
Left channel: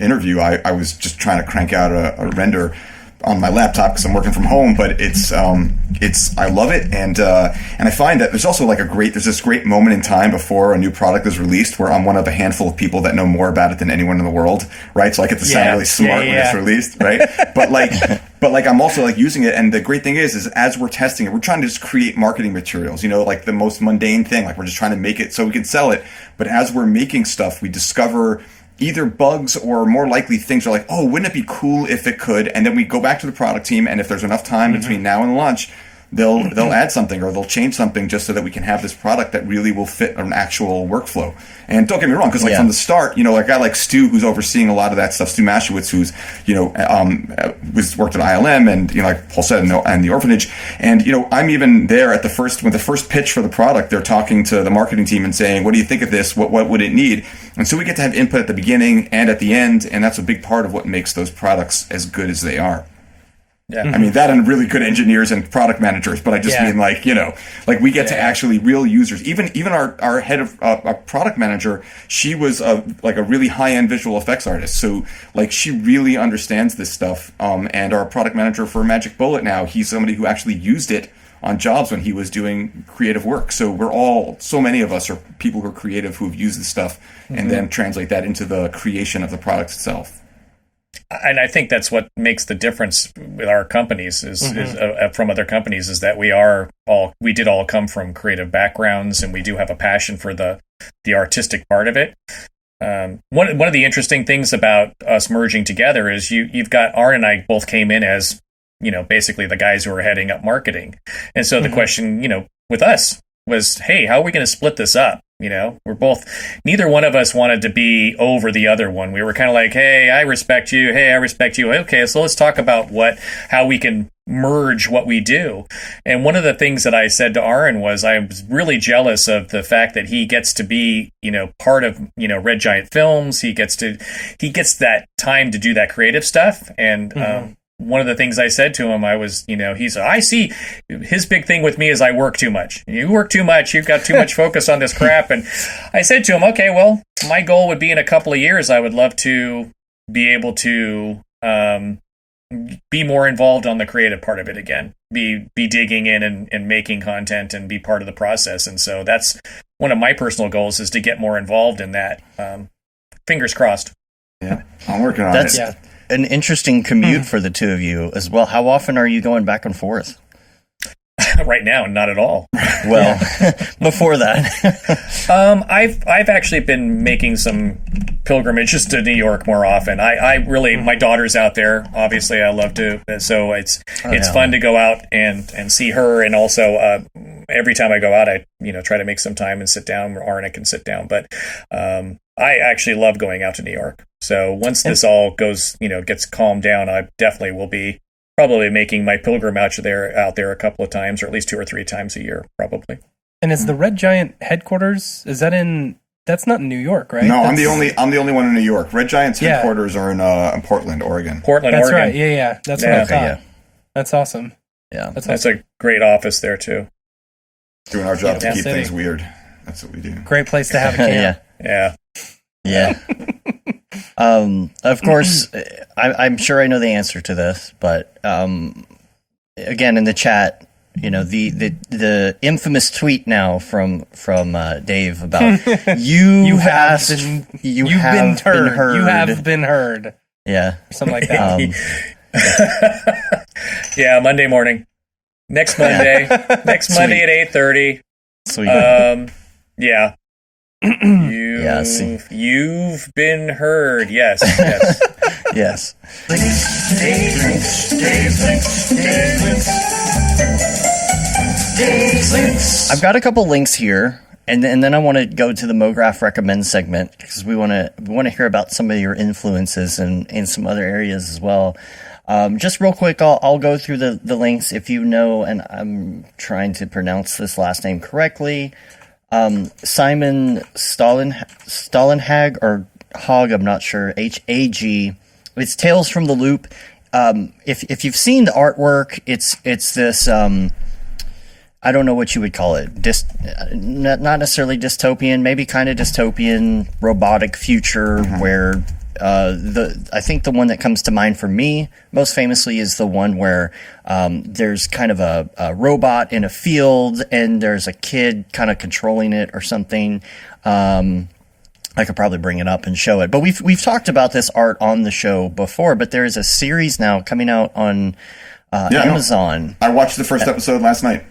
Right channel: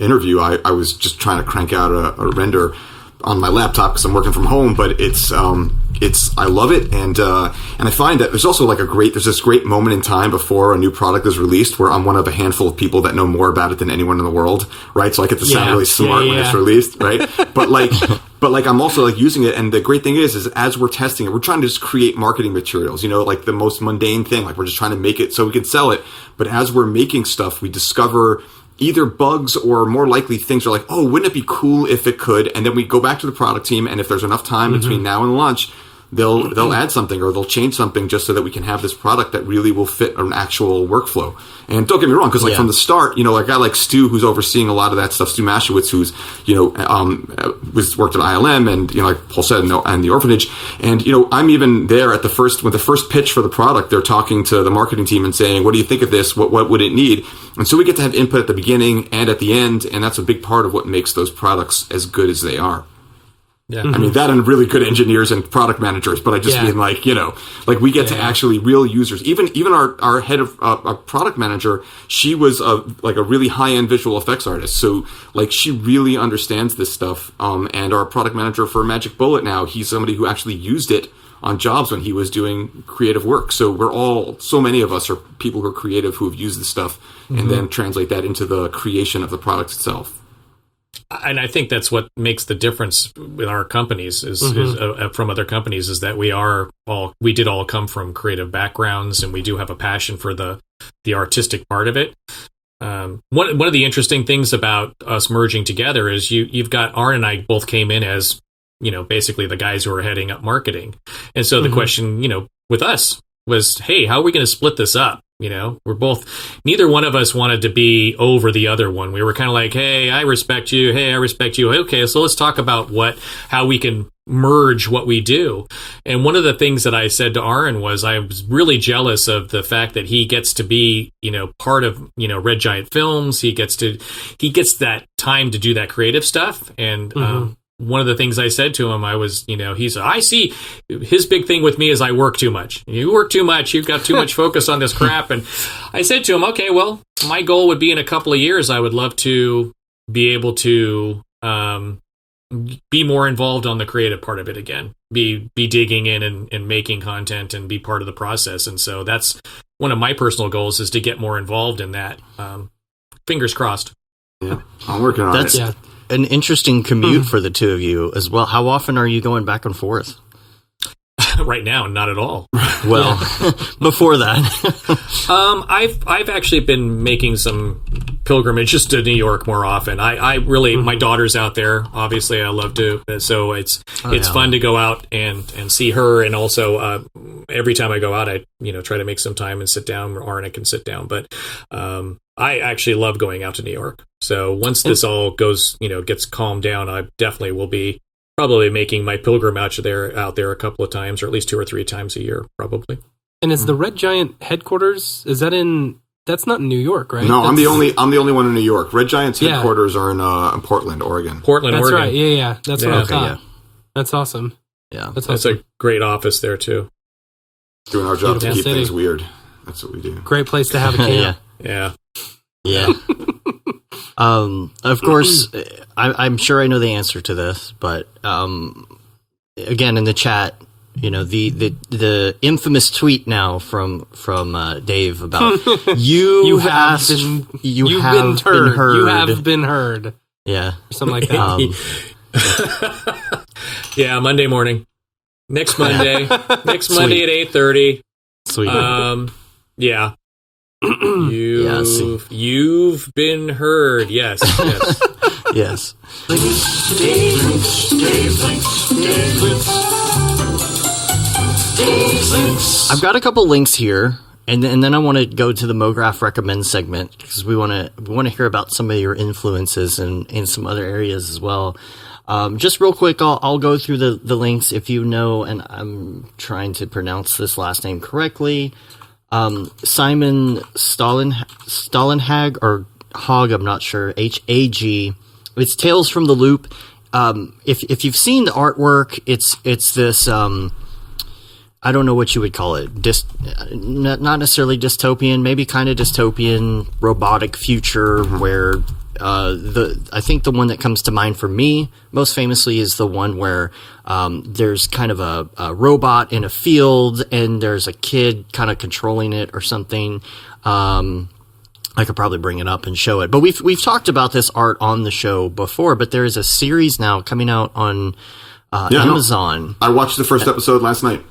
interview, I was just trying to crank out a render on my laptop because I'm working from home, but it's I love it, and I find that there's also there's this great moment in time before a new product is released where I'm one of a handful of people that know more about it than anyone in the world, right? So I get to sound really smart when it's released, right? But I'm also using it, and the great thing is as we're testing it, we're trying to just create marketing materials, the most mundane thing, we're just trying to make it so we can sell it. But as we're making stuff, we discover either bugs or more likely things are oh, wouldn't it be cool if it could? And then we go back to the product team, and if there's enough time between now and launch, they'll add something or they'll change something just so that we can have this product that really will fit an actual workflow. And don't get me wrong, because from the start, a guy like Stu, who's overseeing a lot of that stuff, Stu Maschwitz, who's worked at ILM and like Paul said, and the Orphanage, and I'm even there at the first pitch for the product. They're talking to the marketing team and saying, what do you think of this? What would it need? And so we get to have input at the beginning and at the end, and that's a big part of what makes those products as good as they are. Yeah. I mean, that and really good engineers and product managers, but I just mean we get to actually real users. Even our head of our product manager, she was a really high-end visual effects artist. So she really understands this stuff. And our product manager for Magic Bullet now, he's somebody who actually used it on jobs when he was doing creative work. So so many of us are people who are creative who have used this stuff and then translate that into the creation of the product itself. And I think that's what makes the difference with our companies is from other companies, is that we did all come from creative backgrounds, and we do have a passion for the artistic part of it. One of the interesting things about us merging together is you've got Arn and I both came in as basically the guys who are heading up marketing, and so the question with us was, hey, how are we going to split this up? Neither one of us wanted to be over the other one. We were kind of like, hey, I respect you. Hey, I respect you. Okay, so let's talk about how we can merge what we do. And one of the things that I said to Aaron was I was really jealous of the fact that he gets to be, part of, Red Giant Films. He gets that time to do that creative stuff. And, one of the things I said to him, I see his big thing with me is I work too much. You work too much. You've got too much focus on this crap. And I said to him, okay, well, my goal would be in a couple of years, I would love to be able to be more involved on the creative part of it again, be digging in and making content and be part of the process. And so that's one of my personal goals, is to get more involved in that. Fingers crossed. Yeah, I'm working on it. That's an interesting commute for the two of you as well. How often are you going back and forth? Right now, not at all. Well, before that, I've actually been making some pilgrimages to New York more often. I really, my daughter's out there. Obviously, I love to, so it's fun to go out and see her, and also every time I go out, I try to make some time and sit down, or Arna can sit down. But I actually love going out to New York. So once this all goes, gets calmed down, I definitely will be probably making my pilgrimage out there a couple of times, or at least 2 or 3 times a year, probably. And is the Red Giant headquarters? Is that in? That's not in New York, right? No, I'm the only one in New York. Red Giant's headquarters are in Portland, Oregon. Portland, That's Oregon. right. Yeah. That's what I thought. Yeah. That's awesome. Yeah. That's That's awesome. a great office there too. Doing our job to Beautiful keep city. things weird. That's what we do. Great place to have a camp. Yeah. Yeah. Of course, I'm sure I know the answer to this, but again, in the chat, the infamous tweet now from Dave about you've been heard. Yeah, Something like that. Yeah, Monday morning. Next Monday. Next Monday at 8:30. Sweet. Yeah. You've been heard. Yes. Yes. I've got a couple links here, and then I want to go to the Mograph recommend segment because we want to hear about some of your influences in some other areas as well. Just real quick, I'll go through the links if you know, and I'm trying to pronounce this last name correctly. Simon Stalenhag or Hog, I'm not sure. Hag. It's Tales from the Loop. If you've seen the artwork, it's this. I don't know what you would call it. Not necessarily dystopian, maybe kind of dystopian, robotic future where I think the one that comes to mind for me most famously is the one where there's kind of a robot in a field and there's a kid kind of controlling it or something. I could probably bring it up and show it, but we've talked about this art on the show before. But there is a series now coming out on Amazon. I watched the first episode last night.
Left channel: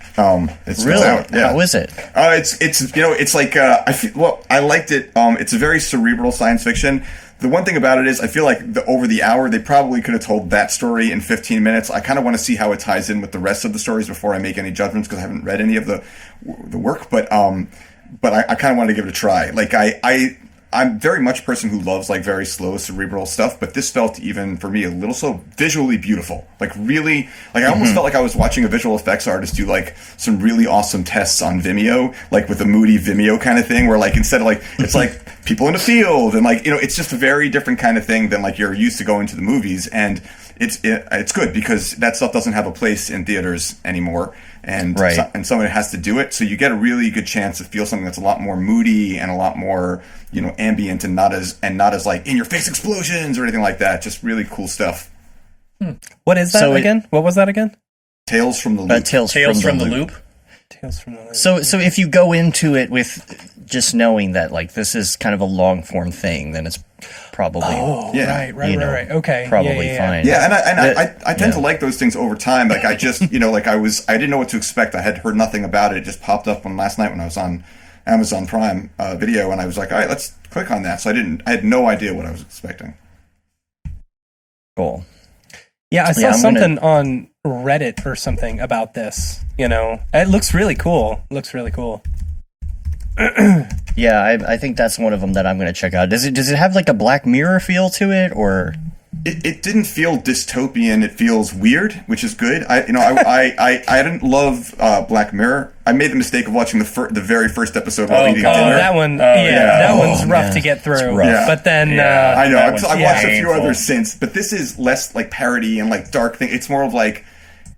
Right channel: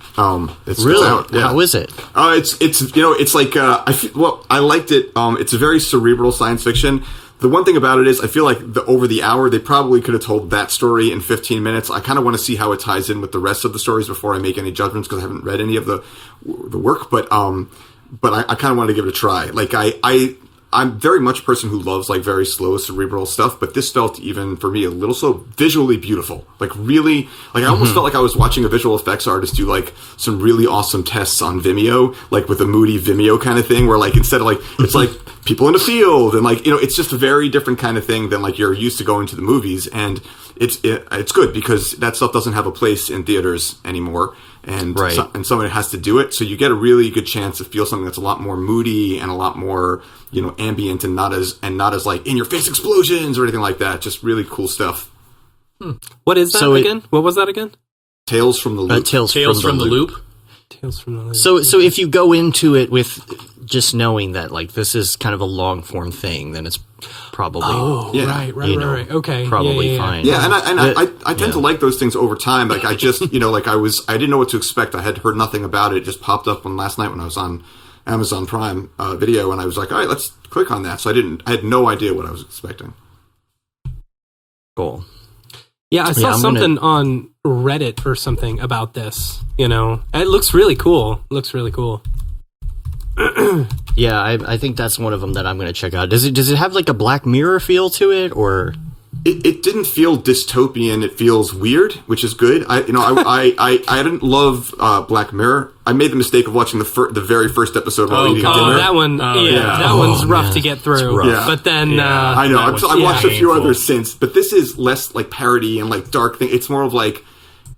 It's Really? out. Yeah. How is it? It's like I liked it. It's a very cerebral science fiction. The one thing about it is I feel like over the hour they probably could have told that story in 15 minutes. I kind of want to see how it ties in with the rest of the stories before I make any judgments because I haven't read any of the work. But I kind of wanted to give it a try. Like I'm very much a person who loves like very slow cerebral stuff, but this felt even for me a little so visually beautiful. Like really, like I almost felt like I was watching a visual effects artist do like some really awesome tests on Vimeo, like with a moody Vimeo kind of thing, where like instead of like it's like people in the field and like it's just a very different kind of thing than like you're used to going to the movies, and it's good because that stuff doesn't have a place in theaters anymore. And right. And someone has to do it, so you get a really good chance to feel something that's a lot more moody and a lot more ambient and not as like in your face explosions or anything like that. Just really cool stuff. What is that again? What was that again? Tales from the Loop. Tales from the Loop. Tales from the Loop. So if you go into it with just knowing that like this is kind of a long form thing, then it's probably right. Okay, probably fine. Yeah, and I tend to like those things over time. Like I just I didn't know what to expect. I had heard nothing about it. It just popped up last night when I was on Amazon Prime Video, and I was like, all right, let's click on that. So I had no idea what I was expecting. Cool. Yeah, I saw something on Reddit or something about this. It looks really cool. Yeah, I think that's one of them that I'm going to check out. Does it have like a Black Mirror feel to it, or? It didn't feel dystopian. It feels weird, which is good. I didn't love Black Mirror. I made the mistake of watching the very first episode while eating dinner. That one, that one's rough to get through. Yeah. But then, I know. I've watched a few painful. others since, but this is less like parody and like dark thing. It's more of like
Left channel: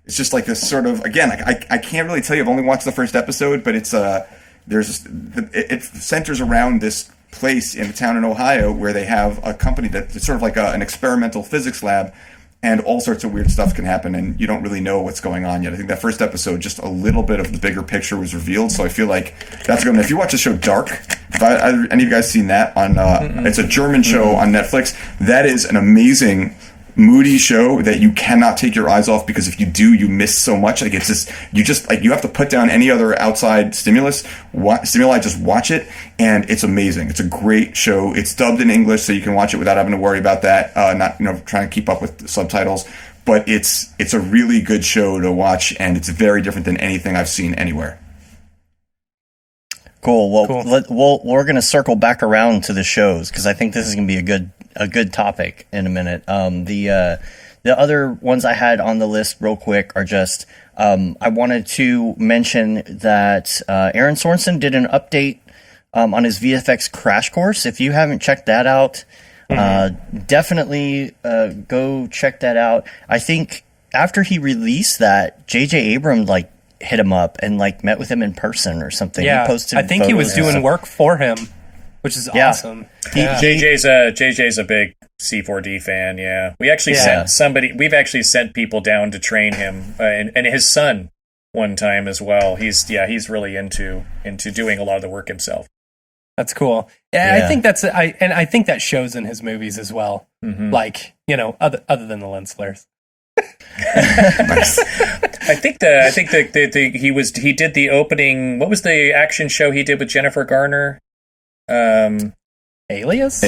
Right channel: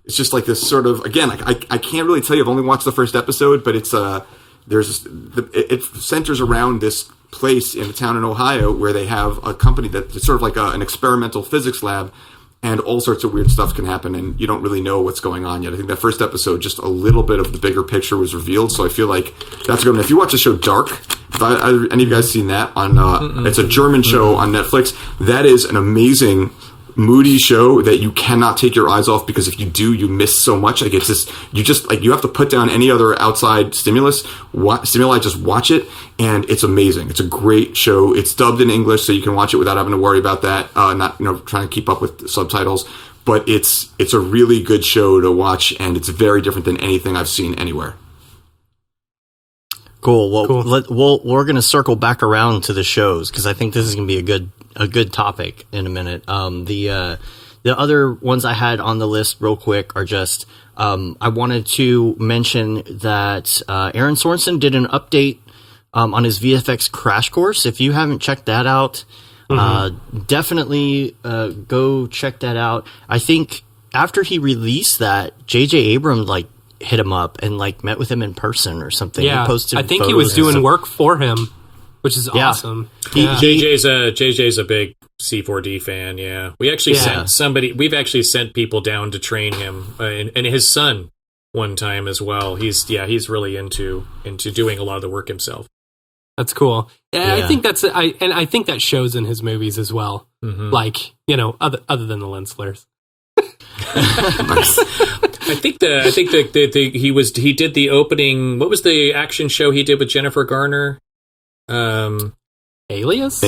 it's just like this sort of again. I can't really tell you. I've only watched the first episode, but it's it centers around this place in a town in Ohio where they have a company that's sort of like an experimental physics lab, and all sorts of weird stuff can happen, and you don't really know what's going on yet. I think that first episode, just a little bit of the bigger picture was revealed, so I feel like that's good. If you watch the show Dark, any of you guys seen that on? It's a German show on Netflix. That is an amazing, moody show that you cannot take your eyes off, because if you do, you miss so much. Like it's just you have to put down any other outside stimuli, just watch it, and it's amazing. It's a great show. It's dubbed in English, so you can watch it without having to worry about that, not trying to keep up with subtitles. But it's a really good show to watch, and it's very different than anything I've seen anywhere. Cool. Well, Cool. we're going to circle back around to the shows because I think this is going to be a good topic in a minute. The other ones I had on the list real quick are just I wanted to mention that Aaron Sorensen did an update on his VFX crash course. If you haven't checked that out, definitely go check that out. I think after he released that, J.J. Abrams hit him up and met with him in person or something. Yeah, he posted I think he was photos. doing work for him, which is awesome. JJ's a big C4D fan. Yeah, we actually sent somebody. We've actually sent people down to train him, and his son one time as well. He's really into doing a lot of the work himself. That's cool. Yeah, Yeah. I think I think that shows in his movies as well. Other than the lens flares. Nice. I think he did the opening. What was the action show he did with Jennifer Garner? Alias.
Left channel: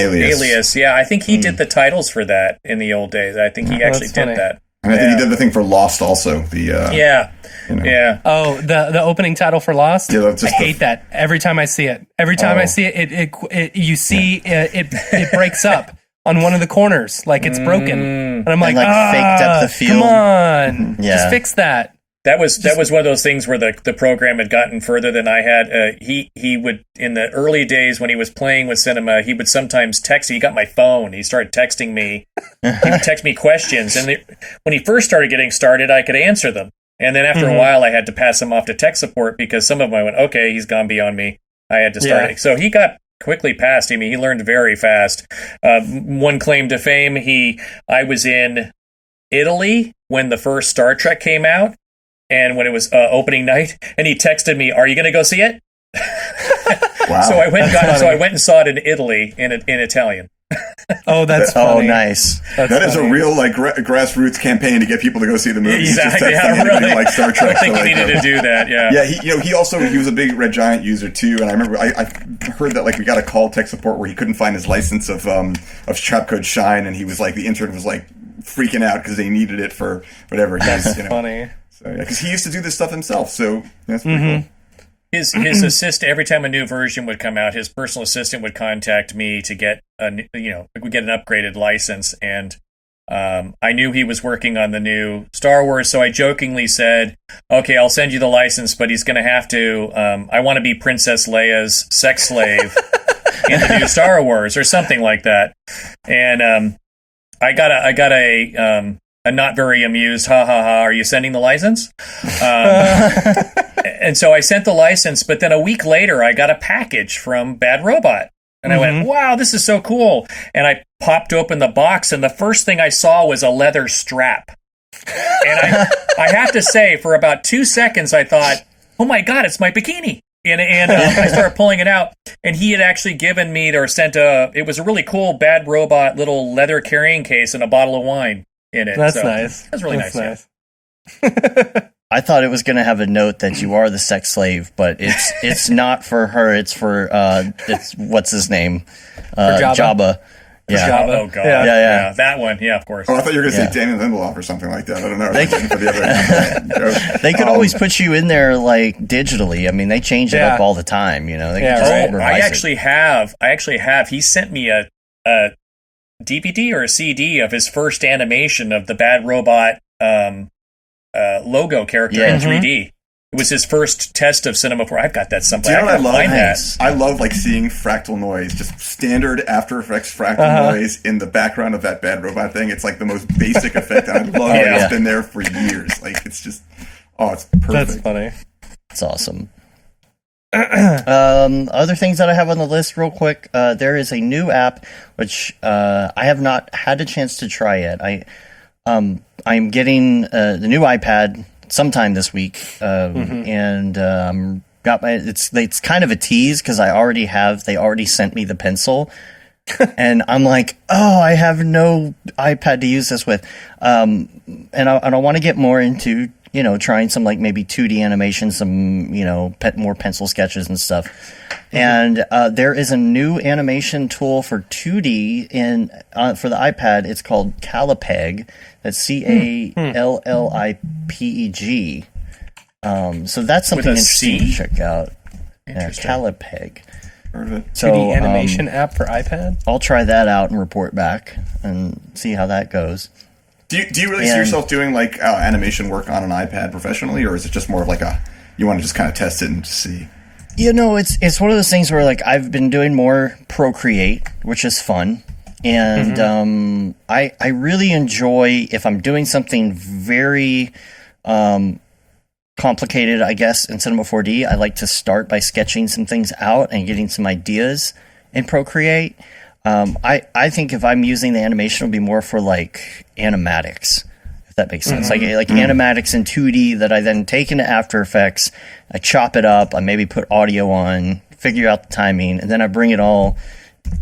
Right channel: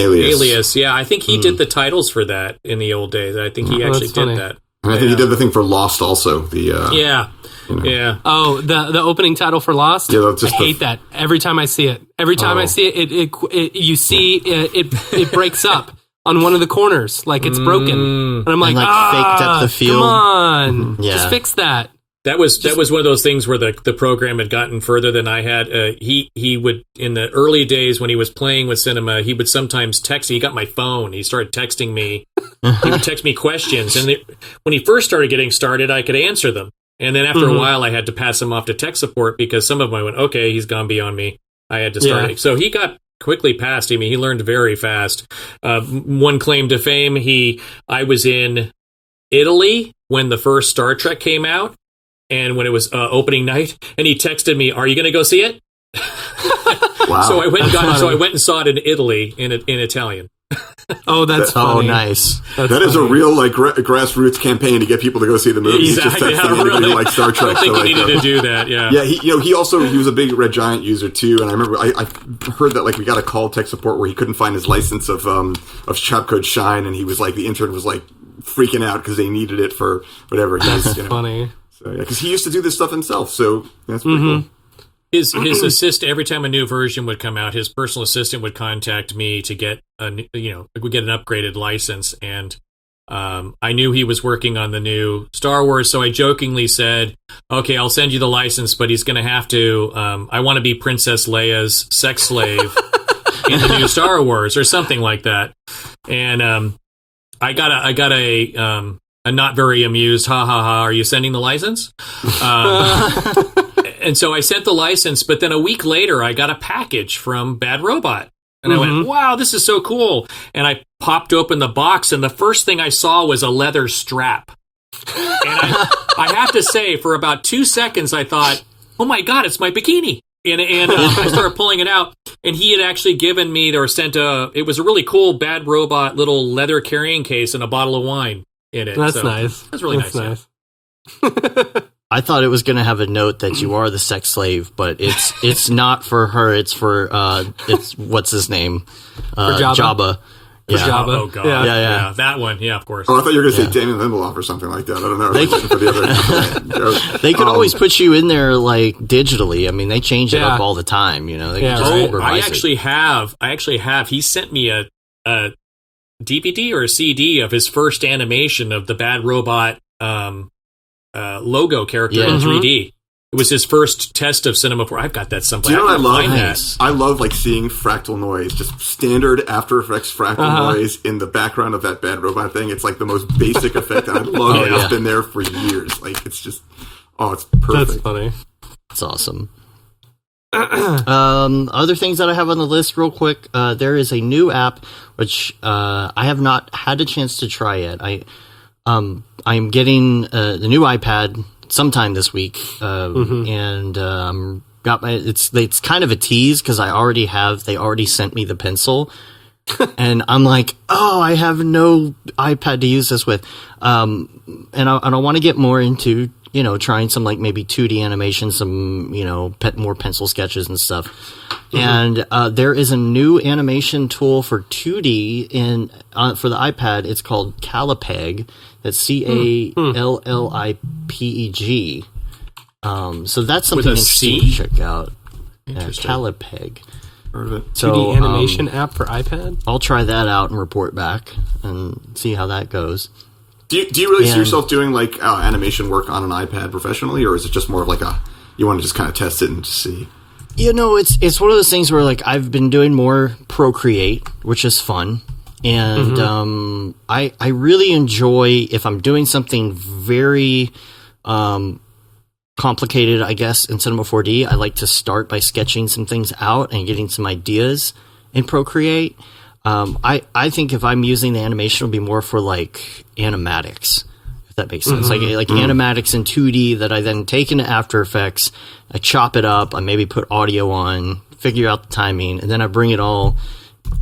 Yeah, I think he did the titles for that in the old days. I think he actually did funny. that. And I think he did the thing for Lost also. The Yeah. Oh, the opening title for Lost. Yeah, that's just I hate that every time I see it. Every time I see it, you see it breaks up on one of the corners, like it's broken, and I'm like, faked up the field. Come on, Yeah. just fix that. That was one of those things where the program had gotten further than I had. He would, in the early days when he was playing with cinema, he would sometimes text. He got my phone. He started texting me. He would text me questions, and when he first started getting started, I could answer them. And then after a while, I had to pass him off to tech support because some of them I went, okay, he's gone beyond me. I had to start. Yeah. So he got quickly past him. He learned very fast. One claim to fame: I was in Italy when the first Star Trek came out. And when it was opening night, and he texted me, "Are you going to go see it?" wow. So I went and saw it in Italy in Italian. Oh, that's funny. Oh, nice. That is a real grassroots campaign to get people to go see the movie. Exactly. Just texting anybody who likes Star Trek. I think he needed to do that. Yeah. Yeah, he was a big Red Giant user too, and I remember I heard that we got a call tech support where he couldn't find his license of Trapcode Shine, and he was the intern was freaking out because they needed it for whatever. That's funny. So yeah, because he used to do this stuff himself, so that's pretty cool. His assistant, every time a new version would come out, his personal assistant would contact me to get we get an upgraded license, and I knew he was working on the new Star Wars, so I jokingly said, "Okay, I'll send you the license, but he's going to have to. I want to be Princess Leia's sex slave in the new Star Wars, or something like that." And I got a not very amused, ha ha ha, are you sending the license? And so I sent the license, but then a week later I got a package from Bad Robot. And I went, wow, this is so cool. And I popped open the box, and the first thing I saw was a leather strap. And I have to say, for about 2 seconds, I thought, oh my God, it's my bikini. And I started pulling it out, and he had actually given me, or sent it was a really cool Bad Robot little leather carrying case and a bottle of wine in it. That's nice. That's really nice. Yeah. I thought it was going to have a note that you are the sex slave, but it's not for her. It's for it's what's his name, Jabba. Yeah. Jabba. Oh God. Yeah. That one. Yeah, of course. Oh, I thought you were going to Yeah. say Damon Lindelof or something like that. I don't know. I was waiting for the other. They could always put you in there digitally. I mean, they change it up all the time. They could just revise I it. actually have. He sent me a DVD or a CD of his first animation of the Bad Robot logo character in 3D. It was his first test of Cinema 4. I've got that someplace. Do you know what I love? Find that. I love seeing fractal noise, just standard After Effects fractal noise in the background of that Bad Robot thing. It's the most basic effect, and I love it. It's been there for years. It's just, it's perfect. That's funny. It's awesome. Other things that I have on the list real quick. There is a new app, which I have not had a chance to try yet. I'm getting the new iPad sometime this week, and got my. It's kind of a tease because they already sent me the pencil, and I'm like, oh, I have no iPad to use this with, and I want to get more into trying some maybe 2D animation, some more pencil sketches and stuff. And there is a new animation tool for 2D for the iPad. It's called Callipeg. That's Callipeg. So that's something With a interesting C? to check out. Interesting. Calipeg. Heard of it. So 2D animation app for iPad. I'll try that out and report back and see how that goes. Do you really see And- yourself doing like animation work on an iPad professionally, or is it just more of like you want to just kind of test it and just see? It's one of those things where like I've been doing more Procreate, which is fun. And I really enjoy if I'm doing something very complicated, I guess, in Cinema 4D. I like to start by sketching some things out and getting some ideas in Procreate. I think if I'm using the animation, it'll be more for like animatics, if that makes sense. Like animatics in 2D that I then take into After Effects, I chop it up, I maybe put audio on, figure out the timing, and then I bring it all,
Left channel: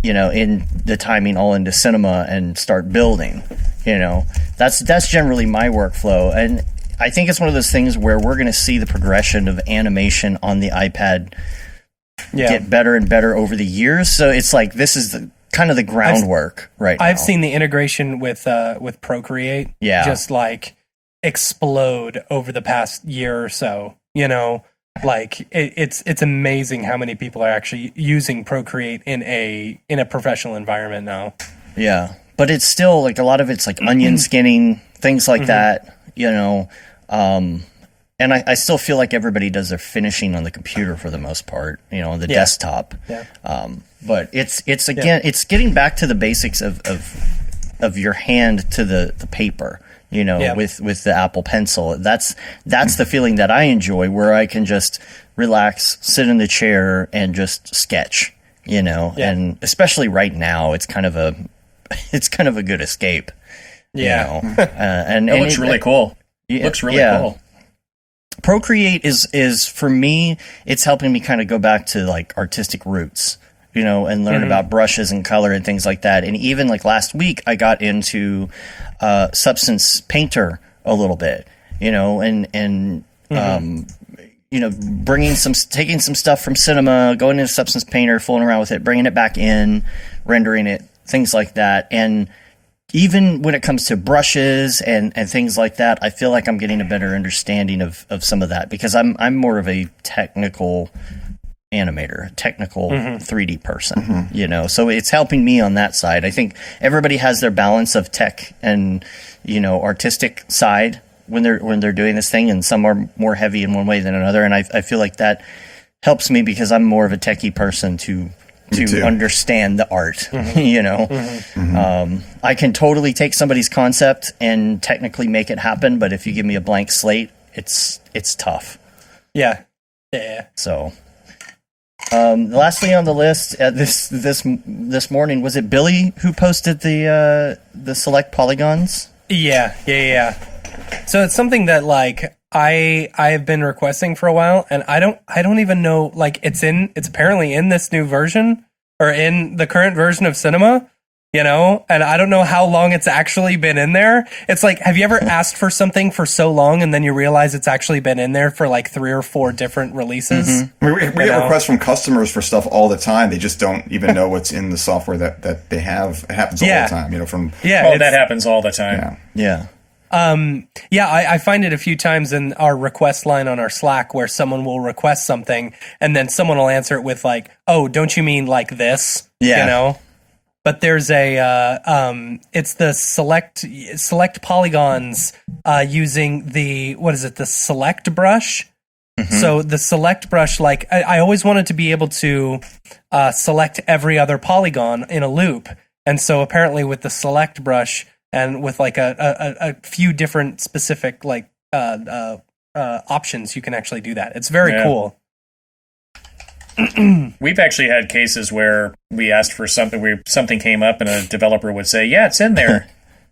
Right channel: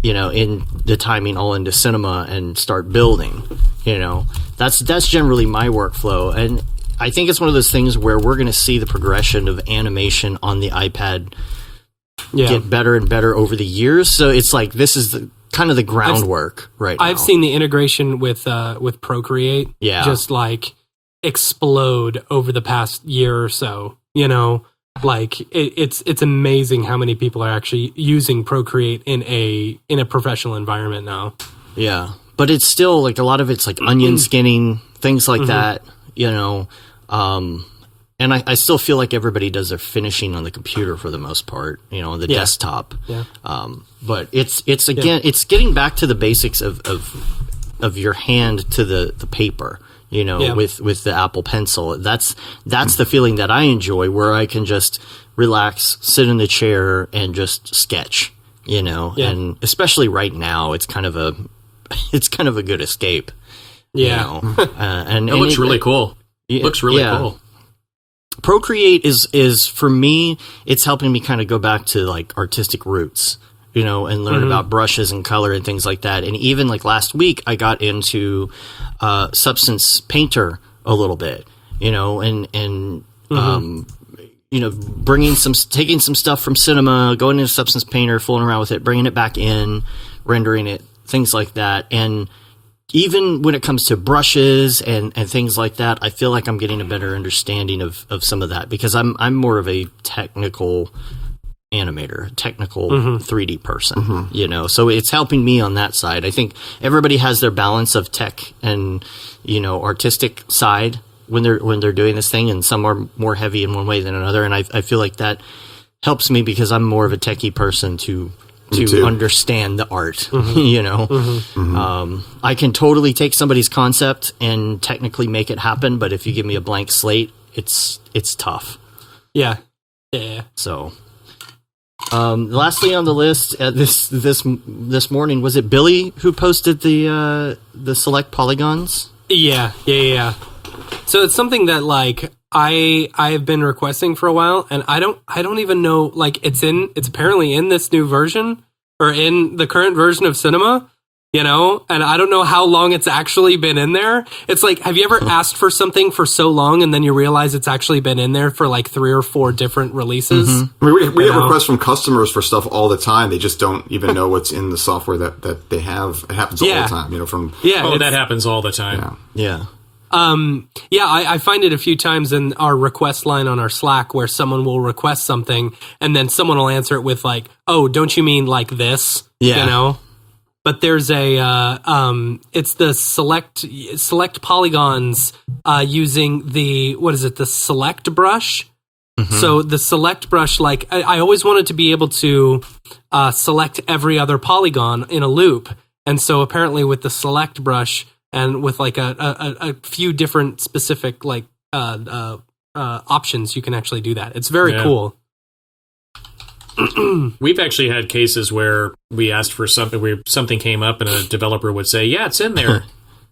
in the timing all into Cinema and start building. That's generally my workflow, and I think it's one of those things where we're going to see the progression of animation on the iPad get better and better over the years. So it's like this is kind of the groundwork right now. I've seen the integration with Procreate just like explode over the past year or so. Like it's amazing how many people are actually using Procreate in a professional environment now. Yeah, but it's still like a lot of it's like onion skinning, things like that. And I still feel like everybody does their finishing on the computer for the most part, on the desktop. Yeah. But it's it's getting back to the basics of your hand to the paper, with the Apple Pencil. That's the feeling that I enjoy, where I can just relax, sit in the chair and just sketch, and especially right now, it's kind of a good escape. Yeah. And it looks really cool. Looks really cool. Procreate is for me, it's helping me kind of go back to like artistic roots, and learn about brushes and color and things like that. And even like last week, I got into Substance Painter a little bit, taking some stuff from Cinema, going into Substance Painter, fooling around with it, bringing it back in, rendering it, things like that. And even when it comes to brushes and things like that, I feel like I'm getting a better understanding of some of that, because I'm more of a technical animator, technical 3D person, so it's helping me on that side. I think everybody has their balance of tech and, artistic side when they're doing this thing, and some are more heavy in one way than another. And I feel like that helps me because I'm more of a techie person to understand the art, I can totally take somebody's concept and technically make it happen, but if you give me a blank slate, it's tough. Yeah. So, lastly on the list, this morning, was it Billy who posted the select polygons? Yeah. So it's something that like I've been requesting for a while, and I don't even know, like it's apparently in this new version, or in the current version of Cinema, and I don't know how long it's actually been in there. It's like, have you ever asked for something for so long and then you realize it's actually been in there for like 3 or 4 different releases? I mean, we get requests from customers for stuff all the time. They just don't even know what's in the software that they have. It happens all the time, that happens all the time. Yeah. I find it a few times in our request line on our Slack where someone will request something and then someone will answer it with like, "Oh, don't you mean like this?" But there's it's the select polygons using the select brush. So the select brush, like I always wanted to be able to select every other polygon in a loop, and so apparently with the select brush, and with like a few different specific like options, you can actually do that. It's very cool. We've actually had cases where we asked for something came up and a developer would say, "Yeah, it's in there."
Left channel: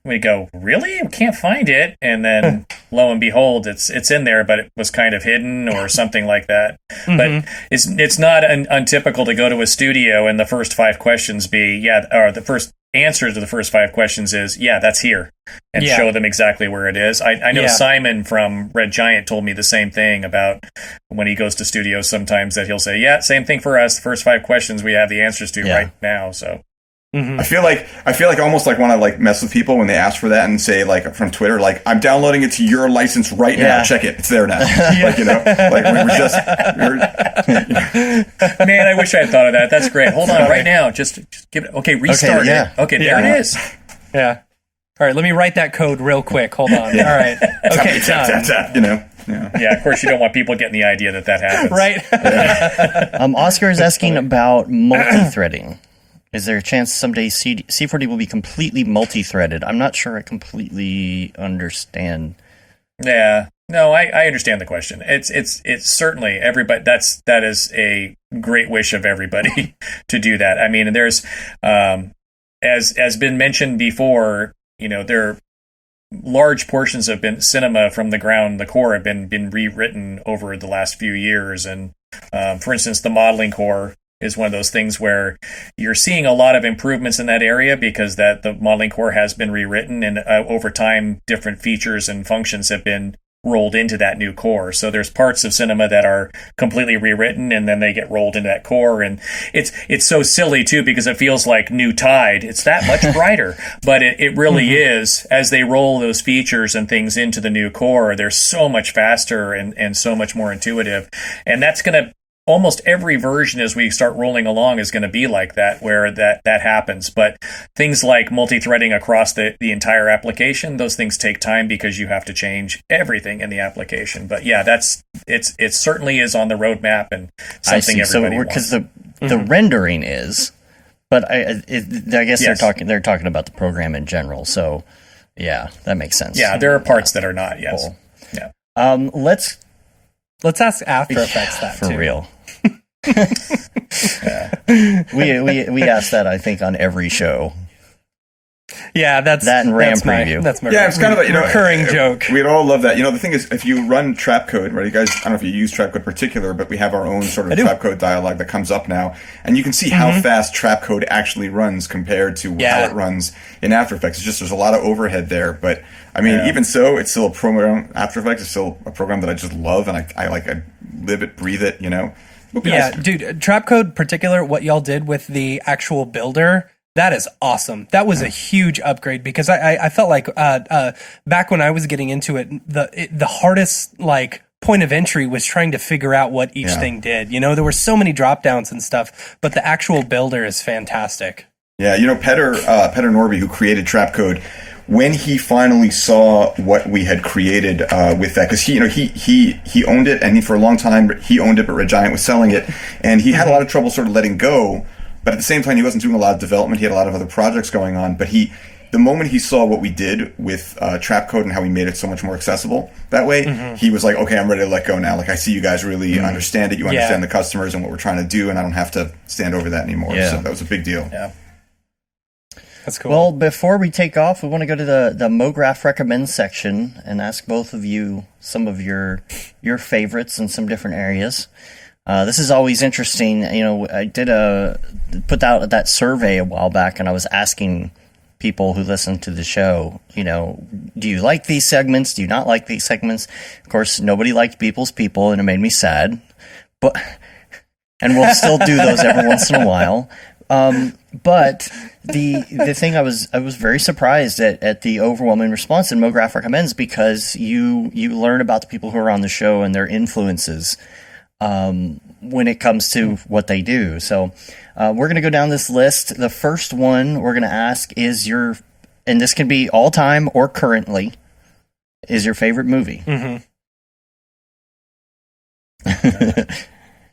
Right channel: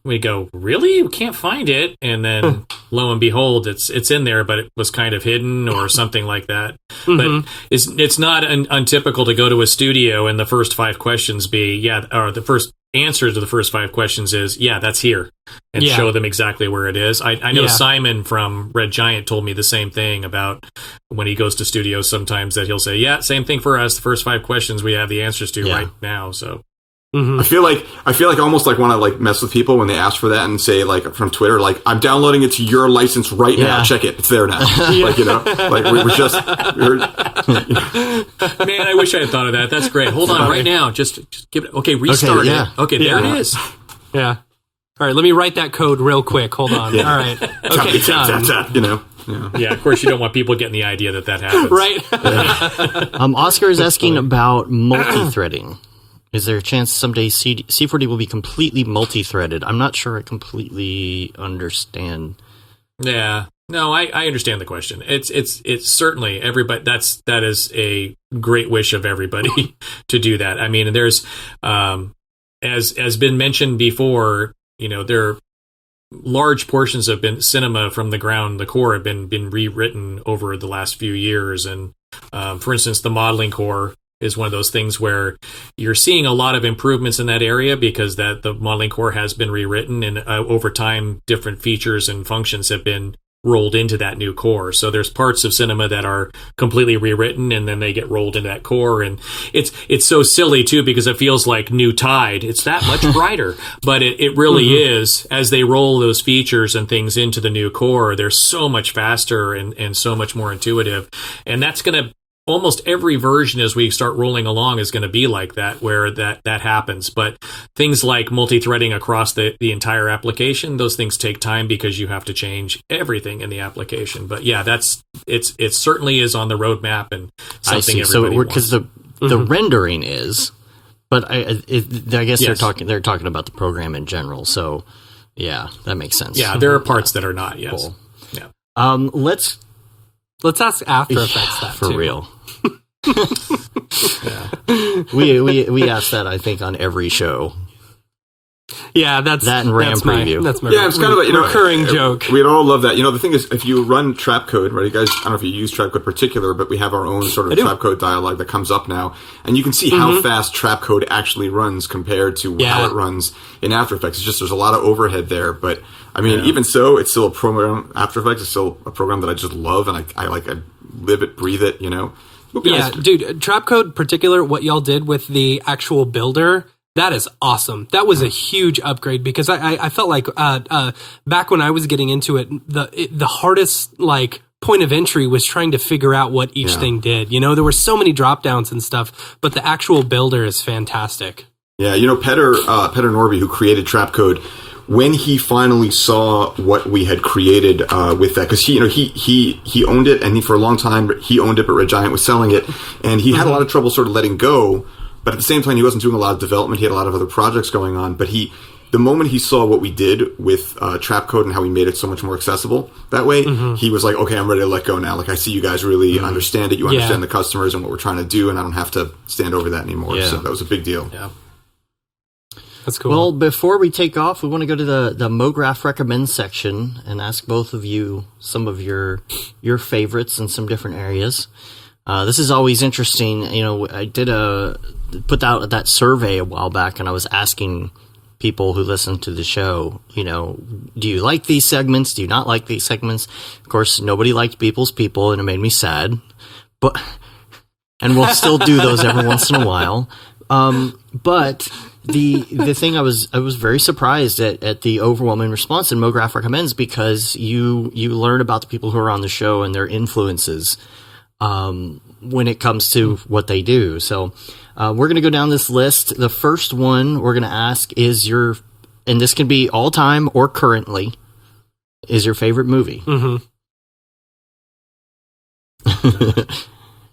We go, "Really? We can't find it." And then lo and behold, it's in there, but it was kind of hidden or something like that. But it's not untypical to go to a studio and the first 5 questions be, or the first answer to the first 5 questions is, "Yeah, that's here," and show them exactly where it is. I know Simon from Red Giant told me the same thing about when he goes to studios sometimes, that he'll say, "Yeah, same thing for us. The first 5 questions we have the answers to right now." So I feel like I almost like want to like mess with people when they ask for that and say like from Twitter, like, I'm downloading it to your license right now. Check it. It's there now. Like, like we were just. Man, I wish I had thought of that. That's great. Hold on, right now. Just give it. Okay, restart it. Okay, there it is. Yeah. All right, let me write that code real quick. Hold on. All right. Okay, done. Tap, Yeah, of course you don't want people getting the idea that happens. Right. Oscar is asking about multi-threading. Is there a chance someday C4D will be completely multi-threaded? I'm not sure I completely understand. Yeah. No, I understand the question. It's certainly everybody. That is a great wish of everybody to do that. I mean, there's as been mentioned before, there are large portions of cinema from the core have been rewritten over the last few years, and for instance, the modeling core is one of those things where you're seeing a lot of improvements in that area because the modeling core has been rewritten, and over time, different features and functions have been rolled into that new core. So there's parts of cinema that are completely rewritten, and then they get rolled into that core. And it's so silly too, because it feels like new tide. It's that much brighter, but it really is. As they roll those features and things into the new core, they're so much faster and so much more intuitive. And that's going to, almost every version as we start rolling along is going to be like that, where that happens. But things like multi-threading across the entire application, those things take time because you have to change everything in the application. But yeah, it certainly is on the roadmap and something everybody wants. Because the rendering is, but I guess they're talking about the program in general. So yeah, that makes sense. Yeah, there are parts that are not. Yes. Cool. Yeah. Let's ask After Effects that for too. real. we asked that, I think, on every show. Yeah, that's that and RAM preview. That's my it's kind of a recurring joke. We'd all love that. The thing is, if you run trapcode, right? You guys, I don't know if you use trapcode in particular, but we have our own sort of trapcode dialog that comes up now, and you can see how fast trapcode actually runs compared to how it runs in After Effects. It's just there's a lot of overhead there, but I mean, even so, it's still a program. After Effects is still a program that I just love, and I live it, breathe it. Yeah, dude, Trapcode in particular, what y'all did with the actual builder, that is awesome. That was a huge upgrade because I felt like back when I was getting into it, the hardest point of entry was trying to figure out what each thing did. There were so many drop downs and stuff, but the actual builder is fantastic. Yeah, Petter Norby, who created Trapcode, when he finally saw what we had created with that, because he owned it, and for a long time he owned it, but Red Giant was selling it, and he had a lot of trouble sort of letting go. But at the same time, he wasn't doing a lot of development. He had a lot of other projects going on. But the moment he saw what we did with Trapcode and how we made it so much more accessible that way, he was like, okay, I'm ready to let go now. Like, I see you guys really understand it. You understand the customers and what we're trying to do, and I don't have to stand over that anymore. Yeah. So that was a big deal. Yeah. That's cool. Well, before we take off, we want to go to the Mograph Recommend section and ask both of you some of your favorites in some different areas. This is always interesting. I did put out that survey a while back, and I was asking people who listen to the show, do you like these segments? Do you not like these segments? Of course, nobody liked People's People, and it made me sad. And we'll still do those every once in a while. But the thing I was very surprised at the overwhelming response in Mograph Recommends, because you learn about the people who are on the show and their influences when it comes to what they do. So we're going to go down this list. The first one we're going to ask is and this can be all time or currently, is your favorite movie.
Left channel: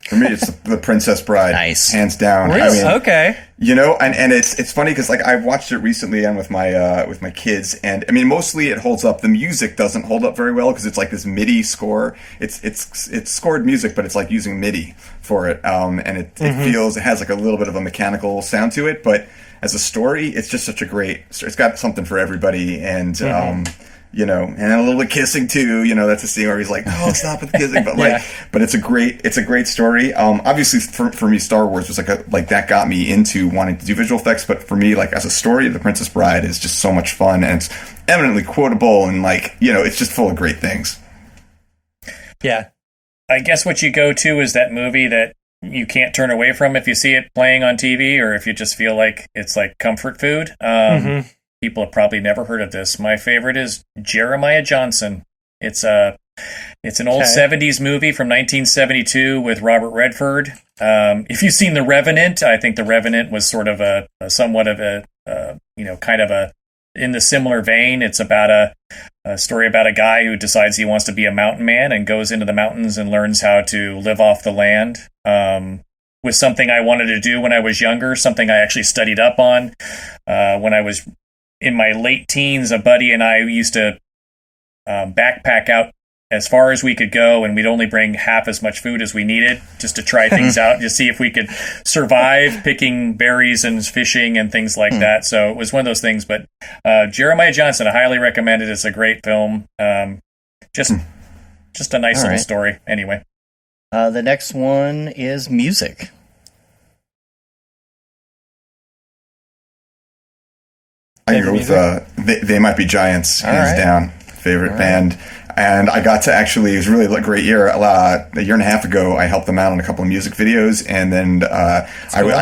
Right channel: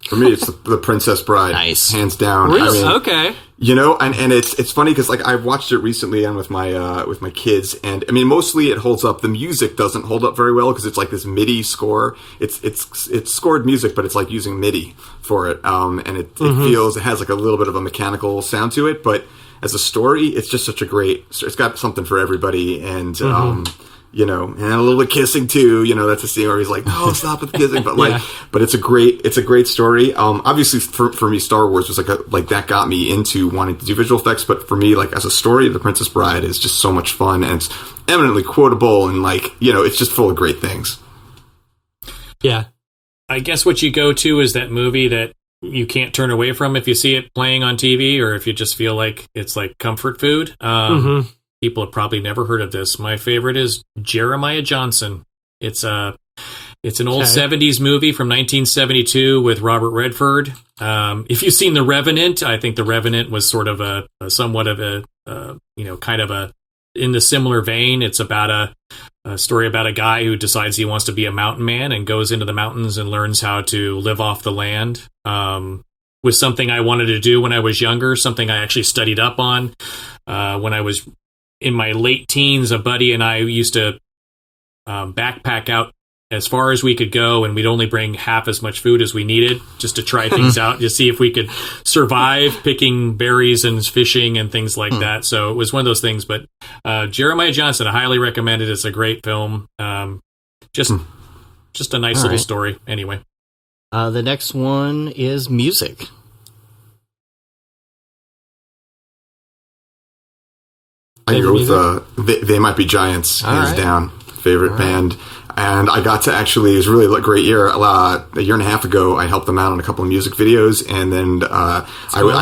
For me, it's the Princess Bride. Nice. Hands down. Really? Okay. And it's funny because I watched it recently and with my kids, and I mean, mostly it holds up. The music doesn't hold up very well because it's like this MIDI score. It's scored music, but it's like using MIDI for it. And it has like a little bit of a mechanical sound to it, but as a story, it's just such a great. It's got something for everybody, and and a little bit of kissing too. That's a scene where he's like, "No, stop with the kissing," but but it's a great story. Obviously, for me, Star Wars was like that got me into wanting to do visual effects. But for me, as a story, The Princess Bride is just so much fun, and it's eminently quotable, and it's just full of great things. Yeah, I guess what you go to is that movie that you can't turn away from if you see it playing on TV, or if you just feel like it's like comfort food. People have probably never heard of this. My favorite is Jeremiah Johnson. It's an old 70s movie from 1972 with Robert Redford. If you've seen The Revenant, I think The Revenant was sort of a somewhat of a kind of a in the similar vein. It's about a story about a guy who decides he wants to be a mountain man and goes into the mountains and learns how to live off the land. Was something I wanted to do when I was younger, something I actually studied up on. When I was in my late teens, a buddy and I used to backpack out as far as we could go, and we'd only bring half as much food as we needed just to try things out, to see if we could survive picking berries and fishing and things like that. So it was one of those things. But Jeremiah Johnson, I highly recommend it. It's a great film. Just a nice little story. Anyway. The next one is music. I can go with They Might Be Giants, hands down. Favorite band. And I got to actually, it was really a great year. A year and a half ago, I helped them out on a couple of music videos, and then I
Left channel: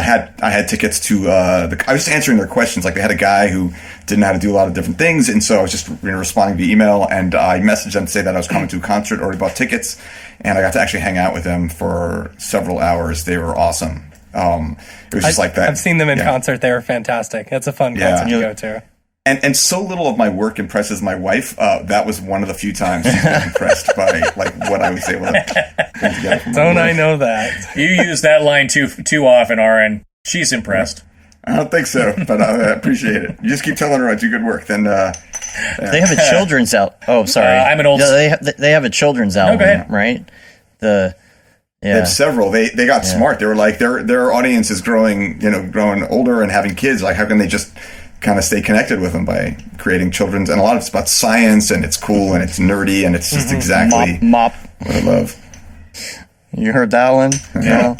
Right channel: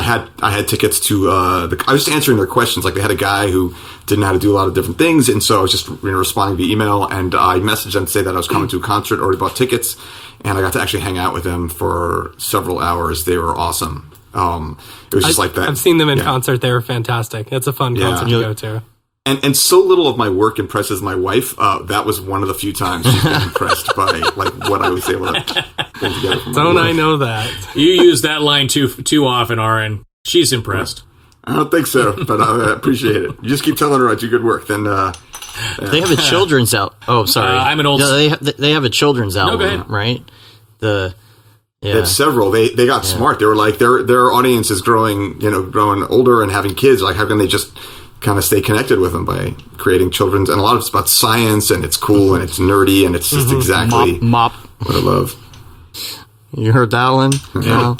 had tickets to I was just answering their questions. Like, they had a guy who didn't know how to do a lot of different things, and so I was just responding via email, and I messaged them to say that I was coming to a concert, already bought tickets, and I got to actually hang out with them for several hours. They were awesome. It was just like that. I've seen them in concert. They were fantastic. It's a fun concert to go to. And so little of my work impresses my wife. That was one of the few times she's been impressed by like what I was able to pull together. Don't I know that? You use that line too often, Aaron. She's impressed. I don't think so, but I appreciate it. You just keep telling her I do good work. Then they have a children's Oh, sorry. I'm an old. They have a children's album, go ahead. right? They have several. They got smart. They were like their audience is growing older and having kids. Like, how can they just kind of stay connected with them by creating children's, and a lot of it's about science, and it's cool and it's nerdy, and it's just exactly mop what I love. You heard that one? Yeah.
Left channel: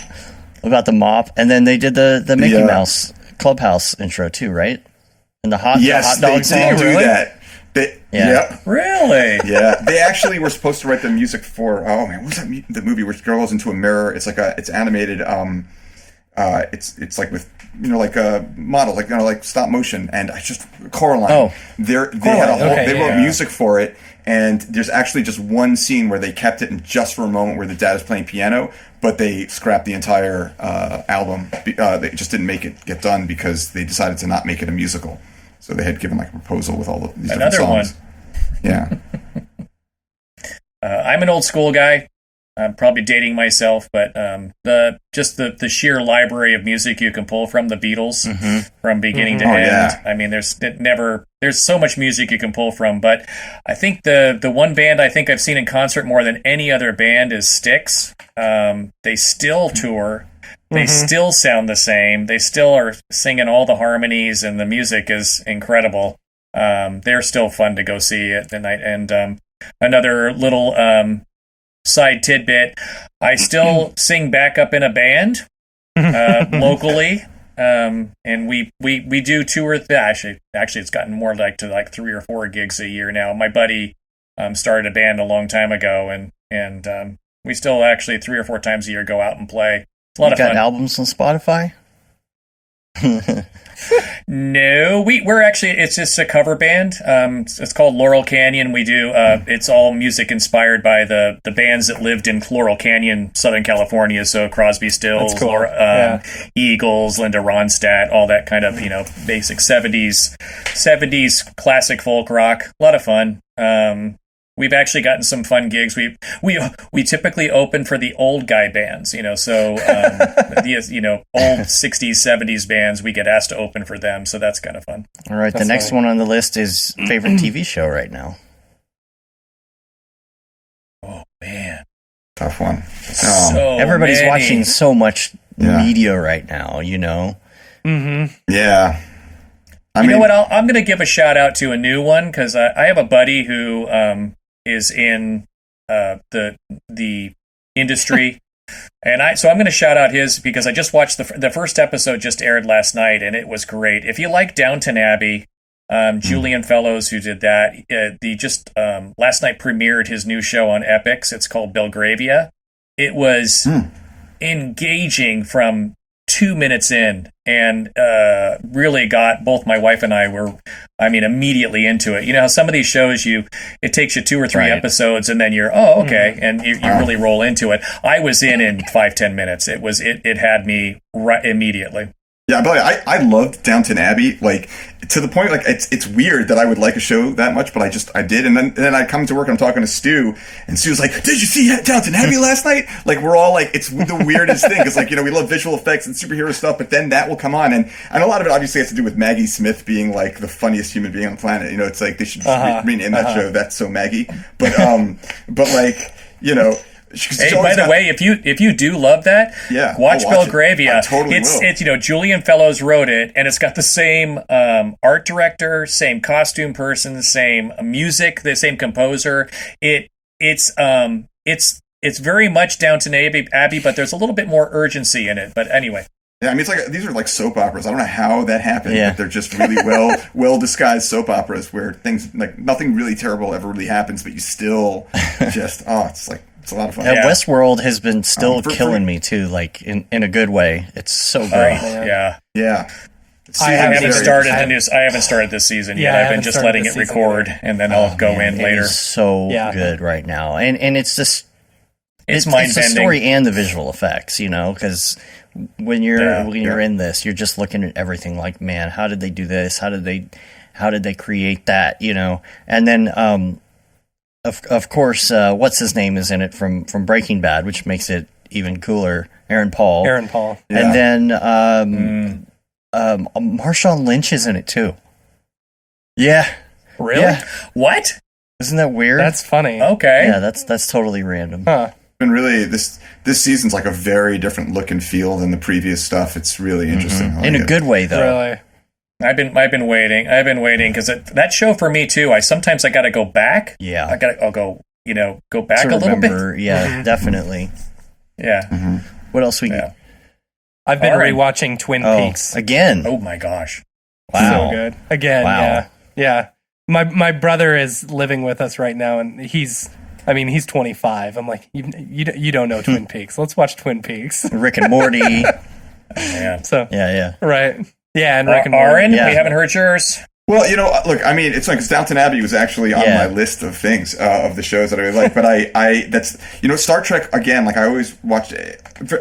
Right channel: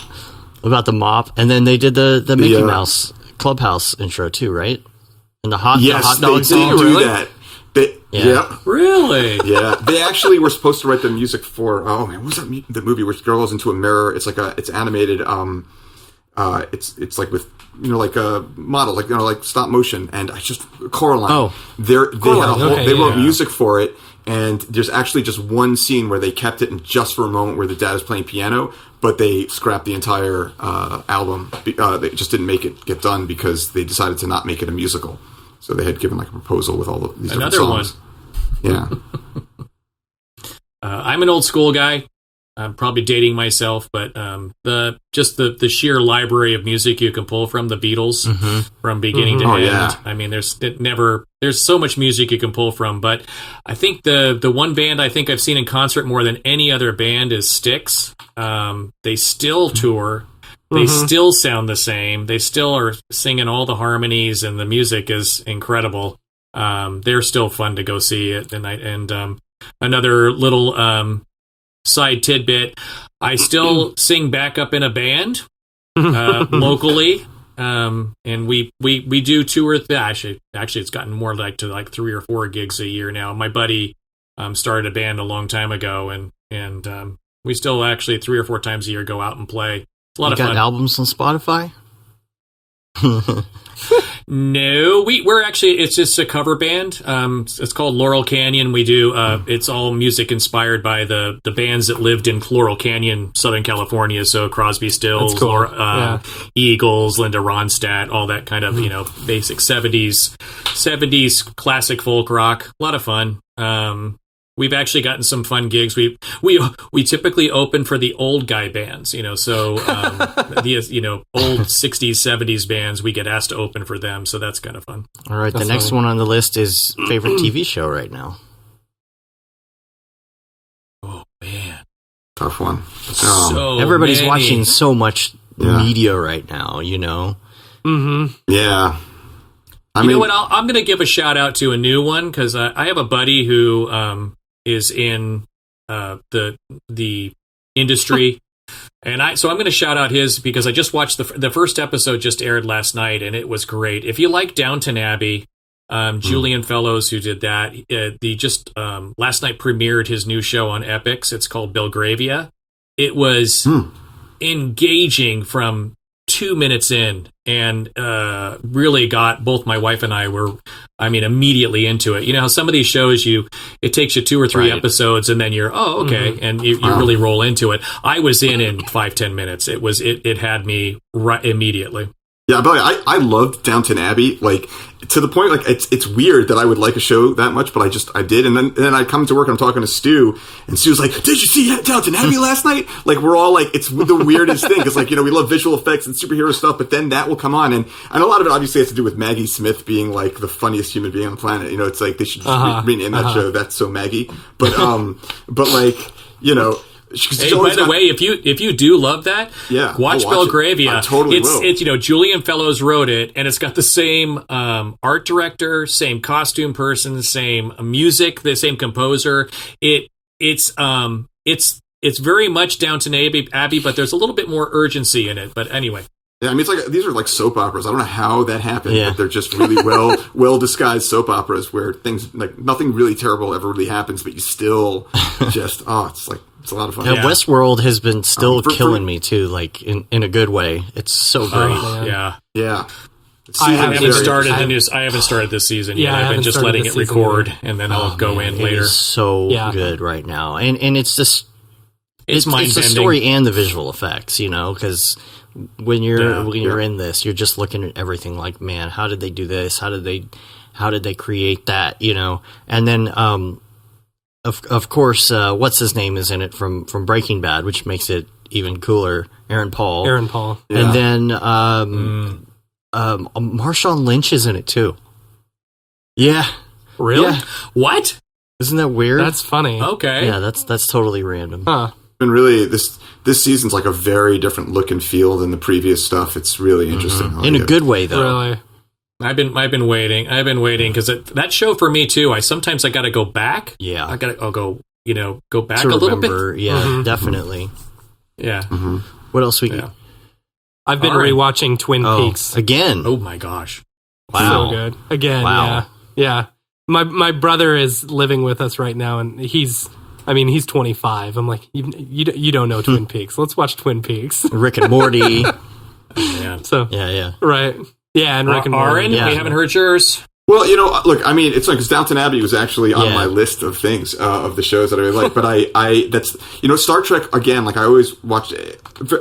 About the mop. And then they did the Mickey Mouse Clubhouse intro too, right? And the hot dog song. They do that. Yeah. Really? Yeah. They actually were supposed to write the music for what was that the movie where the girl goes into a mirror? It's like it's animated. It's like with like a model, like stop motion, and I just Coraline. They wrote music for it, and there's actually just one scene where they kept it in just for a moment where the dad is playing piano, but they scrapped the entire album. They just didn't make it get done because they decided to not make it a musical. So they had given like a proposal with all of these different songs. Yeah. I'm an old school guy. I'm probably dating myself, but the sheer library of music you can pull from the Beatles from beginning to end. Yeah. I mean, there's so much music you can pull from, but I think the one band I think I've seen in concert more than any other band is Styx. They still tour. They still sound the same. They still are singing all the harmonies, and the music is incredible. They're still fun to go see at the night. And another little side tidbit, I still sing backup in a band locally, and we do tour. Actually, it's gotten more like to 3 or 4 gigs a year now. My buddy started a band a long time ago, and we still actually 3 or 4 times a year go out and play. It's a lot of fun. You got albums on Spotify? No, we're actually, it's just a cover band. It's called Laurel Canyon. We do it's all music inspired by the bands that lived in Laurel Canyon, Southern California. So Crosby, Stills, cool. Eagles, Linda Ronstadt, all that kind of basic 70s classic folk rock. A lot of fun. We've actually gotten some fun gigs. We typically open for the old guy bands, so the old 60s, 70s bands, we get asked to open for them, so that's kind of fun. All right, the next one on the list is favorite TV show right now. Oh man, tough one. So everybody's many. Watching so much media right now, Mm-hmm. Yeah. You know what? I'm going to give a shout out to a new one because I have a buddy who is in the industry, and so I'm going to shout out his because I just watched the first episode just aired last night, and it was great. If you like Downton Abbey, Julian Fellows, who did that, last night premiered his new show on Epix. It's called Belgravia. It was engaging from 2 minutes in, and really got both my wife and I were, immediately into it. You know how some of these shows, it takes you 2 or 3 episodes, and then you're, okay, and you really roll into it. I was in 5-10 minutes. It had me right immediately. Yeah, but I loved Downton Abbey, like, to the point, like, it's weird that I would like a show that much, but I did, and then I come to work and I'm talking to Stu, and Stu's like, did you see Downton Abbey last night? Like, we're all like, it's the weirdest thing, because, like, we love visual effects and superhero stuff, but then that will come on, and a lot of it obviously has to do with Maggie Smith being, like, the funniest human being on the planet. It's like, they should just rename that show That's So Maggie, but like, Hey, by the way, if you do love that, watch Belgravia. I totally will. It's Julian Fellows wrote it, and it's got the same art director, same costume person, same music, the same composer. It's very much Downton Abbey, but there's a little bit more urgency in it. But anyway. Yeah, it's like these are like soap operas. I don't know how that happened, but they're just really well disguised soap operas where things like nothing really terrible ever really happens, but you still just it's a lot of fun. Yeah, Westworld has been still killing me too, like in a good way. It's so great. Yeah. I haven't started this season yet. I've been just letting it record, and then I'll go in later. It is so good right now, and it's just it's the story and the visual effects, because when you're in this, you're just looking at everything like, man, how did they do this? How did they create that? And then of course, what's his name is in it from Breaking Bad, which makes it even cooler. Aaron Paul. Yeah. And then Marshawn Lynch is in it too. Yeah. Really? Yeah. What? Isn't that weird? That's funny. Okay. Yeah, that's totally random. Huh. And really, this season's like a very different look and feel than the previous stuff. It's really interesting. Mm-hmm. In a good way, though. Really. I've been waiting. Because that show for me too. I got to go back. Yeah. I'll go back to a little remember, bit. Yeah, definitely. Yeah. Mm-hmm. What else we? Yeah. I've been rewatching Twin Peaks again. Oh my gosh! Wow, so good. Again, yeah. My brother is living with us right now, and he's 25. I'm like, you don't know Twin Peaks. Let's watch Twin Peaks. Rick and Morty. Man. So yeah. Right. Yeah, and Rick and Morty. Aaron, we haven't heard yours. Well, look, it's funny because Downton Abbey was actually on my list of things, of the shows that I really like. But that's Star Trek, again, like I always watched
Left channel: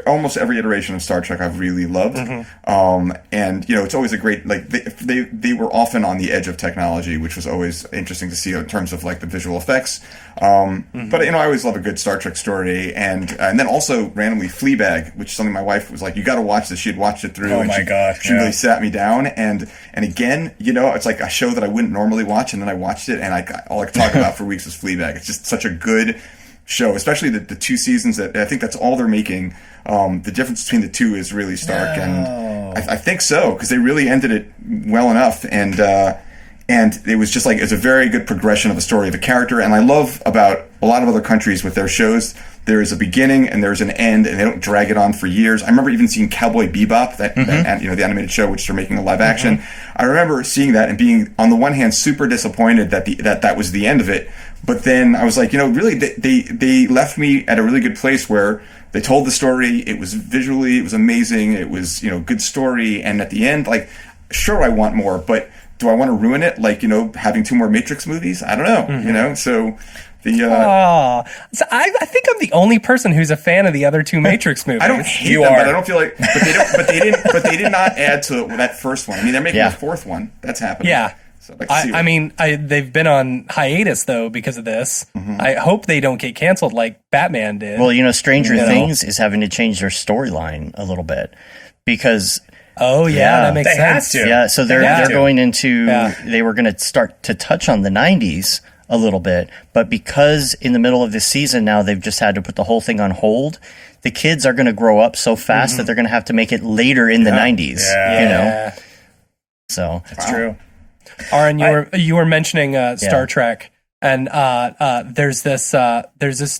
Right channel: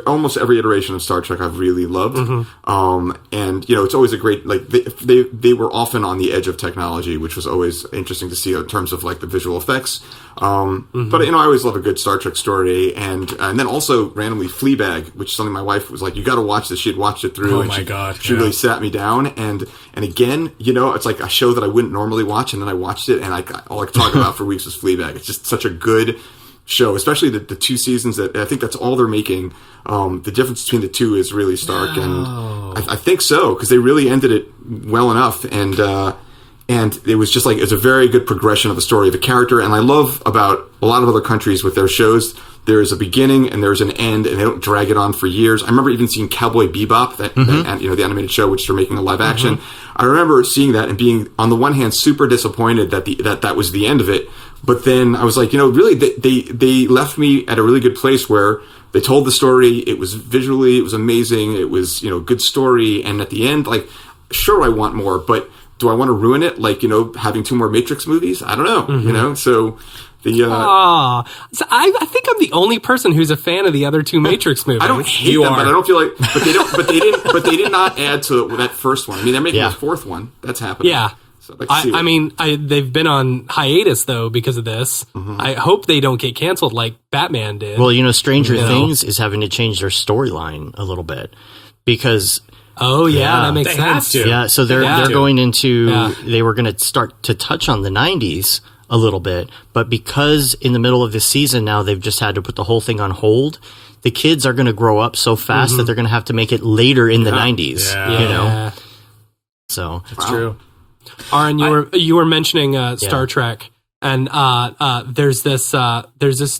almost every iteration of Star Trek I've really loved. Mm-hmm. And, it's always a great, like, they were often on the edge of technology, which was always interesting to see in terms of, like, the visual effects. But, I always love a good Star Trek story. And then also, randomly, Fleabag, which is something my wife was like, you got to watch this. She had watched it through. Oh, and my God. She really sat me down. And again, it's like a show that I wouldn't normally watch, and then I watched it, and all I could talk about for weeks was Fleabag. It's just such a good show, especially the 2 seasons that I think that's all they're making. The difference between the 2 is really stark, and I think so, because they really ended it well enough, and it was just like it's a very good progression of the story of a character. And I love about a lot of other countries with their shows, there is a beginning and there's an end, and they don't drag it on for years. I remember even seeing Cowboy Bebop, that the animated show, which they're making a live action. I remember seeing that and being, on the one hand, super disappointed that was the end of it. But then I was like, really, they left me at a really good place where they told the story. It was visually, it was amazing. It was, good story. And at the end, like, sure, I want more, but do I want to ruin it? Like, having 2 more Matrix movies? I don't know, so... So I think I'm the only person who's a fan of the other 2 Matrix movies. I don't hate them, but I don't feel like. But they did not add to that first one. I mean, they're making a 4th one. That's happening. Yeah. So they've been on hiatus though because of this. Mm-hmm. I hope they don't get canceled like Batman did. Well, Stranger Things is having to change their storyline a little bit because. Oh yeah, that makes sense. Have to. Yeah, so they're going into. They were going to start to touch on the 90s. A little bit, but because in the middle of this season now they've just had to put the whole thing on hold, the kids are going to grow up so fast that they're going to have to make it later in the 90s. So that's true. Aaron, you were mentioning Star Trek, and there's this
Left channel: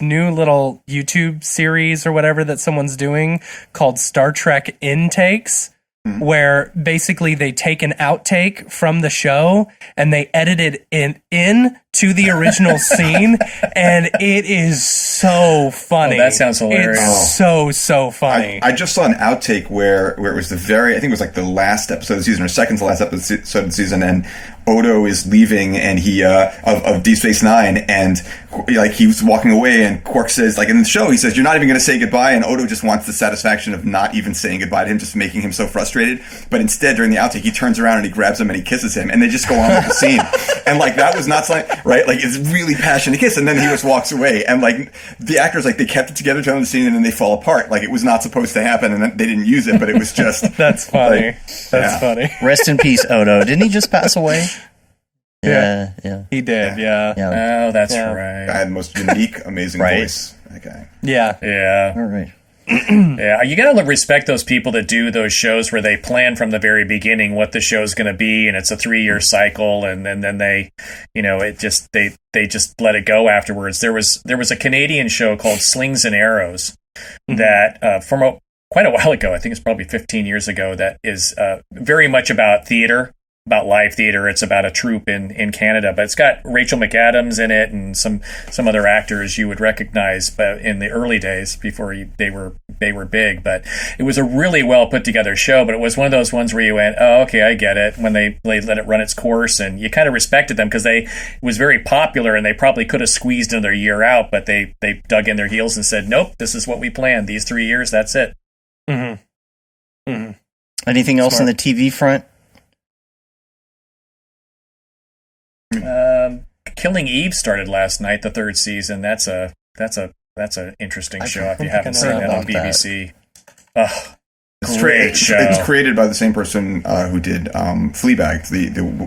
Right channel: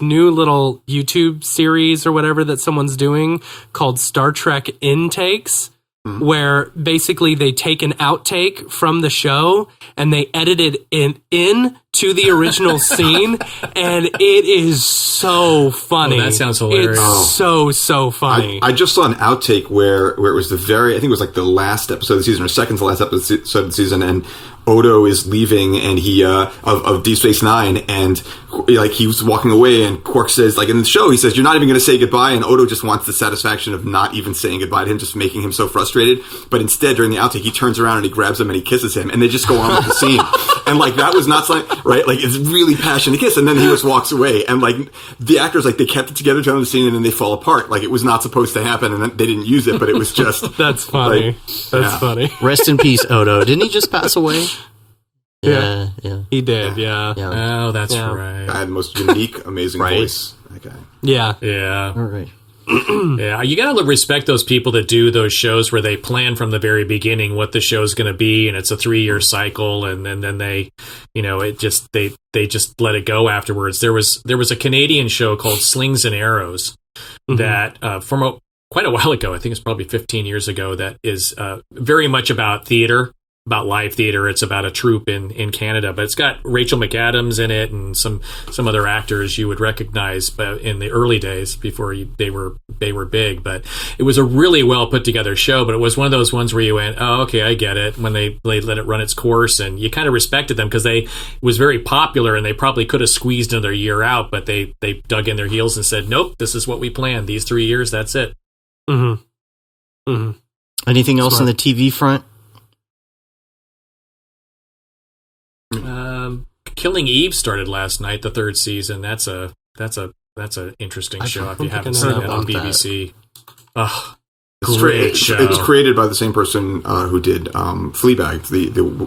new little YouTube series or whatever that someone's doing called Star Trek Intakes. where basically they take an outtake from the show and they edit it in to the original scene, and it is so funny. Oh, that sounds hilarious. It's so funny. I just saw an outtake where it was I think it was like the last episode of the season, or second to last episode of the season, and Odo is leaving, and he of Deep Space Nine, and like he was walking away, and Quark says, like in the show, he says, "You're not even going to say goodbye," and Odo just wants the satisfaction of not even saying goodbye to him, just making him so frustrated. But instead, during the outtake, he turns around and he grabs him and he kisses him, and they just go on with the scene. And like that was not something, right? Like it's really passionate kiss, and then he just walks away, and like the actors, like they kept it together to the scene, and then they fall apart. Like it was not supposed to happen, and then they didn't use it, but it was just That's funny. Like, That's funny. Rest in peace, Odo. Didn't he just pass away? Yeah. He did, yeah. Oh, that's I right. had the most unique, amazing Right. voice. That guy. Yeah. Yeah. All right. Yeah, you gotta respect those people that do those shows where they plan from the very beginning what the show's going to be, and it's a 3-year cycle, and then they, it just they just let it go afterwards. There was a Canadian show called Slings and Arrows that from quite a while ago, I think it's probably 15 years ago, that is very much about theater. About live theater. It's about a troupe in Canada, but it's got Rachel McAdams in it and some other actors you would recognize, but in the early days before they were big. But it was a really well put together show. But it was one of those ones where you went, oh, okay, I get it. When they let it run its course, and you kind of respected them because it was very popular, and they probably could have squeezed another year out, but they dug in their heels and said, nope, this is what we planned. These 3 years, that's it. Mm-hmm. Mm-hmm. Anything else on the TV front? Killing Eve started last night, the 3rd season. That's an interesting show if you haven't seen that on BBC. Oh, great show. It's created by the same person who did Fleabag,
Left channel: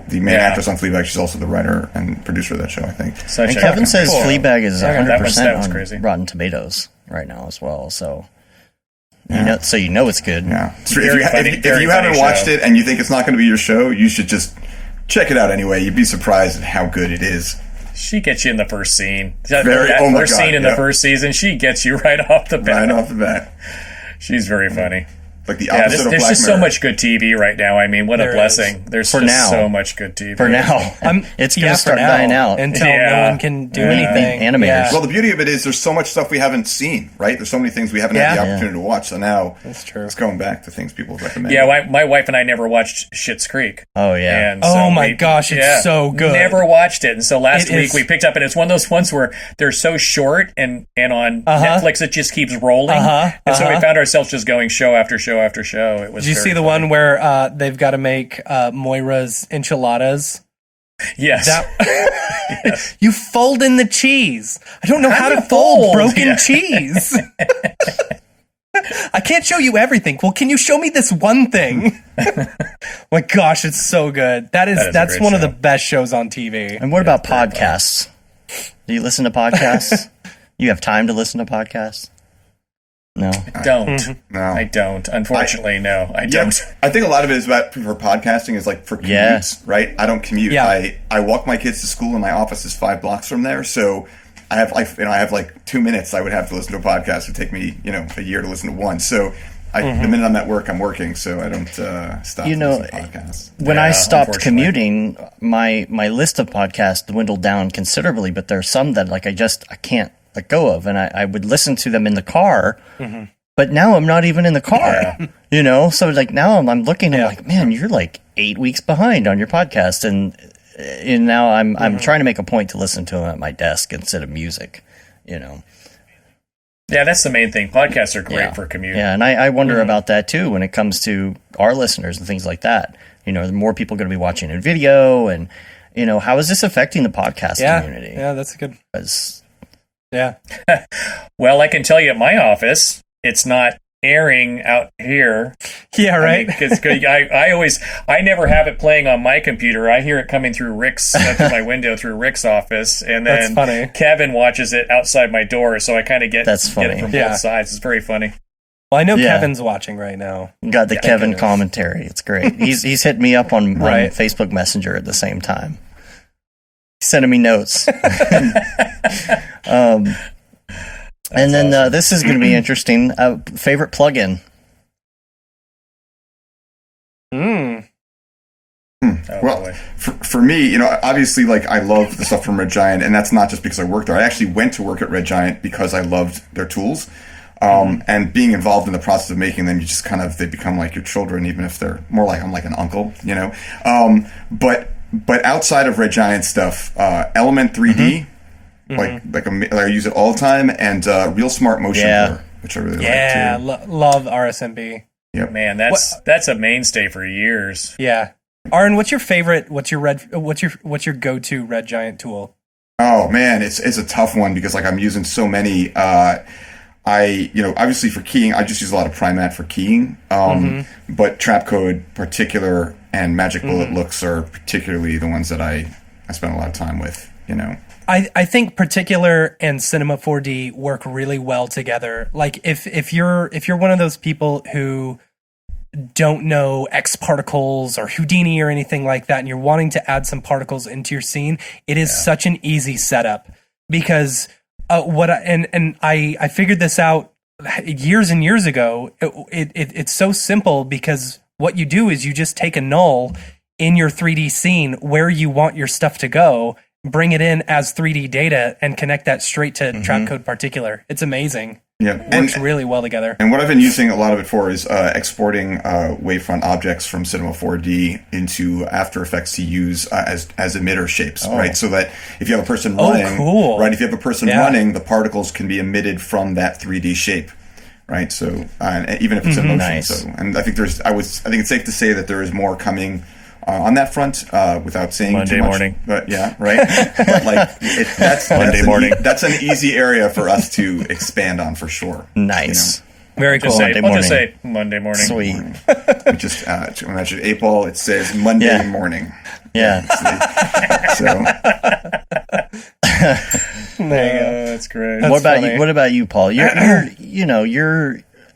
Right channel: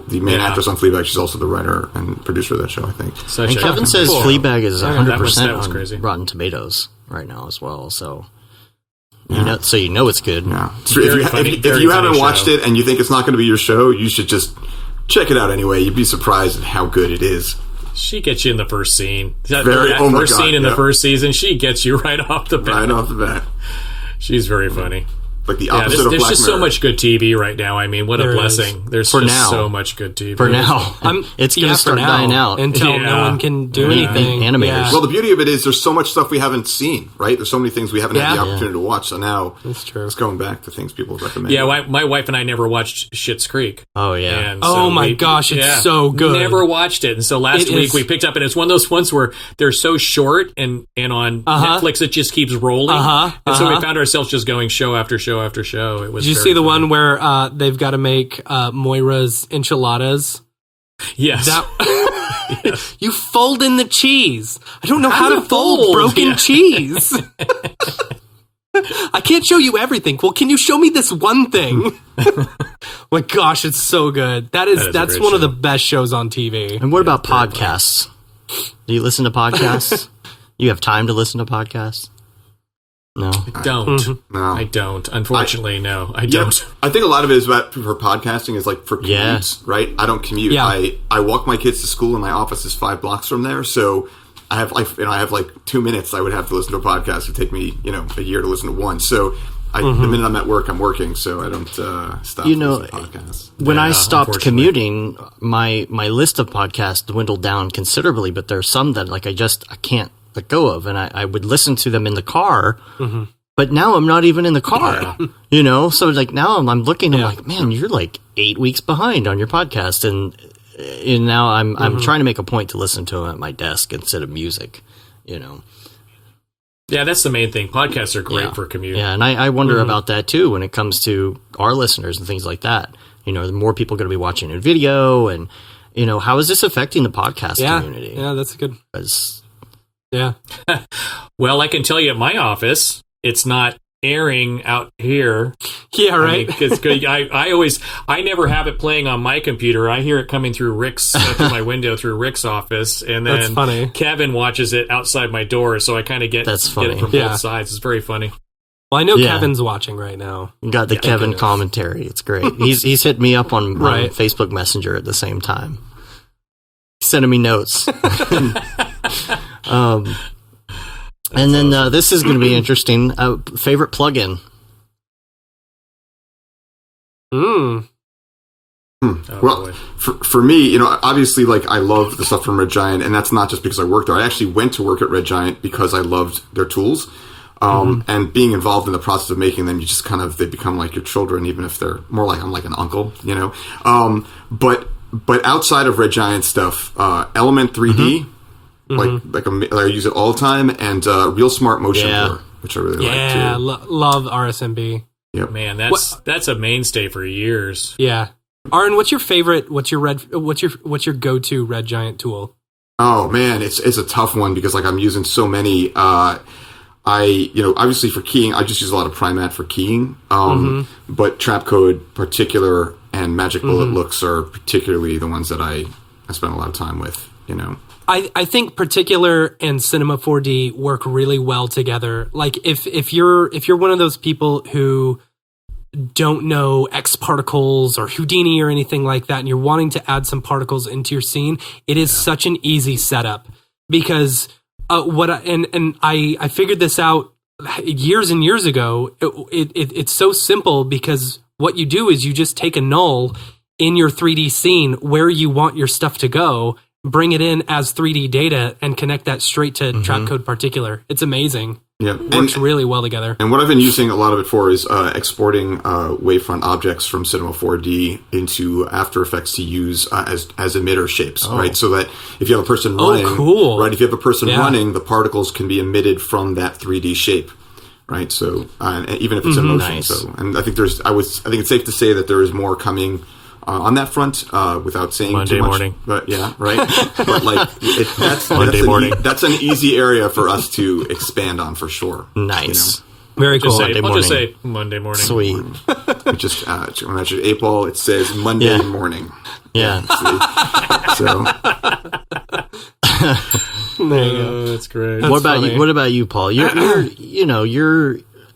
the main actress on Fleabag. She's also the writer and producer of that show, I think. And Kevin says Fleabag is 100% on crazy. Rotten Tomatoes right now as well. So you know it's good. Yeah. If you haven't watched it and you think it's not going to be your show, you should just check it out anyway. You'd be surprised at how good it is. She gets you in the first scene. Scene in the first season, she gets you right off the bat. Right off the bat. She's very funny. Like the opposite of Black Mirror. There's just so much good TV right now. I mean, what a blessing. There's just so much good TV. For now. It's going to start dying out. Until no one can do anything. Animators. Yeah. Well, the beauty of it is there's so much stuff we haven't seen, right? There's so many things we haven't had the opportunity to watch. So now that's true. It's going back to things people recommend. Yeah, my wife and I never watched Schitt's Creek. Oh, yeah. And so my gosh, it's so good. Never watched it. And so last week we picked up, and it's one of those ones where they're so short, and on Netflix it just keeps rolling. And so we found ourselves just going show after show after show. It was Did you see the one where they've got to make Moira's enchiladas? Yes. Yes. You fold in the cheese. I don't know how to fold broken cheese. I can't show you everything. Well, can you show me this one thing? My gosh, it's so good. That's one of the best shows on TV. And what about podcasts? Do you listen to podcasts? You have time to listen to podcasts? No. I don't. No. I don't. Unfortunately, no. I don't. I think a lot of it is for podcasting is like for commutes, right? I don't commute. Yeah. I walk my kids to school, and my office is 5 blocks from there. So I have like 2 minutes I would have to listen to a podcast. It would take me, a year to listen to one. So the minute I'm at work, I'm working. So I don't stop listening to podcasts. When I stopped commuting, my list of podcasts dwindled down considerably, but there's some that I can't let go of, and I would listen to them in the car, but now I'm not even in the car, so now I'm looking, I'm like, man, you're like 8 weeks behind on your podcast, and now I'm trying to make a point to listen to them at my desk instead of music, Yeah, that's the main thing. Podcasts are great for commute. Yeah, and I wonder about that too when it comes to our listeners and things like that. The more people are going to be watching a video, and how is this affecting the podcast community? Yeah, that's good. Yeah. Well, I can tell you at my office, it's not airing out here. Yeah, right. Because I never have it playing on my computer. I hear it coming through through my window through Rick's office, and then that's funny. Kevin watches it outside my door, so I kind of get it from both sides. It's very funny. Well, I know Kevin's watching right now. You got the Kevin commentary. It's great. He's hitting me up on Facebook Messenger at the same time. He's sending me notes. And then this is going to be interesting. Favorite plugin? Mm. Oh, Well, boy. for me, obviously, like, I love the stuff from Red Giant, and that's not just because I work there. I actually went to work at Red Giant because I loved their tools. And being involved in the process of making them, you just they become like your children, even if they're more like, I'm like an uncle, But outside of Red Giant stuff, Element 3D, I use it all the time, and Real Smart Motion Blur, which I really like too. Yeah, love RSMB. Yep. Man, that's a mainstay for years. Yeah. Aaron, what's your favorite? What's your go-to Red Giant tool? Oh man, it's a tough one because like I'm using so many. Obviously for keying, I just use a lot of Primat for keying. But Trapcode particular and Magic Bullet looks are particularly the ones that I spend a lot of time with. I think Particular and Cinema 4D work really well together. Like if you're one of those people who don't know X particles or Houdini or anything like that, and you're wanting to add some particles into your scene, it is such an easy setup because I figured this out years and years ago. It's so simple because what you do is you just take a null in your 3D scene where you want your stuff to go, bring it in as 3D data, and connect that straight to Trapcode Particular. It's amazing. Yeah, It works really well together. And what I've been using a lot of it for is exporting wavefront objects from Cinema 4D into After Effects to use as emitter shapes, right? So that if you have a person running, right? If you have a person running, the particles can be emitted from that 3D shape, right? So even if it's in motion. Nice. So, and I think I think it's safe to say that there is more coming on that front, without saying Monday too much. morning. But yeah, right. But like that's morning. That's an easy area for us to expand on for sure. Nice. Very cool. I'll just say Monday morning. Sweet. We just imagine April. It says Monday morning. Yeah. So There you go. That's great. What about funny. you? What about you, Paul? You're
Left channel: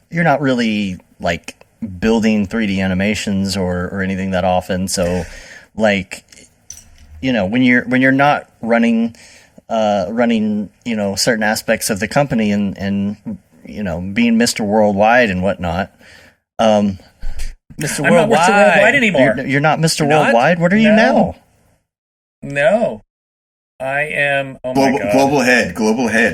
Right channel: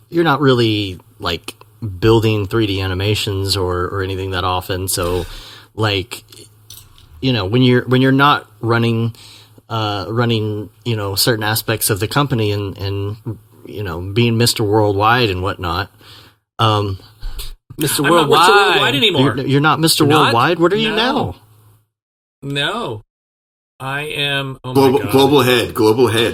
not really like building 3D animations or anything that often. So, like, when you're not running certain aspects of the company and being Mr. Worldwide and whatnot. Mr. I'm Worldwide. not Mr. Worldwide anymore. You're not Mr. You're not? Worldwide. What are you No. now? No. I am. Oh my god. global head,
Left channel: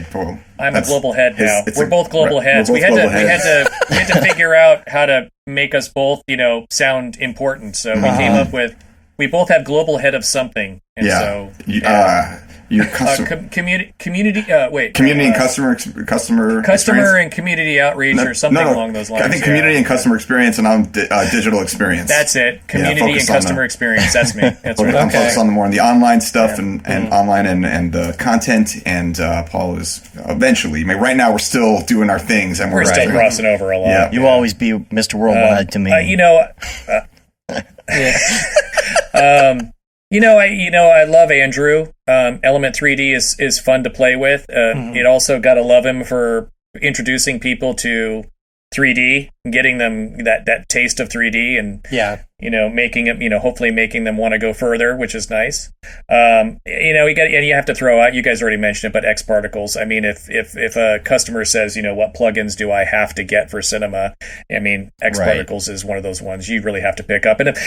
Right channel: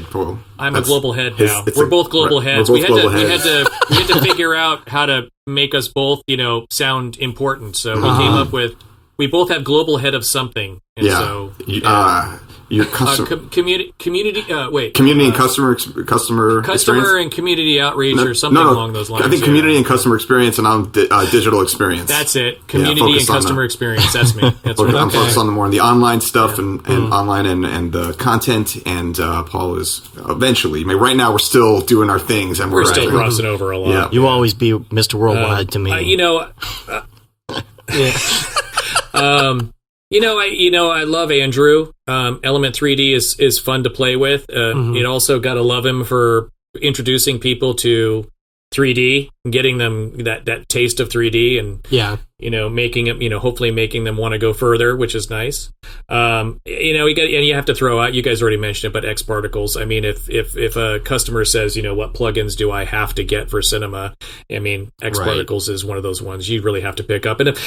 Paul. I'm a global head now. It's We're a- both global we're heads. both We had global to heads. we had to figure out how to make us both, we sound important. So we came up with we both have global head of something. And so your customer community community and customer and community outreach or something along those lines. I think community and customer experience, and I'm digital experience. That's it. Community and focus on customer experience. That's me. That's I'm right. focused on the online stuff and online and the content. And Paul is eventually. I mean, right now we're still doing our things, and We're still crossing over a lot. Yeah. You always be Mr. Worldwide to me. I love Andrew. Element 3D is fun to play with. It also got to love him for introducing people to 3D, and getting them that taste of 3D, and making them, hopefully making them want to go further, which is nice. You have to throw out, you guys already mentioned it, but X particles. I mean, if a customer says, what plugins do I have to get for cinema? I mean, X particles is one of those ones you really have to pick up. And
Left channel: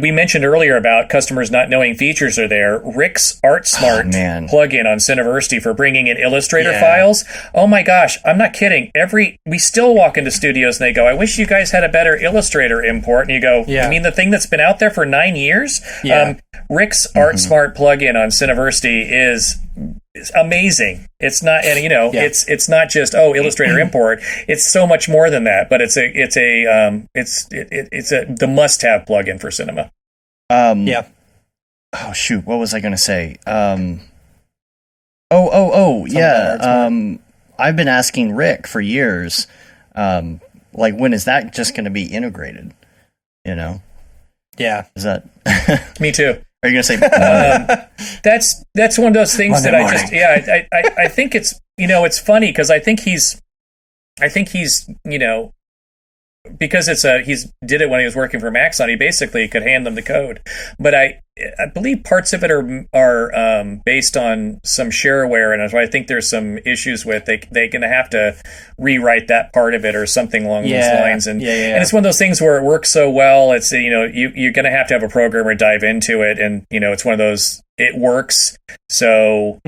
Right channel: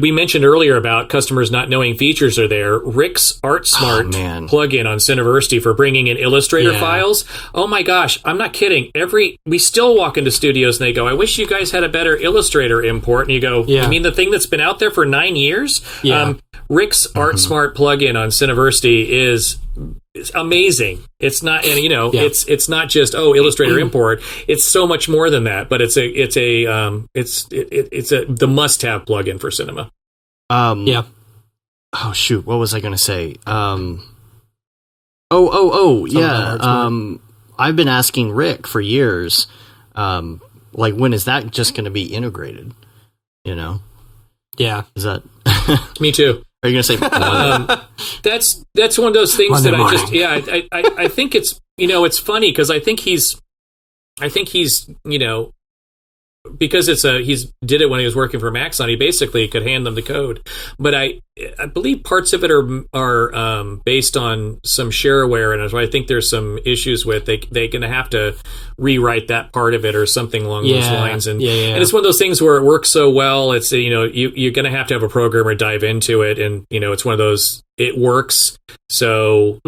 we mentioned earlier about customers not knowing features are there. Rick's ArtSmart plugin on Cineversity for bringing in Illustrator files. Oh my gosh, I'm not kidding. We still walk into studios and they go, I wish you guys had a better Illustrator import. And you go, you mean the thing that's been out there for 9 years? Yeah. Rick's ArtSmart plugin on Cineversity is amazing. It's not, and it's not just Illustrator import. It's so much more than that. But it's the must-have plugin for cinema. Yeah. Oh shoot, what was I going to say? I've been asking Rick for years, like, when is that just going to be integrated? Yeah. Is that? Me too. Are you going to say? That's one of those things Monday that morning. I think it's it's funny because I think he's because he's did it when he was working for Maxon, he basically could hand them the code. But I believe parts of it are based on some shareware, and I think there's some issues with they're going to have to rewrite that part of it or something along those lines. And and it's one of those things where it works so well. It's you're going to have a programmer dive into it, and it's one of those, it works. So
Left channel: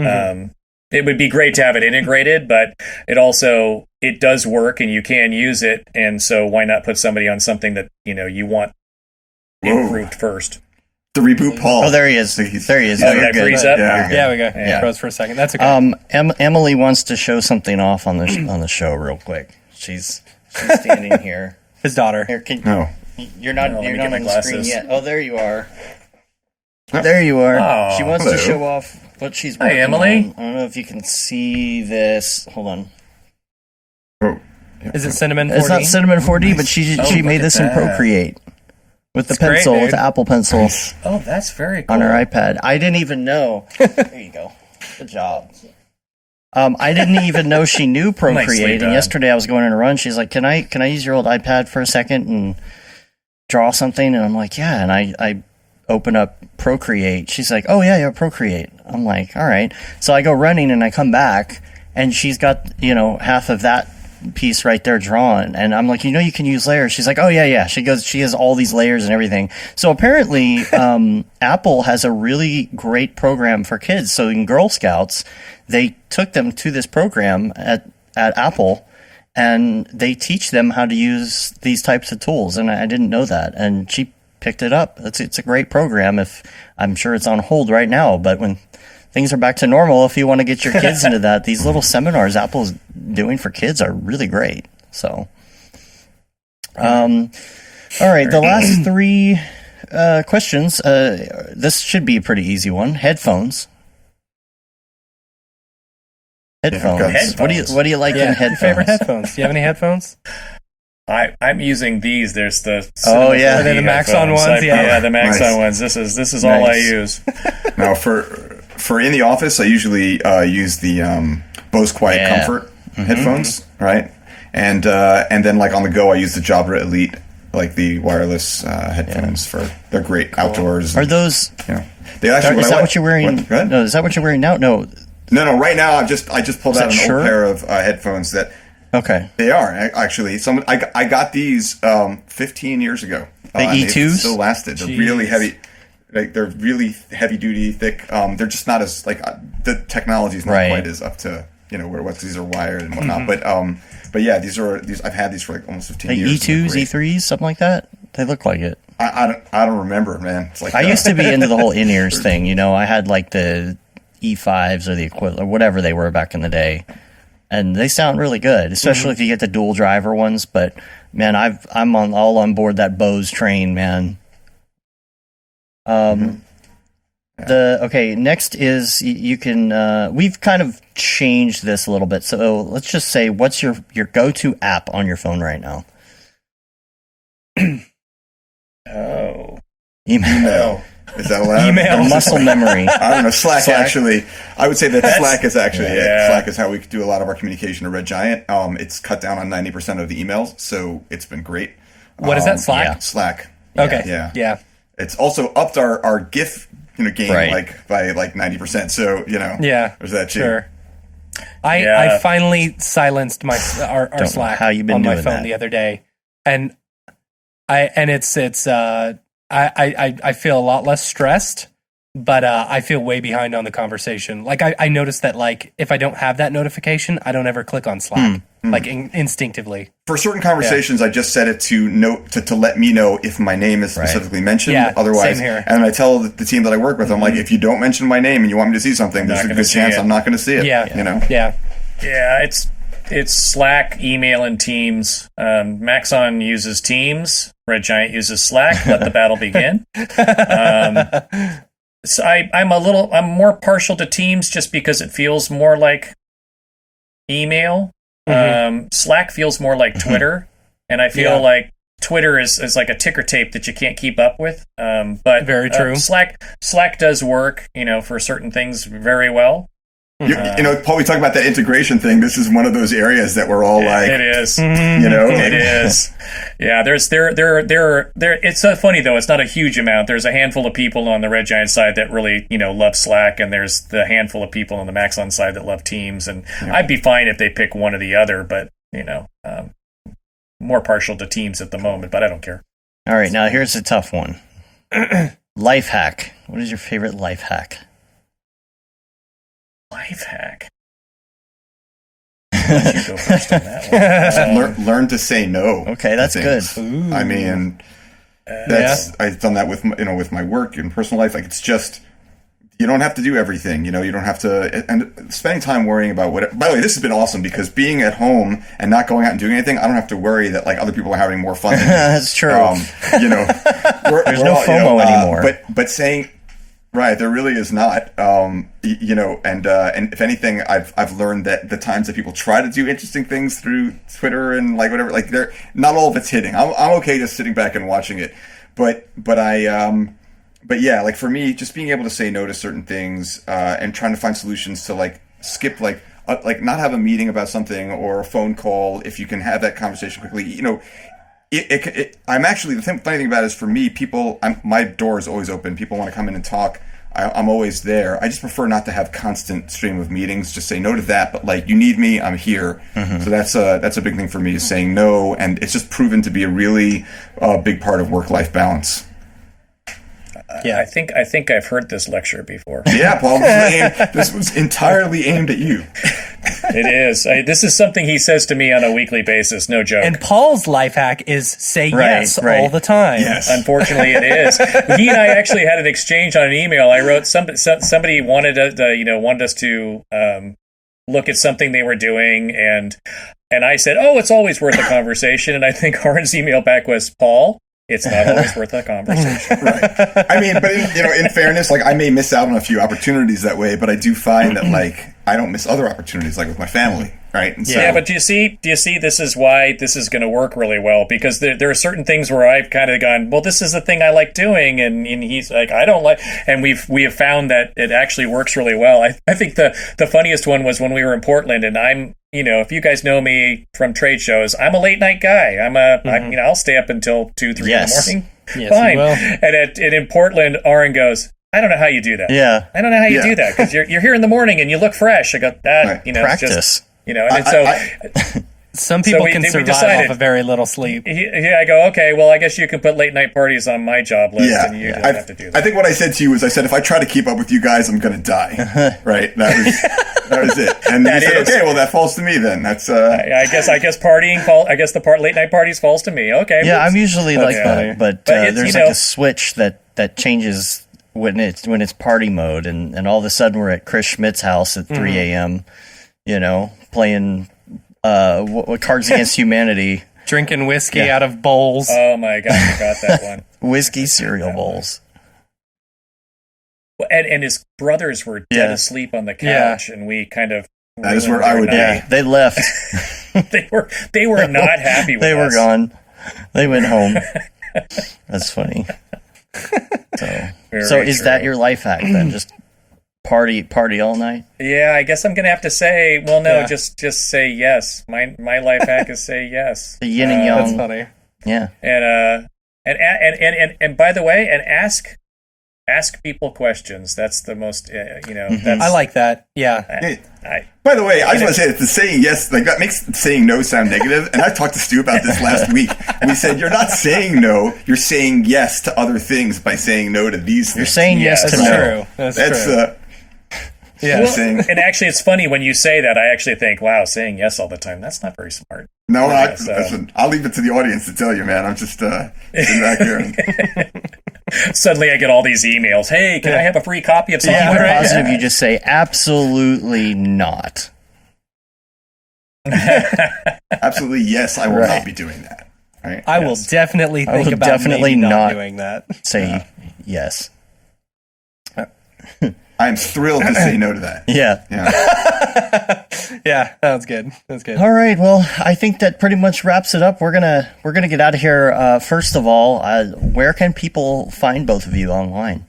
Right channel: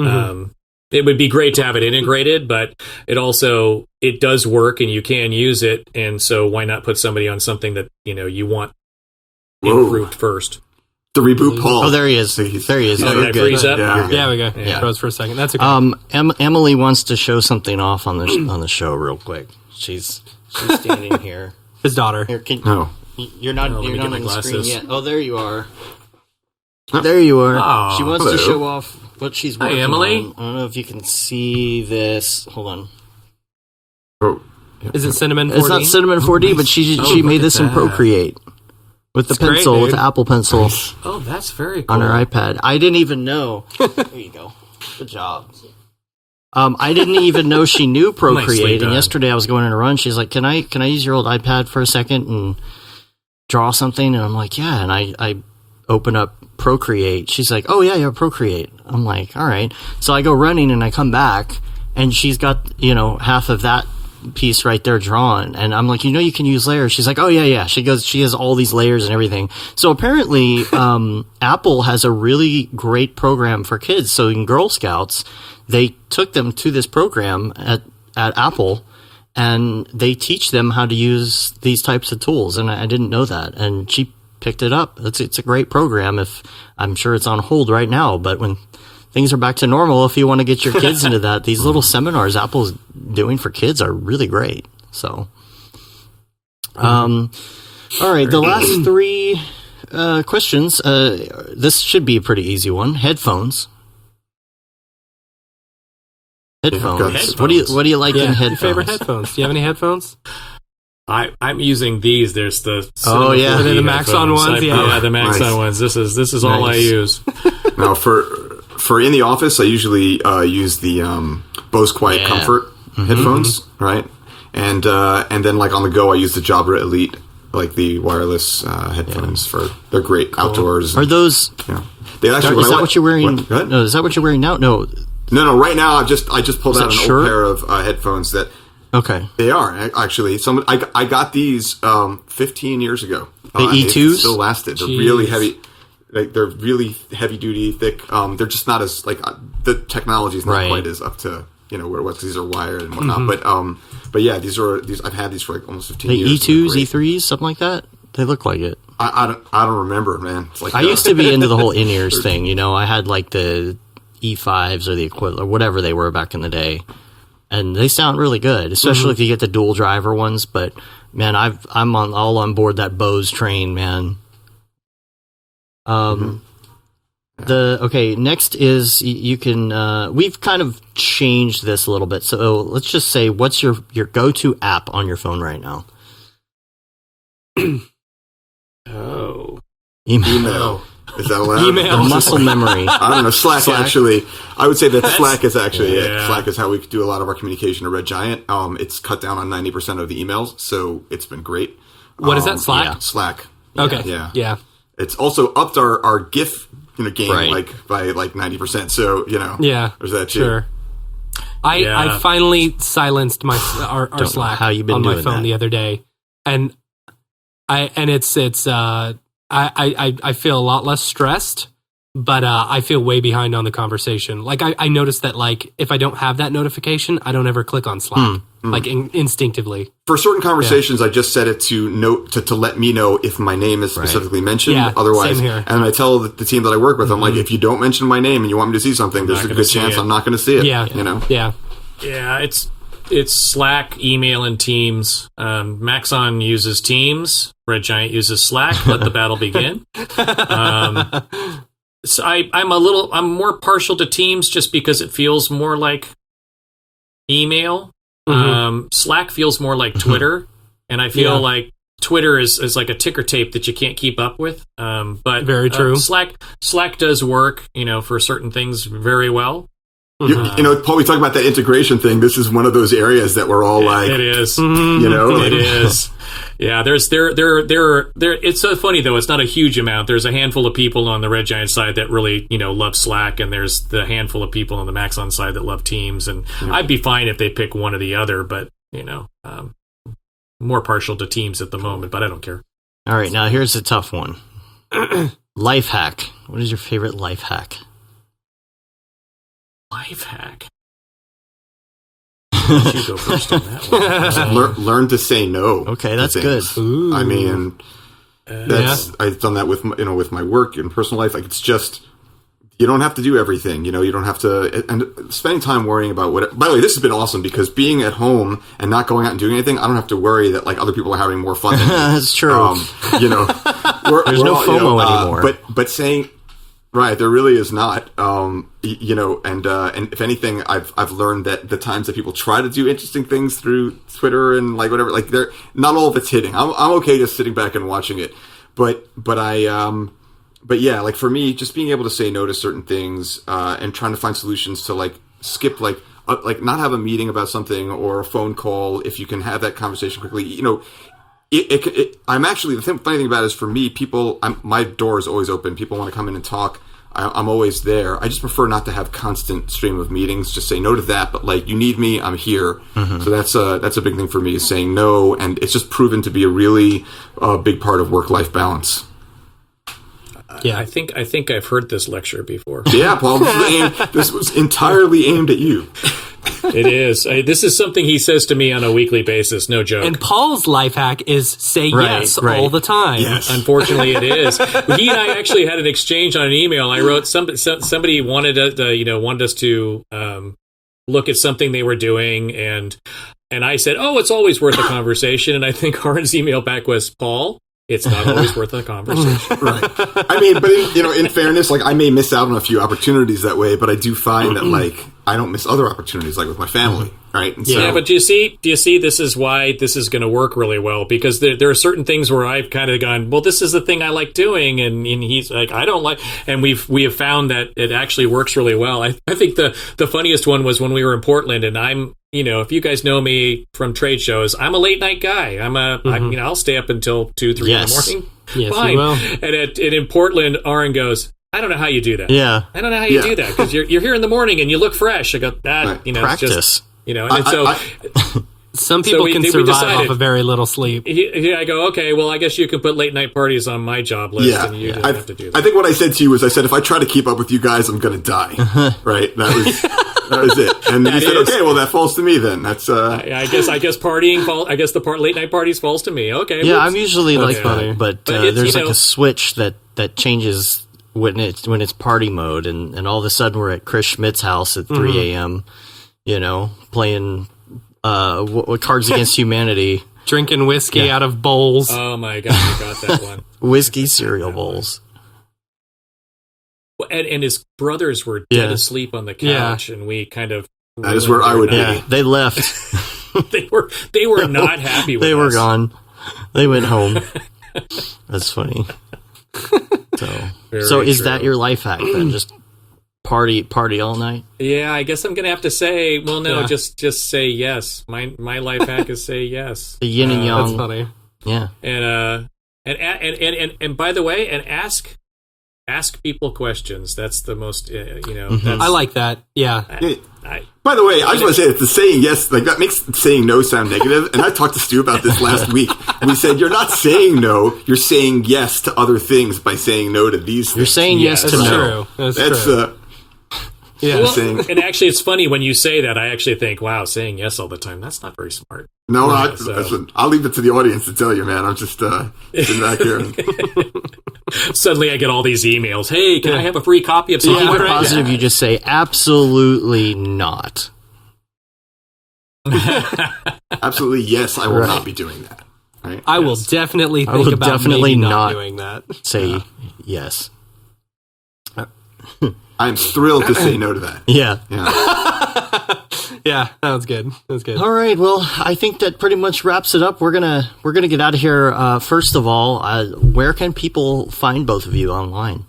it would be great to have it integrated, but it does work and you can use it. And so why not put somebody on something that, you want improved first? The reboot Paul. Oh, there he is. There he is. Oh, yeah, freeze up? Yeah, we go. Yeah. Froze for a second. That's okay. Emily wants to show something off on the show real quick. She's standing here. His daughter. Here, No. You're not let me you're get not my on the screen glasses. yet. Oh, there you are. There you are. Oh, she wants hello. to show off what she's working Emily. on. I don't know if you can see this. Hold on. Oh. Is it Cinnamon 4D? It's not Cinnamon 4D, but she look made at this in that. Procreate with the It's great, pencil, with dude. the Apple Pencil Oh, that's very cool. on her iPad. I didn't even know. There you go. Good job. I didn't even know she knew Nicely Procreate. done. And yesterday I was going on a run. She's like, "Can I use your old iPad for a second and draw something?" And I'm like, "Yeah." And I open up Procreate. She's like, "Oh yeah, Procreate." I'm like, "All right." So I go running and I come back and she's got, half of that piece right there drawn, and I'm like, you can use layers. She's like, "Oh yeah." She has all these layers and everything. So apparently Apple has a really great program for kids. So in Girl Scouts, they took them to this program at Apple, and they teach them how to use these types of tools. And I didn't know that, and she picked it up. It's a great program. If I'm sure it's on hold right now, but when things are back to normal, if you want to get your kids into that, these little seminars Apple's doing for kids are really great. So, all right, the last three questions. This should be a pretty easy one. Headphones. Headphones. What do you like in Your headphones? favorite headphones. Do you have any headphones? I'm using these. There's the Oh, yeah. Are they the Maxon headphones. ones? Yeah. The Maxon Nice. ones. This is all I Nice. use. Now, for in the office, I usually use the Bose Quiet Comfort headphones, right? And then like on the go, I use the Jabra Elite, like the wireless headphones. They're great outdoors. Are those? They actually. Is that what you're wearing? What? Go ahead. No, is that what you're wearing now? No. No. Right now, I just pulled Is out that an Shure? old pair of headphones that. Okay. They are actually. I got these 15 years ago. The and they E2s? still lasted. They're really heavy. Like they're really heavy duty, thick. They're just not as the technology is not Right. quite as up to where it was. These are wired and whatnot. But yeah, these I've had these for like almost 15 The years. E2s, E3s, something like that. They look like it. I don't remember, man. It's like I used to be into the whole in-ears thing. I had like the E5s or the equivalent or whatever they were back in the day, and they sound really good, especially if you get the dual driver ones. But man, I'm all on board that Bose train, man. Next is you can we've kind of changed this a little bit. So let's just say, what's your go-to app on your phone right now? Oh. email. Is that allowed? Email. The muscle memory. I don't know. Slack actually. I would say that Slack is actually it. Yeah. Slack is how we do a lot of our communication to Red Giant. It's cut down on 90% of the emails, so it's been great. What is that? Slack? yeah. Slack. Okay. Yeah. It's also upped our GIF game Right. by 90%. So Yeah. there's that too. Sure. I finally silenced our know Slack how you've been on my doing phone that. the other day, and I feel a lot less stressed, but I feel way behind on the conversation. Like I noticed that if I don't have that notification, I don't ever click on Slack instinctively. For certain conversations, I just set it to note to let me know if my name is specifically mentioned. Yeah, Otherwise, same here. and I tell the team that I work with, I'm like, if you don't mention my name and you want me to see something, there's a gonna good see chance it. I'm not going to see it. Yeah. Yeah. Yeah, it's Slack, email, and Teams. Maxon uses Teams. Red Giant uses Slack. Let the battle begin. So I'm more partial to Teams just because it feels more like email. Slack feels more like Twitter, and I feel like Twitter is like a ticker tape that you can't keep up with. But Very true. Slack does work, for certain things very well. Paul, we talk about that integration thing. This is one of those areas that we're all like, it is. It is. Yeah, it's so funny though. It's not a huge amount. There's a handful of people on the Red Giant side that really, love Slack, and there's the handful of people on the Maxon side that love Teams. And I'd be fine if they pick one or the other, but more partial to Teams at the moment. But I don't care. All right, now here's a tough one. Life hack. What is your favorite life hack? Life hack. Why don't you go first on that one? Learn to say no. Okay, that's good. Ooh. I mean, I've done that with my work and personal life. Like, it's just, you don't have to do everything. You don't have to. And spending time worrying about what. By the way, this has been awesome because being at home and not going out and doing anything, I don't have to worry that like other people are having more fun than me. That's true. There's no FOMO anymore. But saying. Right, there really is not. And if anything, I've learned that the times that people try to do interesting things through Twitter and like whatever, like they're not all of it's hitting. I'm okay just sitting back and watching it, but yeah, like for me, just being able to say no to certain things and trying to find solutions to like skip like not have a meeting about something or a phone call if you can have that conversation quickly. I'm actually, the funny thing about it is for me, my door is always open. People want to come in and talk. I'm always there. I just prefer not to have constant stream of meetings. Just say no to that. But like, you need me, I'm here. Mm-hmm. So that's a big thing for me, is saying no. And it's just proven to be a really big part of work-life balance. Yeah, I think I've heard this lecture before. Yeah, Paul, this was entirely aimed at you. It is. This is something he says to me on a weekly basis, no joke. And Paul's life hack is say yes all the time. Yes. Unfortunately, it is. He and I actually had an exchange on an email. I wrote somebody wanted us to look at something they were doing, and I said, "Oh, it's always worth a conversation." And I think Aaron's email back was, "Paul, it's not always worth a conversation." Right. I mean, but in fairness, like I may miss out on a few opportunities that way, but I do find that like I don't miss other opportunities, like with my family, right? And yeah, but do you see? This is why this is going to work really well, because there are certain things where I've kind of gone, well, this is the thing I like doing, and he's like, I don't like, and we have found that it actually works really well. I think the funniest one was when we were in Portland, and I'm. If you guys know me from trade shows, I'm a late night guy. I'll stay up until 2, 3 in the morning. Yes, fine. you will. And in Portland, Aaron goes, I don't know how you do that. Yeah. I don't know how you do that, because you're here in the morning and you look fresh. I go, practice. It's just, some people can survive off a very little sleep. I go, okay, well, I guess you can put late night parties on my job list, and you don't have to do that. I think what I said to you was, I said, if I try to keep up with you guys, I'm going to die. Right? That was it. And you said, okay, well, that falls to me then. That's I guess partying falls. I guess the late night parties falls to me. Okay. Yeah, I'm usually like funny. that, but there's like a switch that changes when it's party mode, and all of a sudden we're at Chris Schmidt's house at 3 a.m. Playing what Cards Against Humanity, drinking whiskey out of bowls. Oh my god, I got that one. Whiskey cereal bowls. And his brothers were dead asleep on the couch, and we kind of. That is where I would be. Yeah, they left. They were not happy with us. They were gone. They went home. That's funny. So is that your life hack then? Just party all night? Yeah, I guess I'm gonna have to say, well, no, just say yes. My life hack is say yes. The yin and yang. That's funny. Yeah. And by the way, and ask people questions. That's the most, That's, I like that. Yeah. By the way, I just want to say that the saying yes, like that makes saying no sound negative. And I talked to Stu about this last week. We said, you're not saying no, you're saying yes to other things by saying no to these things. You're saying yes to no. That's true. Yeah. Well, and actually, it's funny when you say that. I actually think, wow, saying yes all the time, that's not very smart. No, listen, I'll leave it to the audience to tell you, man. I'm just sitting back here. Suddenly I get all these emails. Hey, can I have a free copy of something? Keep it positive. You just say, absolutely not. Absolutely, yes, I will not be doing that. Right? I will definitely think about maybe not doing that. Say yes. I am thrilled to say no to that. Yeah. Yeah, that was good. All right. Well, I think that pretty much wraps it up. We're gonna get out of here. First of all, where can people find both of you online?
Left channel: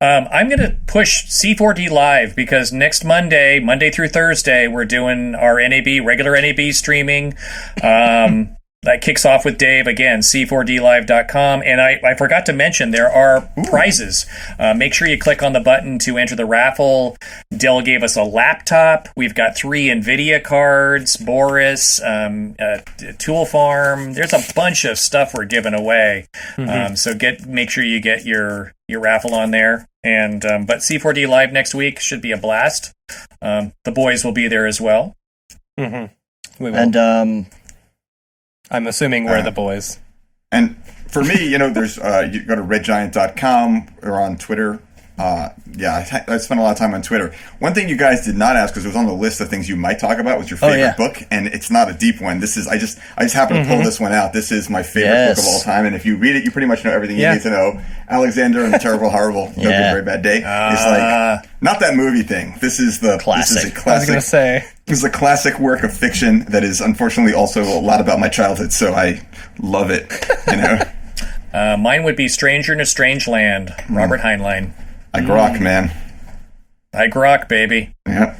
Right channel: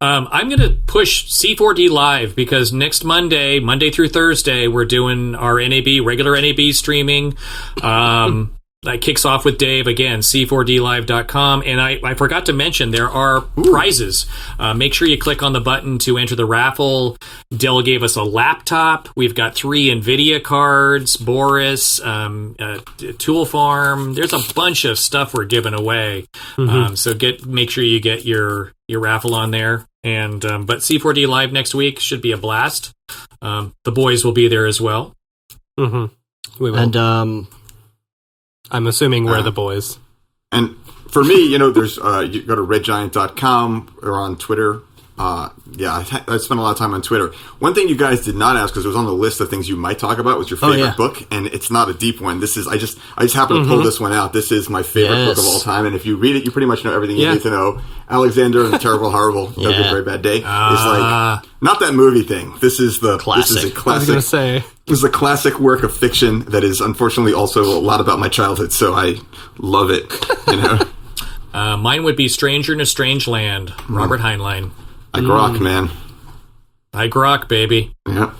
I'm going to push C4D Live because next Monday through Thursday, we're doing our regular NAB streaming. That kicks off with Dave again, c4dlive.com. And I forgot to mention there are prizes. Make sure you click on the button to enter the raffle. Dell gave us a laptop. We've got 3 NVIDIA cards, Boris, Tool Farm. There's a bunch of stuff we're giving away. So make sure you get your raffle on there. And but C4D Live next week should be a blast. The boys will be there as well. We will. And I'm assuming we're the boys. And for me, there's you go to redgiant.com or on Twitter. I spent a lot of time on Twitter. One thing you guys did not ask, because it was on the list of things you might talk about, was your favorite book, and it's not a deep one. This is I just happened to pull this one out. This is my favorite book of all time, and if you read it, you pretty much know everything you need to know. Alexander and the Terrible, Horrible, No Good, Very Bad Day is like not that movie thing. This is the classic. This is a classic. I was gonna say this is a classic work of fiction that is unfortunately also a lot about my childhood. So I love it. Mine would be Stranger in a Strange Land, Robert Heinlein. I grok, man. I grok, baby. Yeah.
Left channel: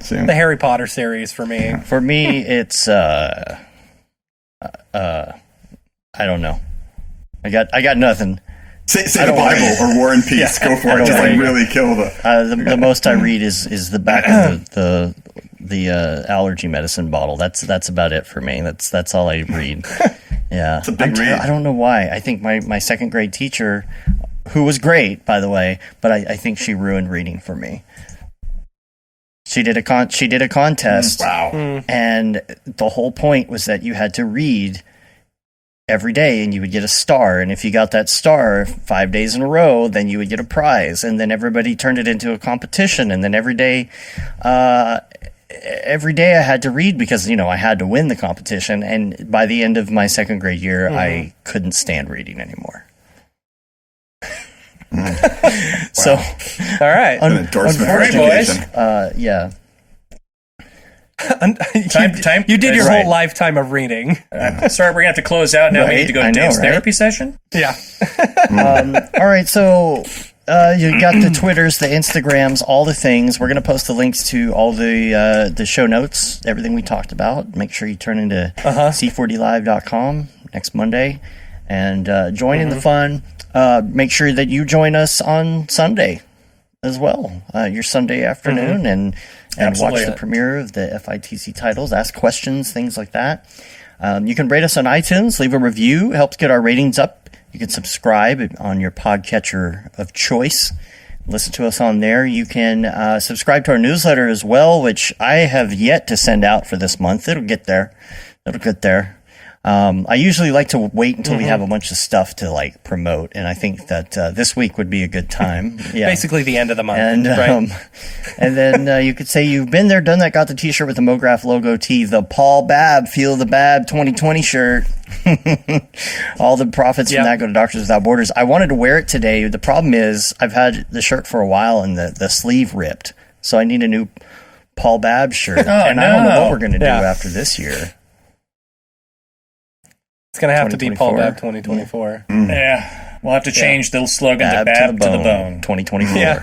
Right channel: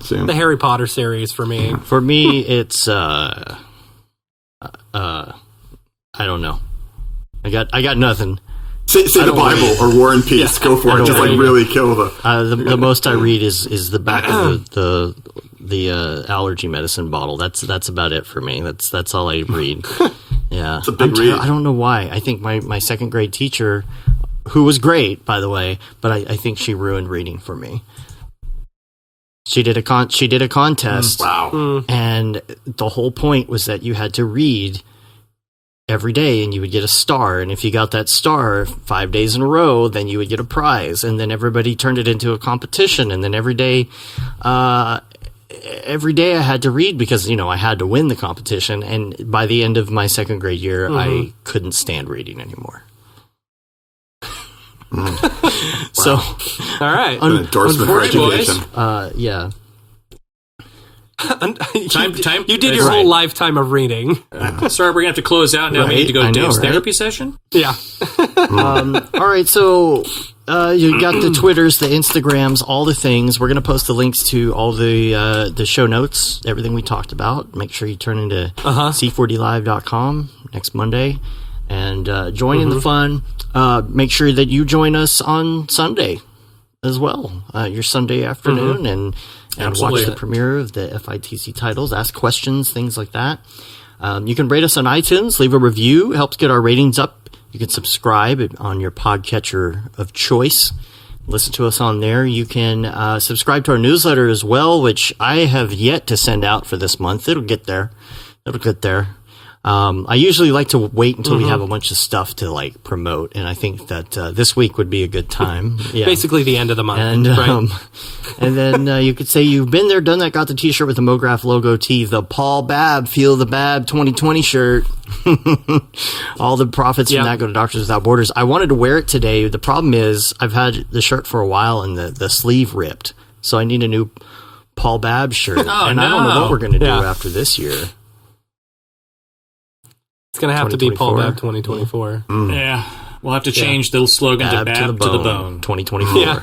The Harry Potter series for me. For me, it's I don't know. I got nothing. Say the Bible or War and Peace. Go for it. Just really kill the most I read is the back of the allergy medicine bottle. That's about it for me. That's all I read. Yeah, it's a big read. I don't know why. I think my second grade teacher, who was great, by the way, but I think she ruined reading for me. She did a contest. Wow. And the whole point was that you had to read every day and you would get a star. And if you got that star 5 days in a row, then you would get a prize. And then everybody turned it into a competition. And then every day I had to read because, I had to win the competition. And by the end of my second grade year, I couldn't stand reading anymore. So, all right, an endorsement for education. Yeah. You did your whole lifetime of reading. Sorry, we're gonna have to close out now. We need to go to Dave's therapy session. Yeah. All right, so you got the Twitters, the Instagrams, all the things. We're gonna post the links to all the show notes, everything we talked about. Make sure you turn into c4dlive.com next Monday and join in the fun. Make sure that you join us on Sunday as well, your Sunday afternoon, and watch the premiere of the FITC titles, ask questions, things like that. You can rate us on iTunes, leave a review, helps get our ratings up. You can subscribe on your podcatcher of choice. Listen to us on there. You can subscribe to our newsletter as well, which I have yet to send out for this month. It'll get there. I usually like to wait until we have a bunch of stuff to promote, and I think that this week would be a good time. Yeah. Basically the end of the month, and right? And then you could say you've been there, done that, got the T-shirt with the Mograph logo tee, the Paul Babb Feel the Babb 2020 shirt. All the profits from that go to Doctors Without Borders. I wanted to wear it today. The problem is I've had the shirt for a while, and the sleeve ripped, so I need a new Paul Babb shirt. I don't know what we're going to do after this year. It's going to have to be Paul Babb 2024. Yeah. We'll have to change the slogan to Babb to the bone. 2024. Yeah.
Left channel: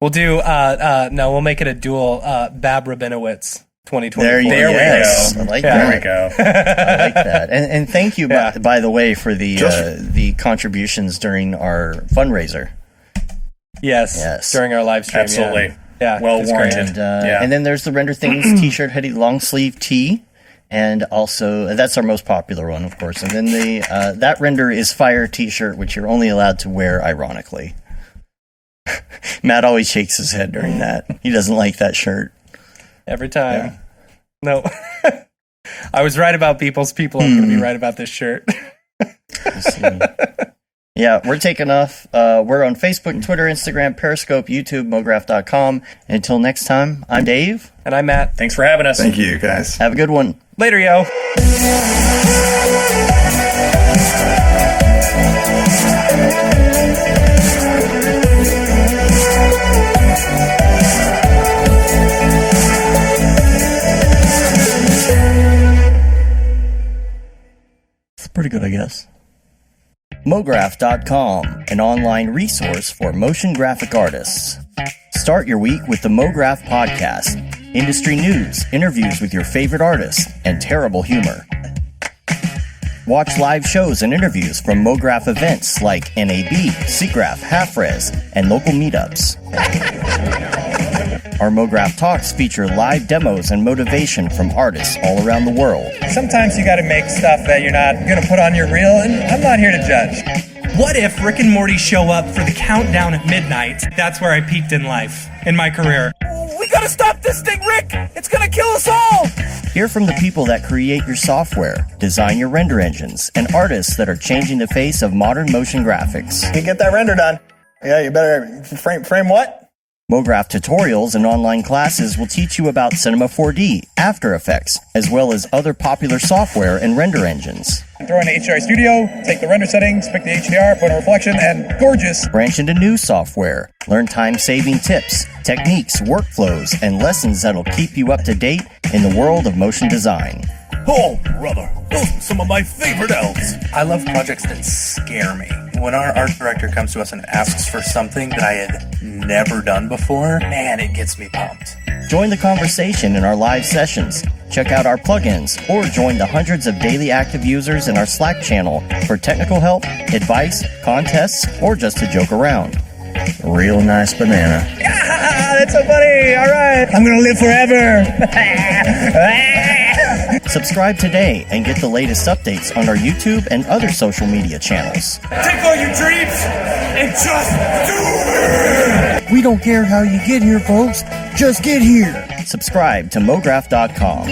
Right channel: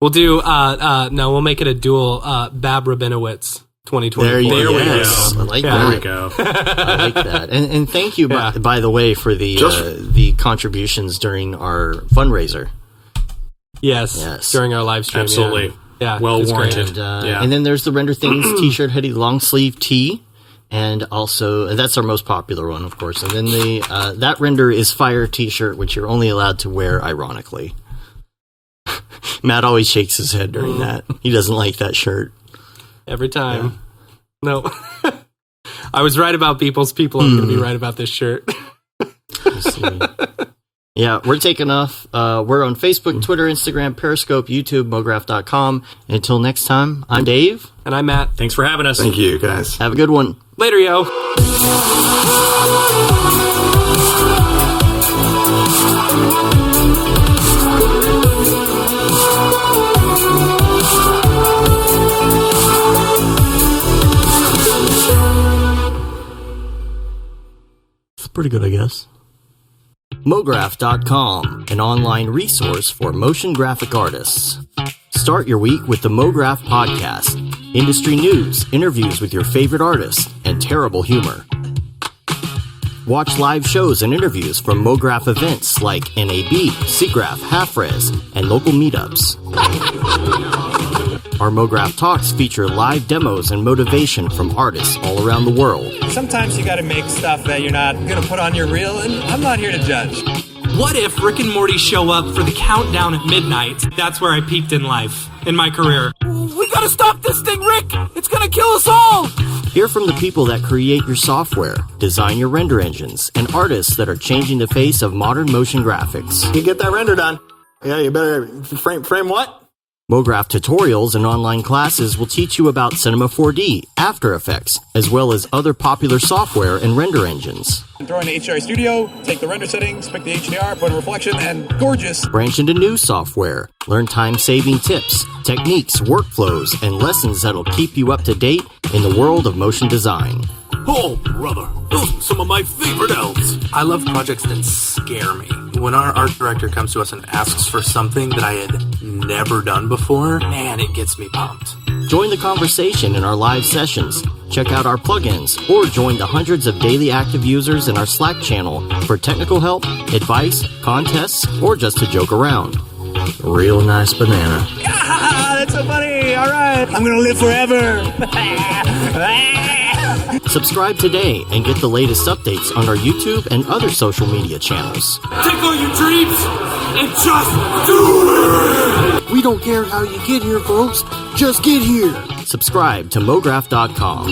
We'll do, we'll make it a dual Babb Rabinowitz 2024. There we go. I like that. There we go. I like that. And thank you, by the way, for the contributions during our fundraiser. Yes. During our live stream. Absolutely. Yeah. Well warranted. And then there's the Render Things t-shirt, hoodie, long sleeve tee. And also, that's our most popular one, of course. And then that Render is Fire t-shirt, which you're only allowed to wear ironically. Matt always shakes his head during that. He doesn't like that shirt. Every time. Yeah. No. I was right about people's people. I'm going to be right about this shirt. Yeah, we're taking off. We're on Facebook, Twitter, Instagram, Periscope, YouTube, Mograph.com. And until next time, I'm Dave. And I'm Matt. Thanks for having us. Thank you, guys. Have a good one. Later, yo. It's pretty good, I guess. Mograph.com, an online resource for motion graphic artists. Start your week with the Mograph podcast. Industry news, interviews with your favorite artists, and terrible humor. Watch live shows and interviews from Mograph events like NAB, SIGGRAPH, Half-Res, and local meetups. Our Mograph Talks feature live demos and motivation from artists all around the world. Sometimes you gotta make stuff that you're not gonna put on your reel, and I'm not here to judge. What if Rick and Morty show up for the countdown at midnight? That's where I peaked in life, in my career. We gotta stop this thing, Rick! It's gonna kill us all! Hear from the people that create your software, design your render engines, and artists that are changing the face of modern motion graphics. You get that render done. Yeah, you better frame what? Mograph tutorials and online classes will teach you about Cinema 4D, After Effects, as well as other popular software and render engines. Throw in the HDR Studio, take the render settings, pick the HDR, put in a reflection, and gorgeous. Branch into new software. Learn time-saving tips, techniques, workflows, and lessons that'll keep you up to date in the world of motion design. Oh, brother, those are some of my favorite elves. I love projects that scare me. When our art director comes to us and asks for something that I had never done before, man, it gets me pumped. Join the conversation in our live sessions. Check out our plugins or join the hundreds of daily active users in our Slack channel for technical help, advice, contests, or just to joke around. Real nice banana. Ah, that's so funny. All right. I'm going to live forever. Subscribe today and get the latest updates on our YouTube and other social media channels. Take all your dreams and just do it! We don't care how you get here, folks. Just get here. Subscribe to Mograph.com.